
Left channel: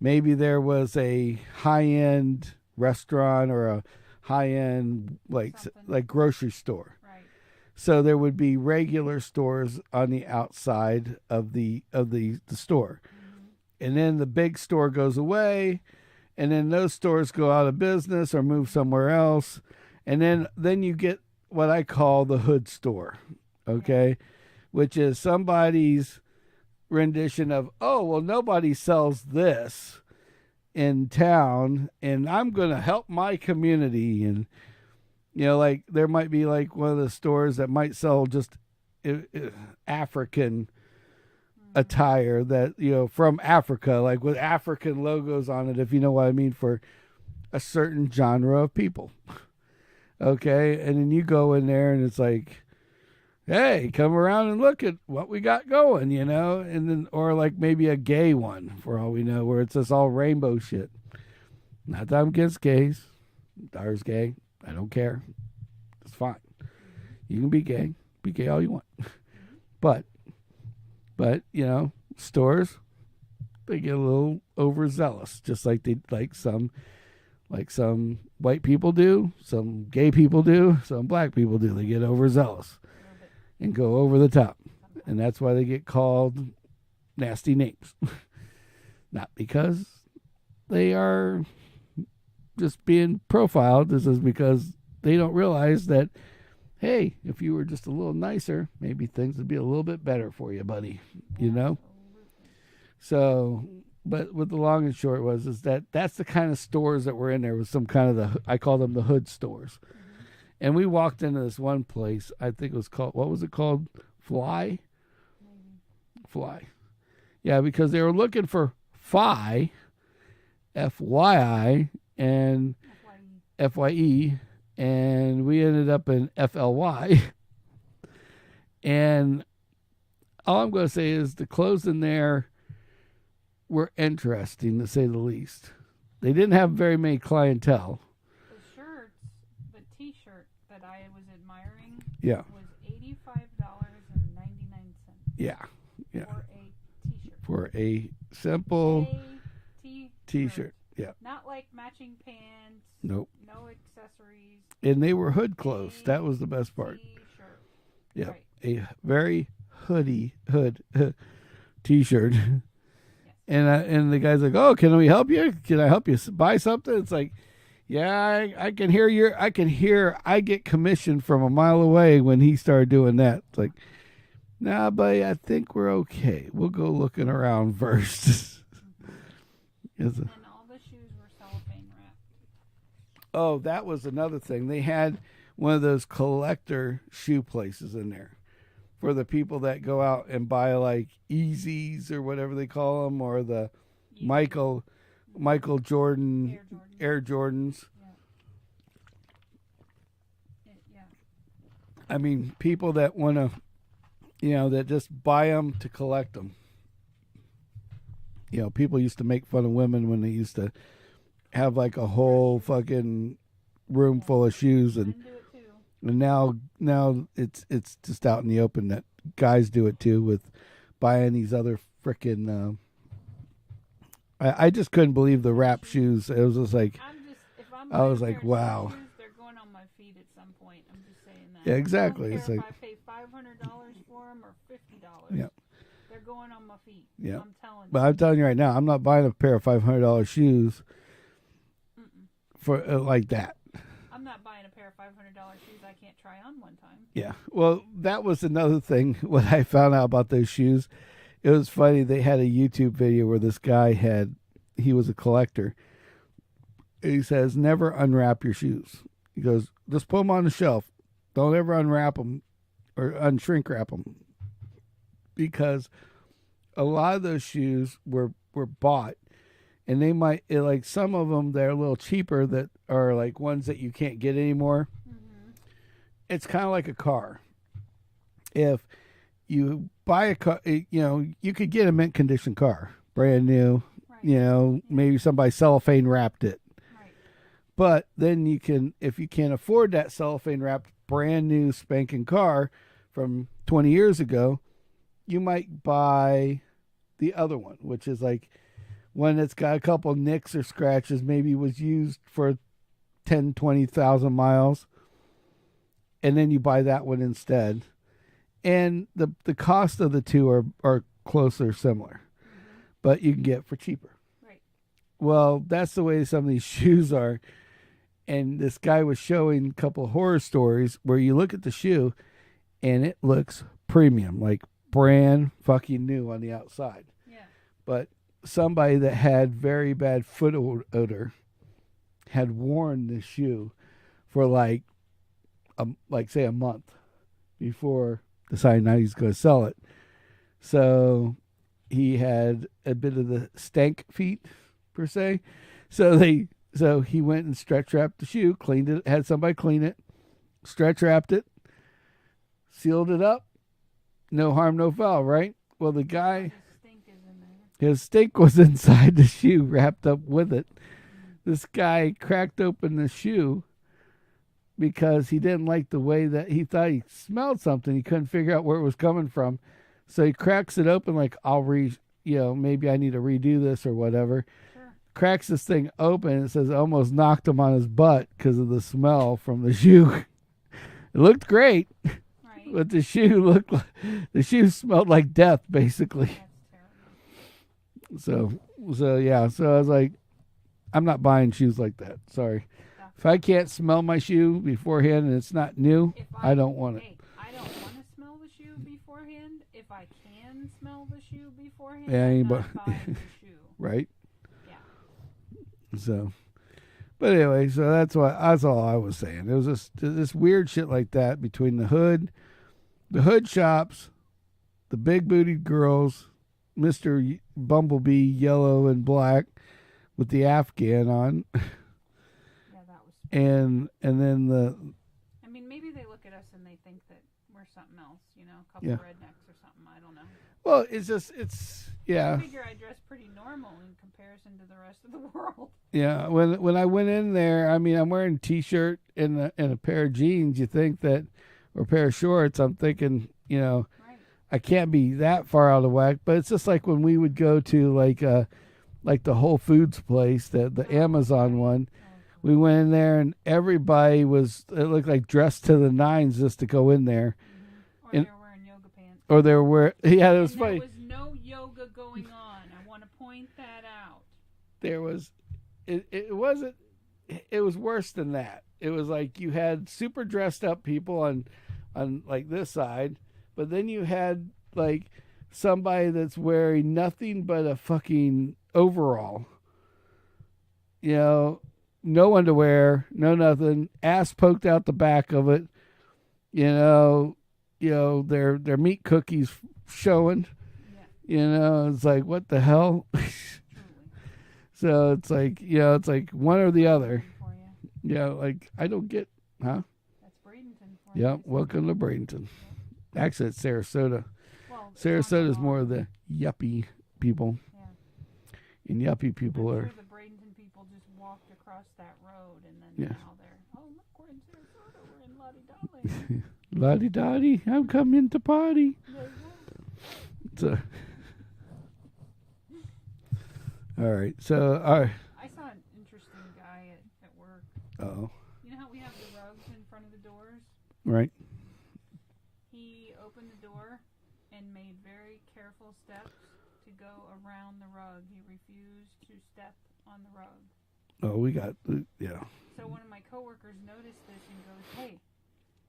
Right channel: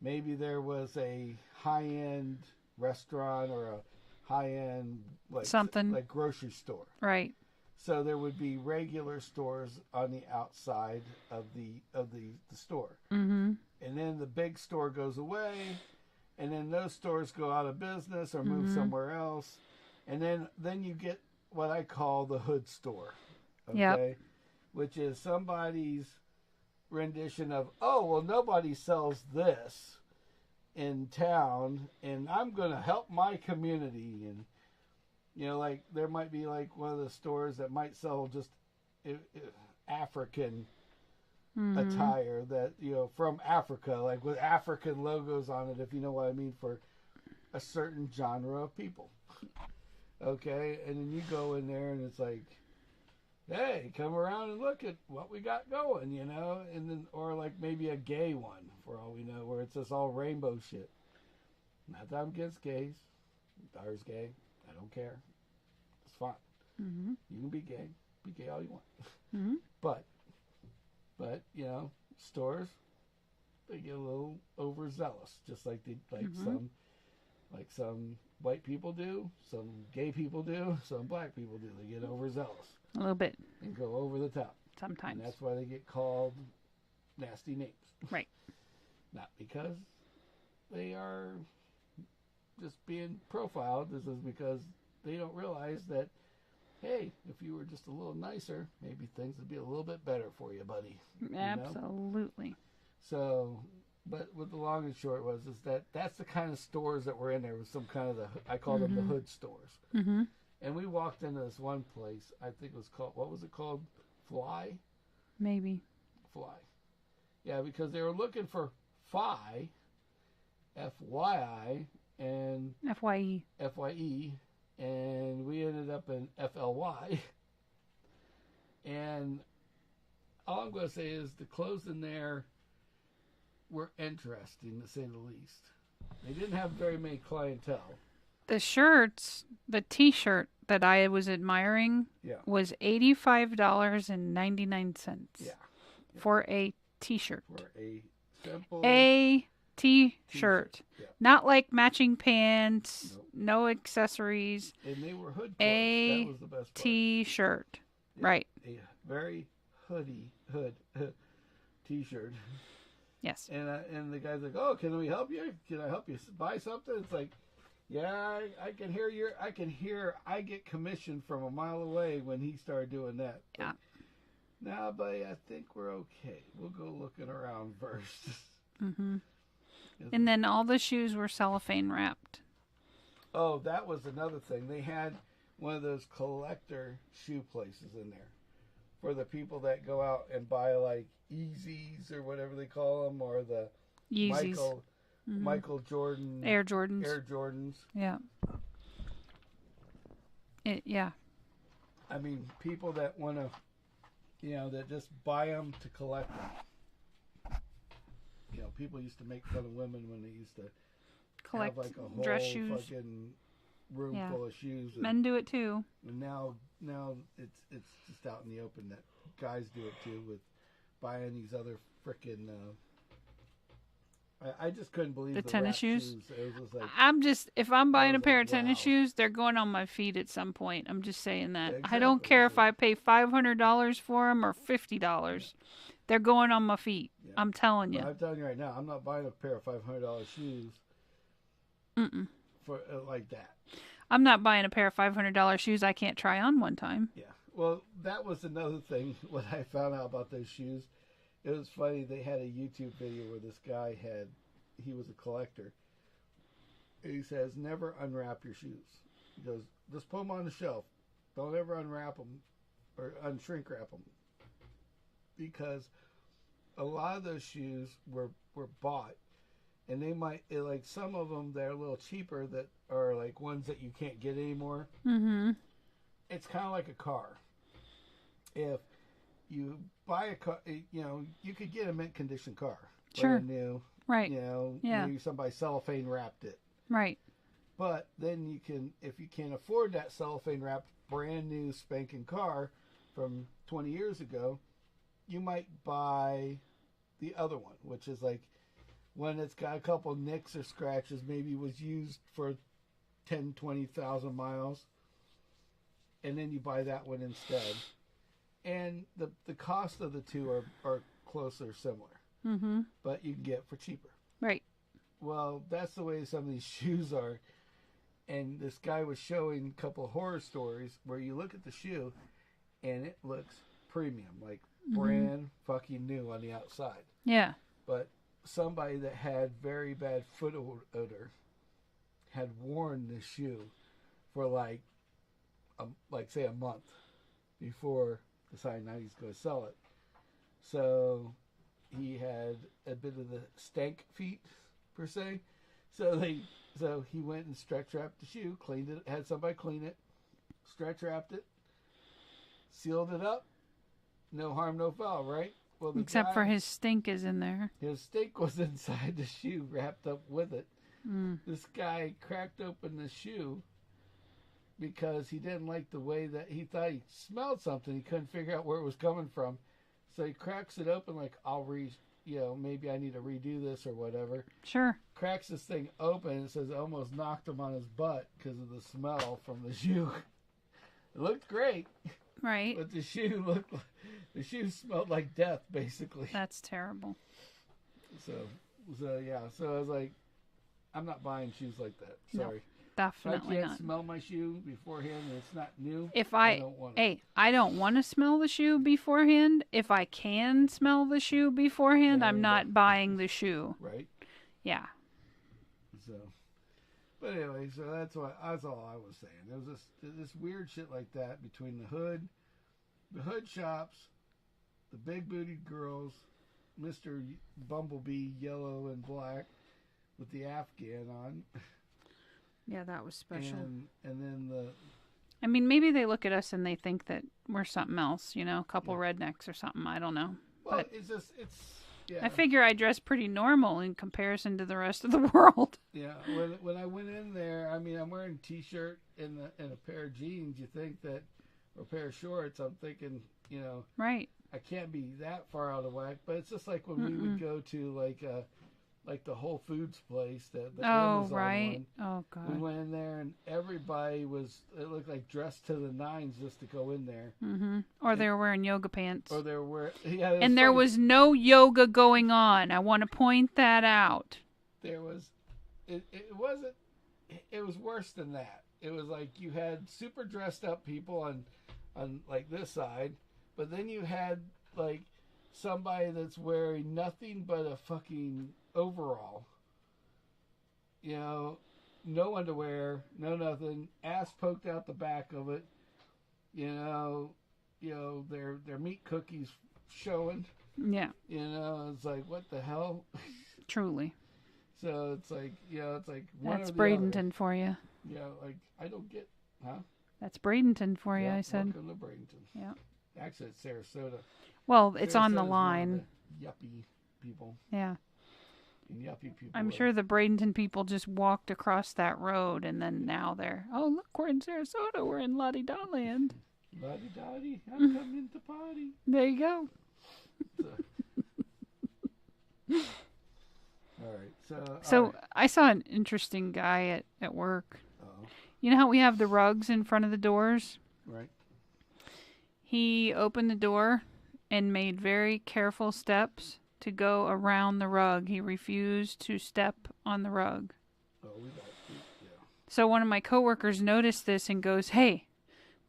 Maybe there was a high-end restaurant or a high-end like grocery store. Right. So there would be regular stores on the outside of the store. Mm-hmm. And then the big store goes away, and then those stores go out of business or move somewhere else. And then you get what I call the hood store. Okay? Yep. Which is somebody's rendition of, oh, well, nobody sells this in town, and I'm going to help my community. And, you know, like there might be like one of the stores that might sell just African attire that, you know, from Africa, like with African logos on it, if you know what I mean, for a certain genre of people. Okay. And then you go in there and it's like, hey, come around and look at what we got going, you know, and then, or like maybe a gay one for all we know, where it's just all rainbow shit. Not that I'm against gays. Dar's gay. I don't care. It's fine. Mm-hmm. You can be gay all you want. Mm-hmm. But, you know, stores, they get a little overzealous, just like they, like some white people do, some gay people do, some black people do. They get overzealous. A little bit. And go over the top. Sometimes. And that's why they get called nasty names. Right. Not because they are just being profiled. This is because they don't realize that, hey, if you were just a little nicer, maybe things would be a little bit better for you, buddy. You know? Absolutely. So, but what the long and short is that that's the kind of stores that were in there, was some kind of I call them the hood stores. Mm-hmm. And we walked into this one place, I think it was called, what was it called? Fly? Maybe. Fly. Yeah, because they were looking for Phi, F-Y-I, and F-Y-E. F-Y-E, and we ended up in F-L-Y. And all I'm going to say is the clothes in there were interesting, to say the least. They didn't have very many clientele. The shirts... The T-shirt that I was admiring was $85.99. Yeah. For a T-shirt. For a simple T-shirt. Yeah. Not like matching pants. Nope. No accessories. And they were hood clothes. That was the best part. T-shirt. Yeah. Right. A very hood T-shirt. Yes. And the guy's like, "Oh, can we help you? Can I help you buy something?" It's like, yeah, I can hear I get commission from a mile away when he started doing that. It's like, nah, buddy, I think we're okay. We'll go looking around first. Mm-hmm. And then all the shoes were cellophane wrapped. Oh, that was another thing. They had one of those collector shoe places in there for the people that go out and buy like Yeezys or whatever they call them, or the Yeezys. Michael Jordan. Air Jordans. Air Jordans. Yeah. Yeah. I mean, people that want to, you know, that just buy them to collect them. You know, people used to make fun of women when they used to have like a whole fucking room full of shoes. And men do it too. And now it's just out in the open that guys do it too, with buying these other frickin' I just couldn't believe the wrap shoes. It was just like, if I'm buying a pair of tennis shoes, they're going on my feet at some point. I'm just saying that. Yeah, exactly. I don't care if I pay $500 for them or $50. Yeah. They're going on my feet. Yeah. I'm telling you. But I'm telling you right now, I'm not buying a pair of $500 shoes for like that. I'm not buying a pair of $500 shoes I can't try on one time. Yeah. Well, that was another thing when I found out about those shoes. It was funny. They had a YouTube video where this guy he was a collector. He says, never unwrap your shoes. He goes, just put them on the shelf. Don't ever unwrap them or unshrink wrap them. Because a lot of those shoes were bought. And they might, like some of them, they're a little cheaper that are like ones that you can't get anymore. Mm-hmm. It's kind of like a car. If you buy a car, you could get a mint condition car, brand new. Right. Maybe somebody cellophane wrapped it. Right. But then you can, if you can't afford that cellophane wrapped brand new spanking car from 20 years ago, you might buy the other one, which is like one that's got a couple nicks or scratches, maybe was used for 10, 20,000 miles. And then you buy that one instead. And the cost of the two are closer, similar. Mm-hmm. But you can get for cheaper. Right. Well, that's the way some of these shoes are. And this guy was showing a couple horror stories where you look at the shoe and it looks premium, like brand fucking new on the outside. Yeah. But somebody that had very bad foot odor had worn the shoe for like say a month before deciding now he's going to sell it. So he had a bit of the stank feet per se. So he went and stretch wrapped the shoe, cleaned it, had somebody clean it, stretch wrapped it, sealed it up. No harm, no foul, right? Well, Except for his stink is in there. His stink was inside the shoe, wrapped up with it. This guy cracked open the shoe because he didn't like the way that he thought he smelled something. He couldn't figure out where it was coming from. So he cracks it open like, maybe I need to redo this or whatever. Sure. Cracks this thing open and it says almost knocked him on his butt because of the smell from the shoe. It looked great. Right. But the shoe smelled like death, basically. That's terrible. So yeah. So I was like, I'm not buying shoes like that. Sorry. Definitely if I can't not. smell my shoe beforehand and it's not new, I don't want it. Hey, I don't want to smell the shoe beforehand. If I can smell the shoe beforehand, Yeah, I'm not buying the shoe. Right? Yeah. So, but anyway, so that's all I was saying. There was this weird shit like that between the hood shops, the big bootied girls, Mr. Bumblebee, yellow and black, with the Afghan on. Yeah, that was special. And then I mean, maybe they look at us and they think that we're something else, a couple of rednecks or something. I don't know. Well, yeah. I figure I dress pretty normal in comparison to the rest of the world. Yeah, when I went in there, I mean, I'm wearing a T-shirt and a pair of jeans. You think that, or a pair of shorts. I'm thinking, right. I can't be that far out of whack. But it's just like when we would go to like the Whole Foods place, the Amazon one. Oh, God. We went in there and everybody it looked like dressed to the nines just to go in there. Mm-hmm. Or they were wearing yoga pants. Or they were wearing, and there was no yoga going on. I want to point that out. There was, it wasn't, it was worse than that. It was like you had super dressed up people on like this side, but then you had like somebody that's wearing nothing but a fucking overall. No underwear, no nothing, ass poked out the back of it. Their meat cookies showing. Yeah. It's like, what the hell? Truly. So it's like, one That's or the Bradenton other. for you. Yeah, like I don't get, huh? That's Bradenton for you. Yeah, I said. welcome to Bradenton. Yeah. Actually, it's Sarasota. Well, it's on the Sarasota's line. more of the yuppie people. Yeah. And yuppie people. I'm sure the Bradenton people just walked across that road, and then now they're, look, we're in Sarasota. We're in La-di-da land. La-di-da-di, I'm coming to party. There you go. So, all right. So right. I saw an interesting guy at work. Oh. You know how we have the rugs in front of the doors? Right. He opened the door, and made very careful steps to go around the rug. He refused to step on the rug. Oh, yeah. So one of my coworkers noticed this and goes, "Hey,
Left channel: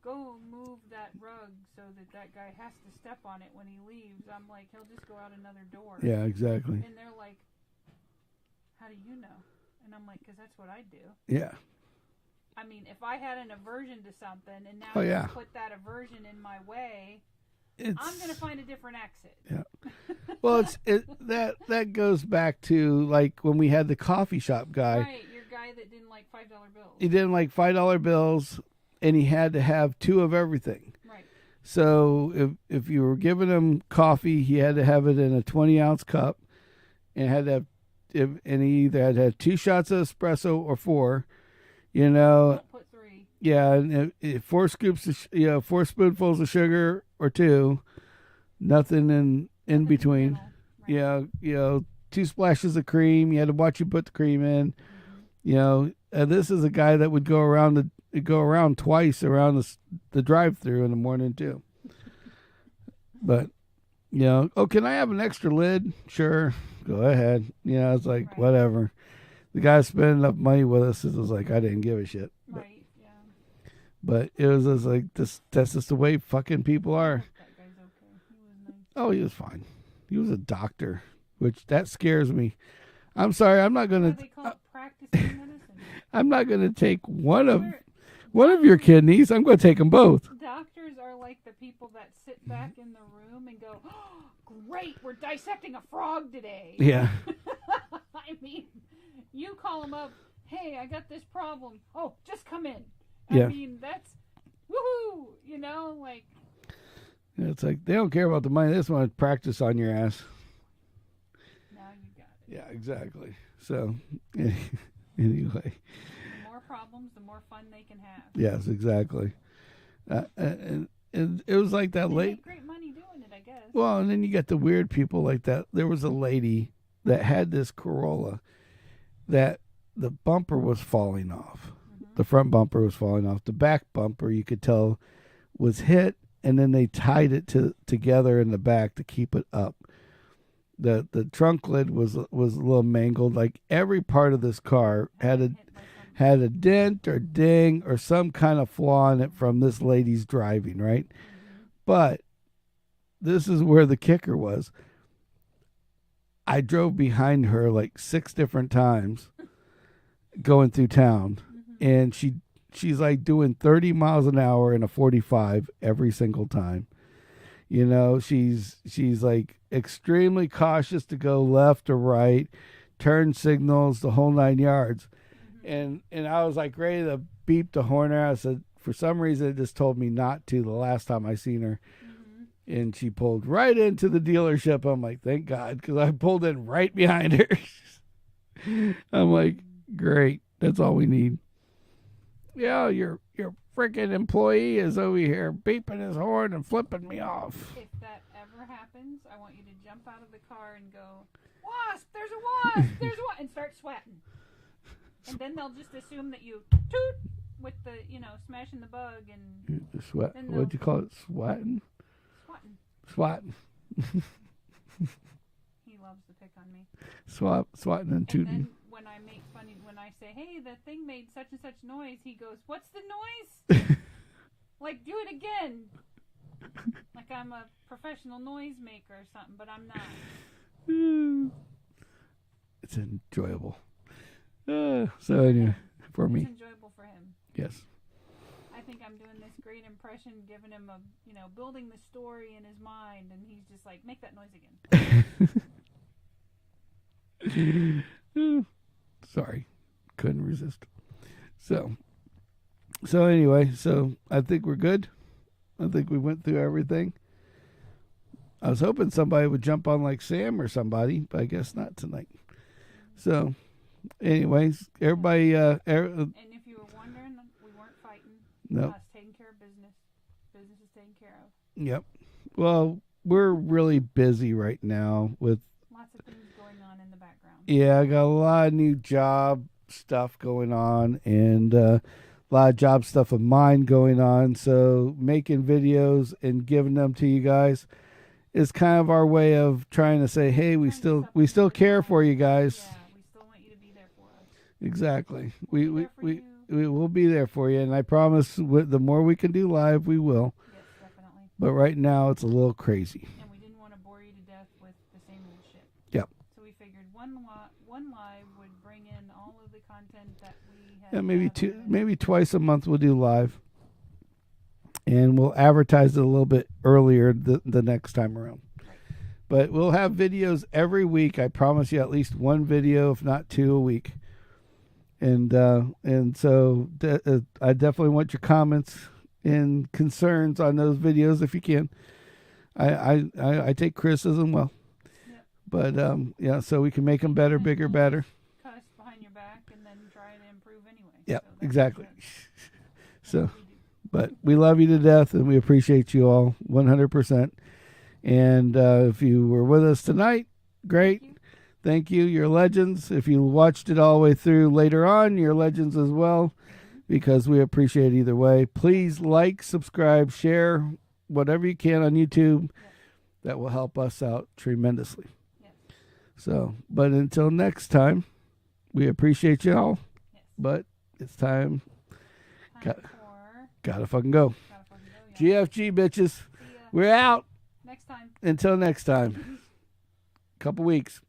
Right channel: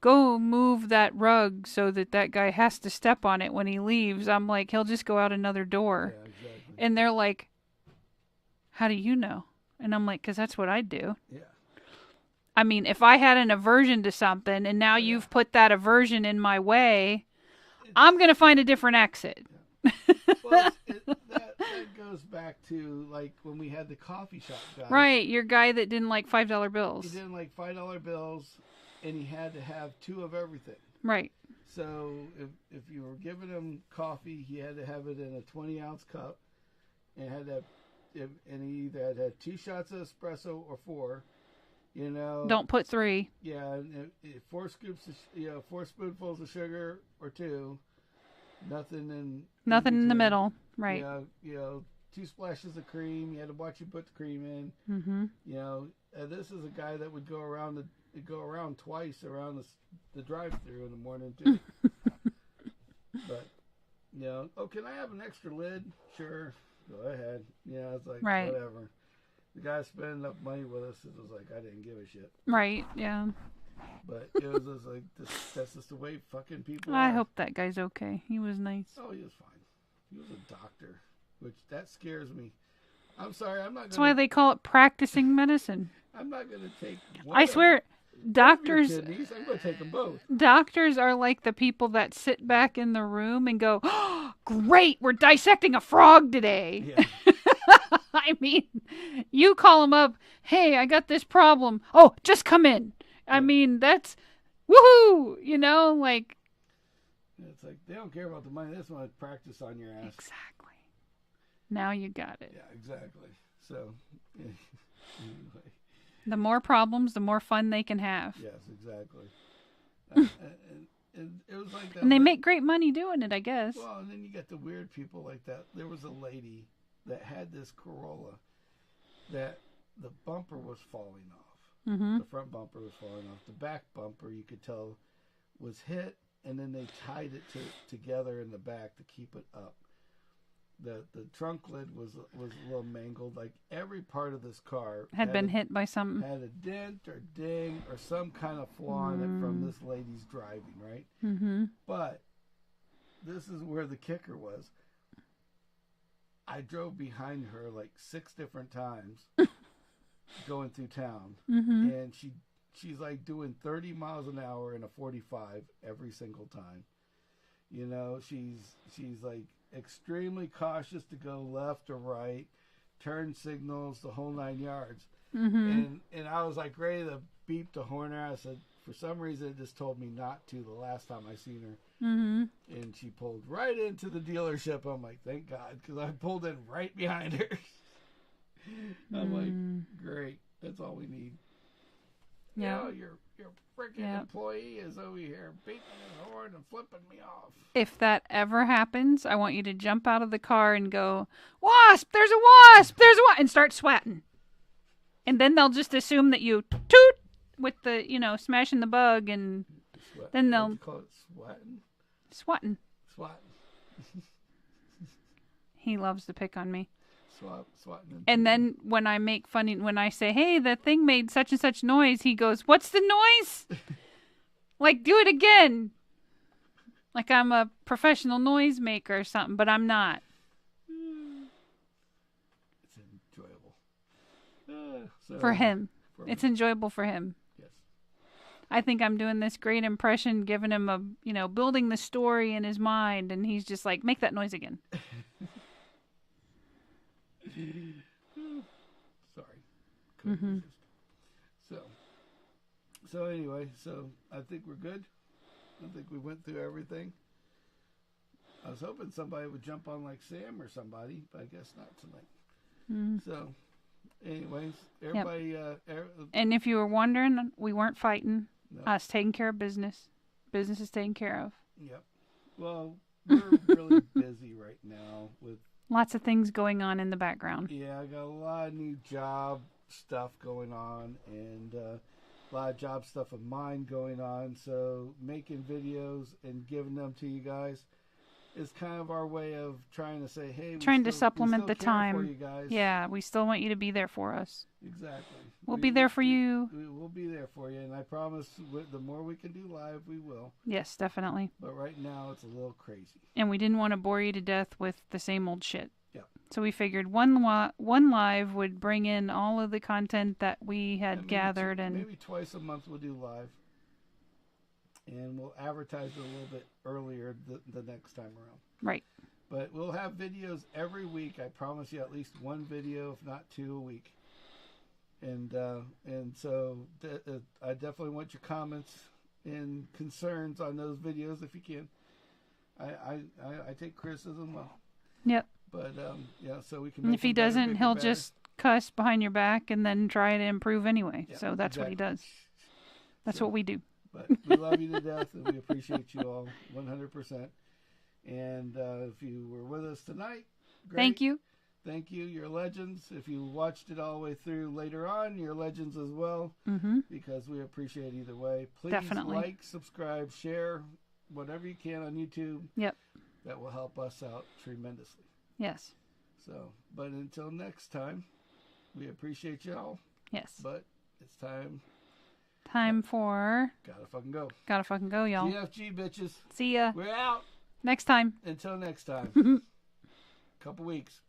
go move that rug so that guy has to step on it when he leaves." I'm like, "He'll just go out another door." Yeah, exactly. And they're like, "How do you know?" And I'm like, "'Cause that's what I do." Yeah. I mean, if I had an aversion to something and now you've put that aversion in my way, I'm going to find a different exit. Yeah. Well, that goes back to like when we had the coffee shop guy. Right, your guy that didn't like $5 bills. He didn't like $5 bills, and he had to have 2 of everything. Right. So if you were giving him coffee, he had to have it in a 20-ounce cup, and had to have, and he either had to have 2 shots of espresso or 4. You know. Don't put 3. Yeah, and 4 scoops of 4 spoonfuls of sugar or 2. Nothing in between. In the middle. Right. Yeah, 2 splashes of cream. You had to watch you put the cream in. Mm-hmm. You know, this is a guy that would go around twice around the drive-through in the morning too. But you know, oh, can I have an extra lid? Sure, go ahead. Yeah, it's like whatever. The guy spending enough money with us, it was like I didn't give a shit. Right. Yeah. But it was just like that's just the way fucking people are. I hope that guy's okay. He was nice. Oh, he was fine. He was a doctor, which that scares me. I'm sorry, I'm not going to... That's why they call it practicing medicine. I'm not going to take one of your kidneys. I'm going to take them both. Doctors are like the people that sit back in the room and go, "Oh, great, we're dissecting a frog today." Yeah. I mean, you call them up, "Hey, I got this problem." "Oh, just come in." I mean, that's woohoo, you know, like. It's like they don't care about the money. They just want to practice on your ass. Exactly. Now you got it. Yeah, exactly. So, anyway. The more problems, the more fun they can have. Yes, exactly. And it was like that. And they make great money doing it, I guess. Well, and then you got the weird people like that. There was a lady that had this Corolla that the bumper was falling off. Mm-hmm. The front bumper was falling off. The back bumper, you could tell, was hit, and then they tied it together in the back to keep it up. The trunk lid was a little mangled. Like every part of this car had been hit by something. Had a dent or ding or some kind of flaw in it from this lady's driving, right? Mm-hmm. But this is where the kicker was. I drove behind her like 6 different times going through town, and she's like doing 30 miles an hour in a 45 every single time. You know, she's like extremely cautious to go left or right, turn signals, the whole 9 yards. Mm-hmm. And I was like ready to beep the horn out. I said, for some reason, it just told me not to the last time I seen her. Mm-hmm. And she pulled right into the dealership. I'm like, thank God, because I pulled in right behind her. I'm like, great. That's all we need. Yeah, your freaking employee is over here beeping his horn and flipping me off. If that ever happens, I want you to jump out of the car and go, "Wasp! There's a wasp! There's a wasp!" and start swatting. And then they'll just assume that you toot with the, smashing the bug, and then they'll... What'd you call it? Swatting? Swatting. Swatting. He loves to pick on me. Swatting. And then when I say, "Hey, that thing made such and such noise," he goes, "What's the noise?" Like, do it again. Like I'm a professional noise maker or something, but I'm not. It's enjoyable. For him. It's enjoyable for him. Yes. I think I'm doing this great impression, giving him building the story in his mind, and he's just like, "Make that noise again." Sorry, couldn't resist. So anyway, I think we're good. I think we went through everything. I was hoping somebody would jump on like Sam or somebody, but I guess not tonight. So anyways, everybody... and if you were wondering, we weren't fighting. No. Us taking care of business. Business is taken care of. Yep. Well, we're really busy right now with... Lots of things going on in the background. Yeah, I got a lot of new job stuff going on, and a lot of job stuff of mine going on. So making videos and giving them to you guys is kind of our way of trying to say, hey, we still care for you guys. Yeah, we still want you to be there for us. Exactly. We'll be there for you. We'll be there for you, and I promise the more we can do live, we will. Yes, definitely. But right now, it's a little crazy. And we didn't want to bore you to death with the same old shit. Yep. So we figured one live would bring in all of the content that we had gathered. Maybe twice a month we'll do live. And we'll advertise it a little bit earlier the next time around. Right. But we'll have videos every week. I promise you at least one video, if not two a week. And so I definitely want your comments and concerns on those videos if you can. I take criticism well. Yep. But so we can make them better, bigger, he'll better. Just cuss behind your back and then try to improve anyway. Yep, so that's exactly. what he does. That's what we do. But we love you to death, and we appreciate you all 100%. And if you were with us tonight, great. Thank you. Thank you. You're legends. If you watched it all the way through later on, you're legends as well, because we appreciate either way. Please like, subscribe, share, whatever you can on YouTube. Yep. That will help us out tremendously. Yes. So, but until next time, we appreciate you all. Yes. But it's time. For... Gotta fucking go. Gotta fucking go, y'all. GFG, bitches. See ya. We're out. Next time. Until next time. Couple weeks.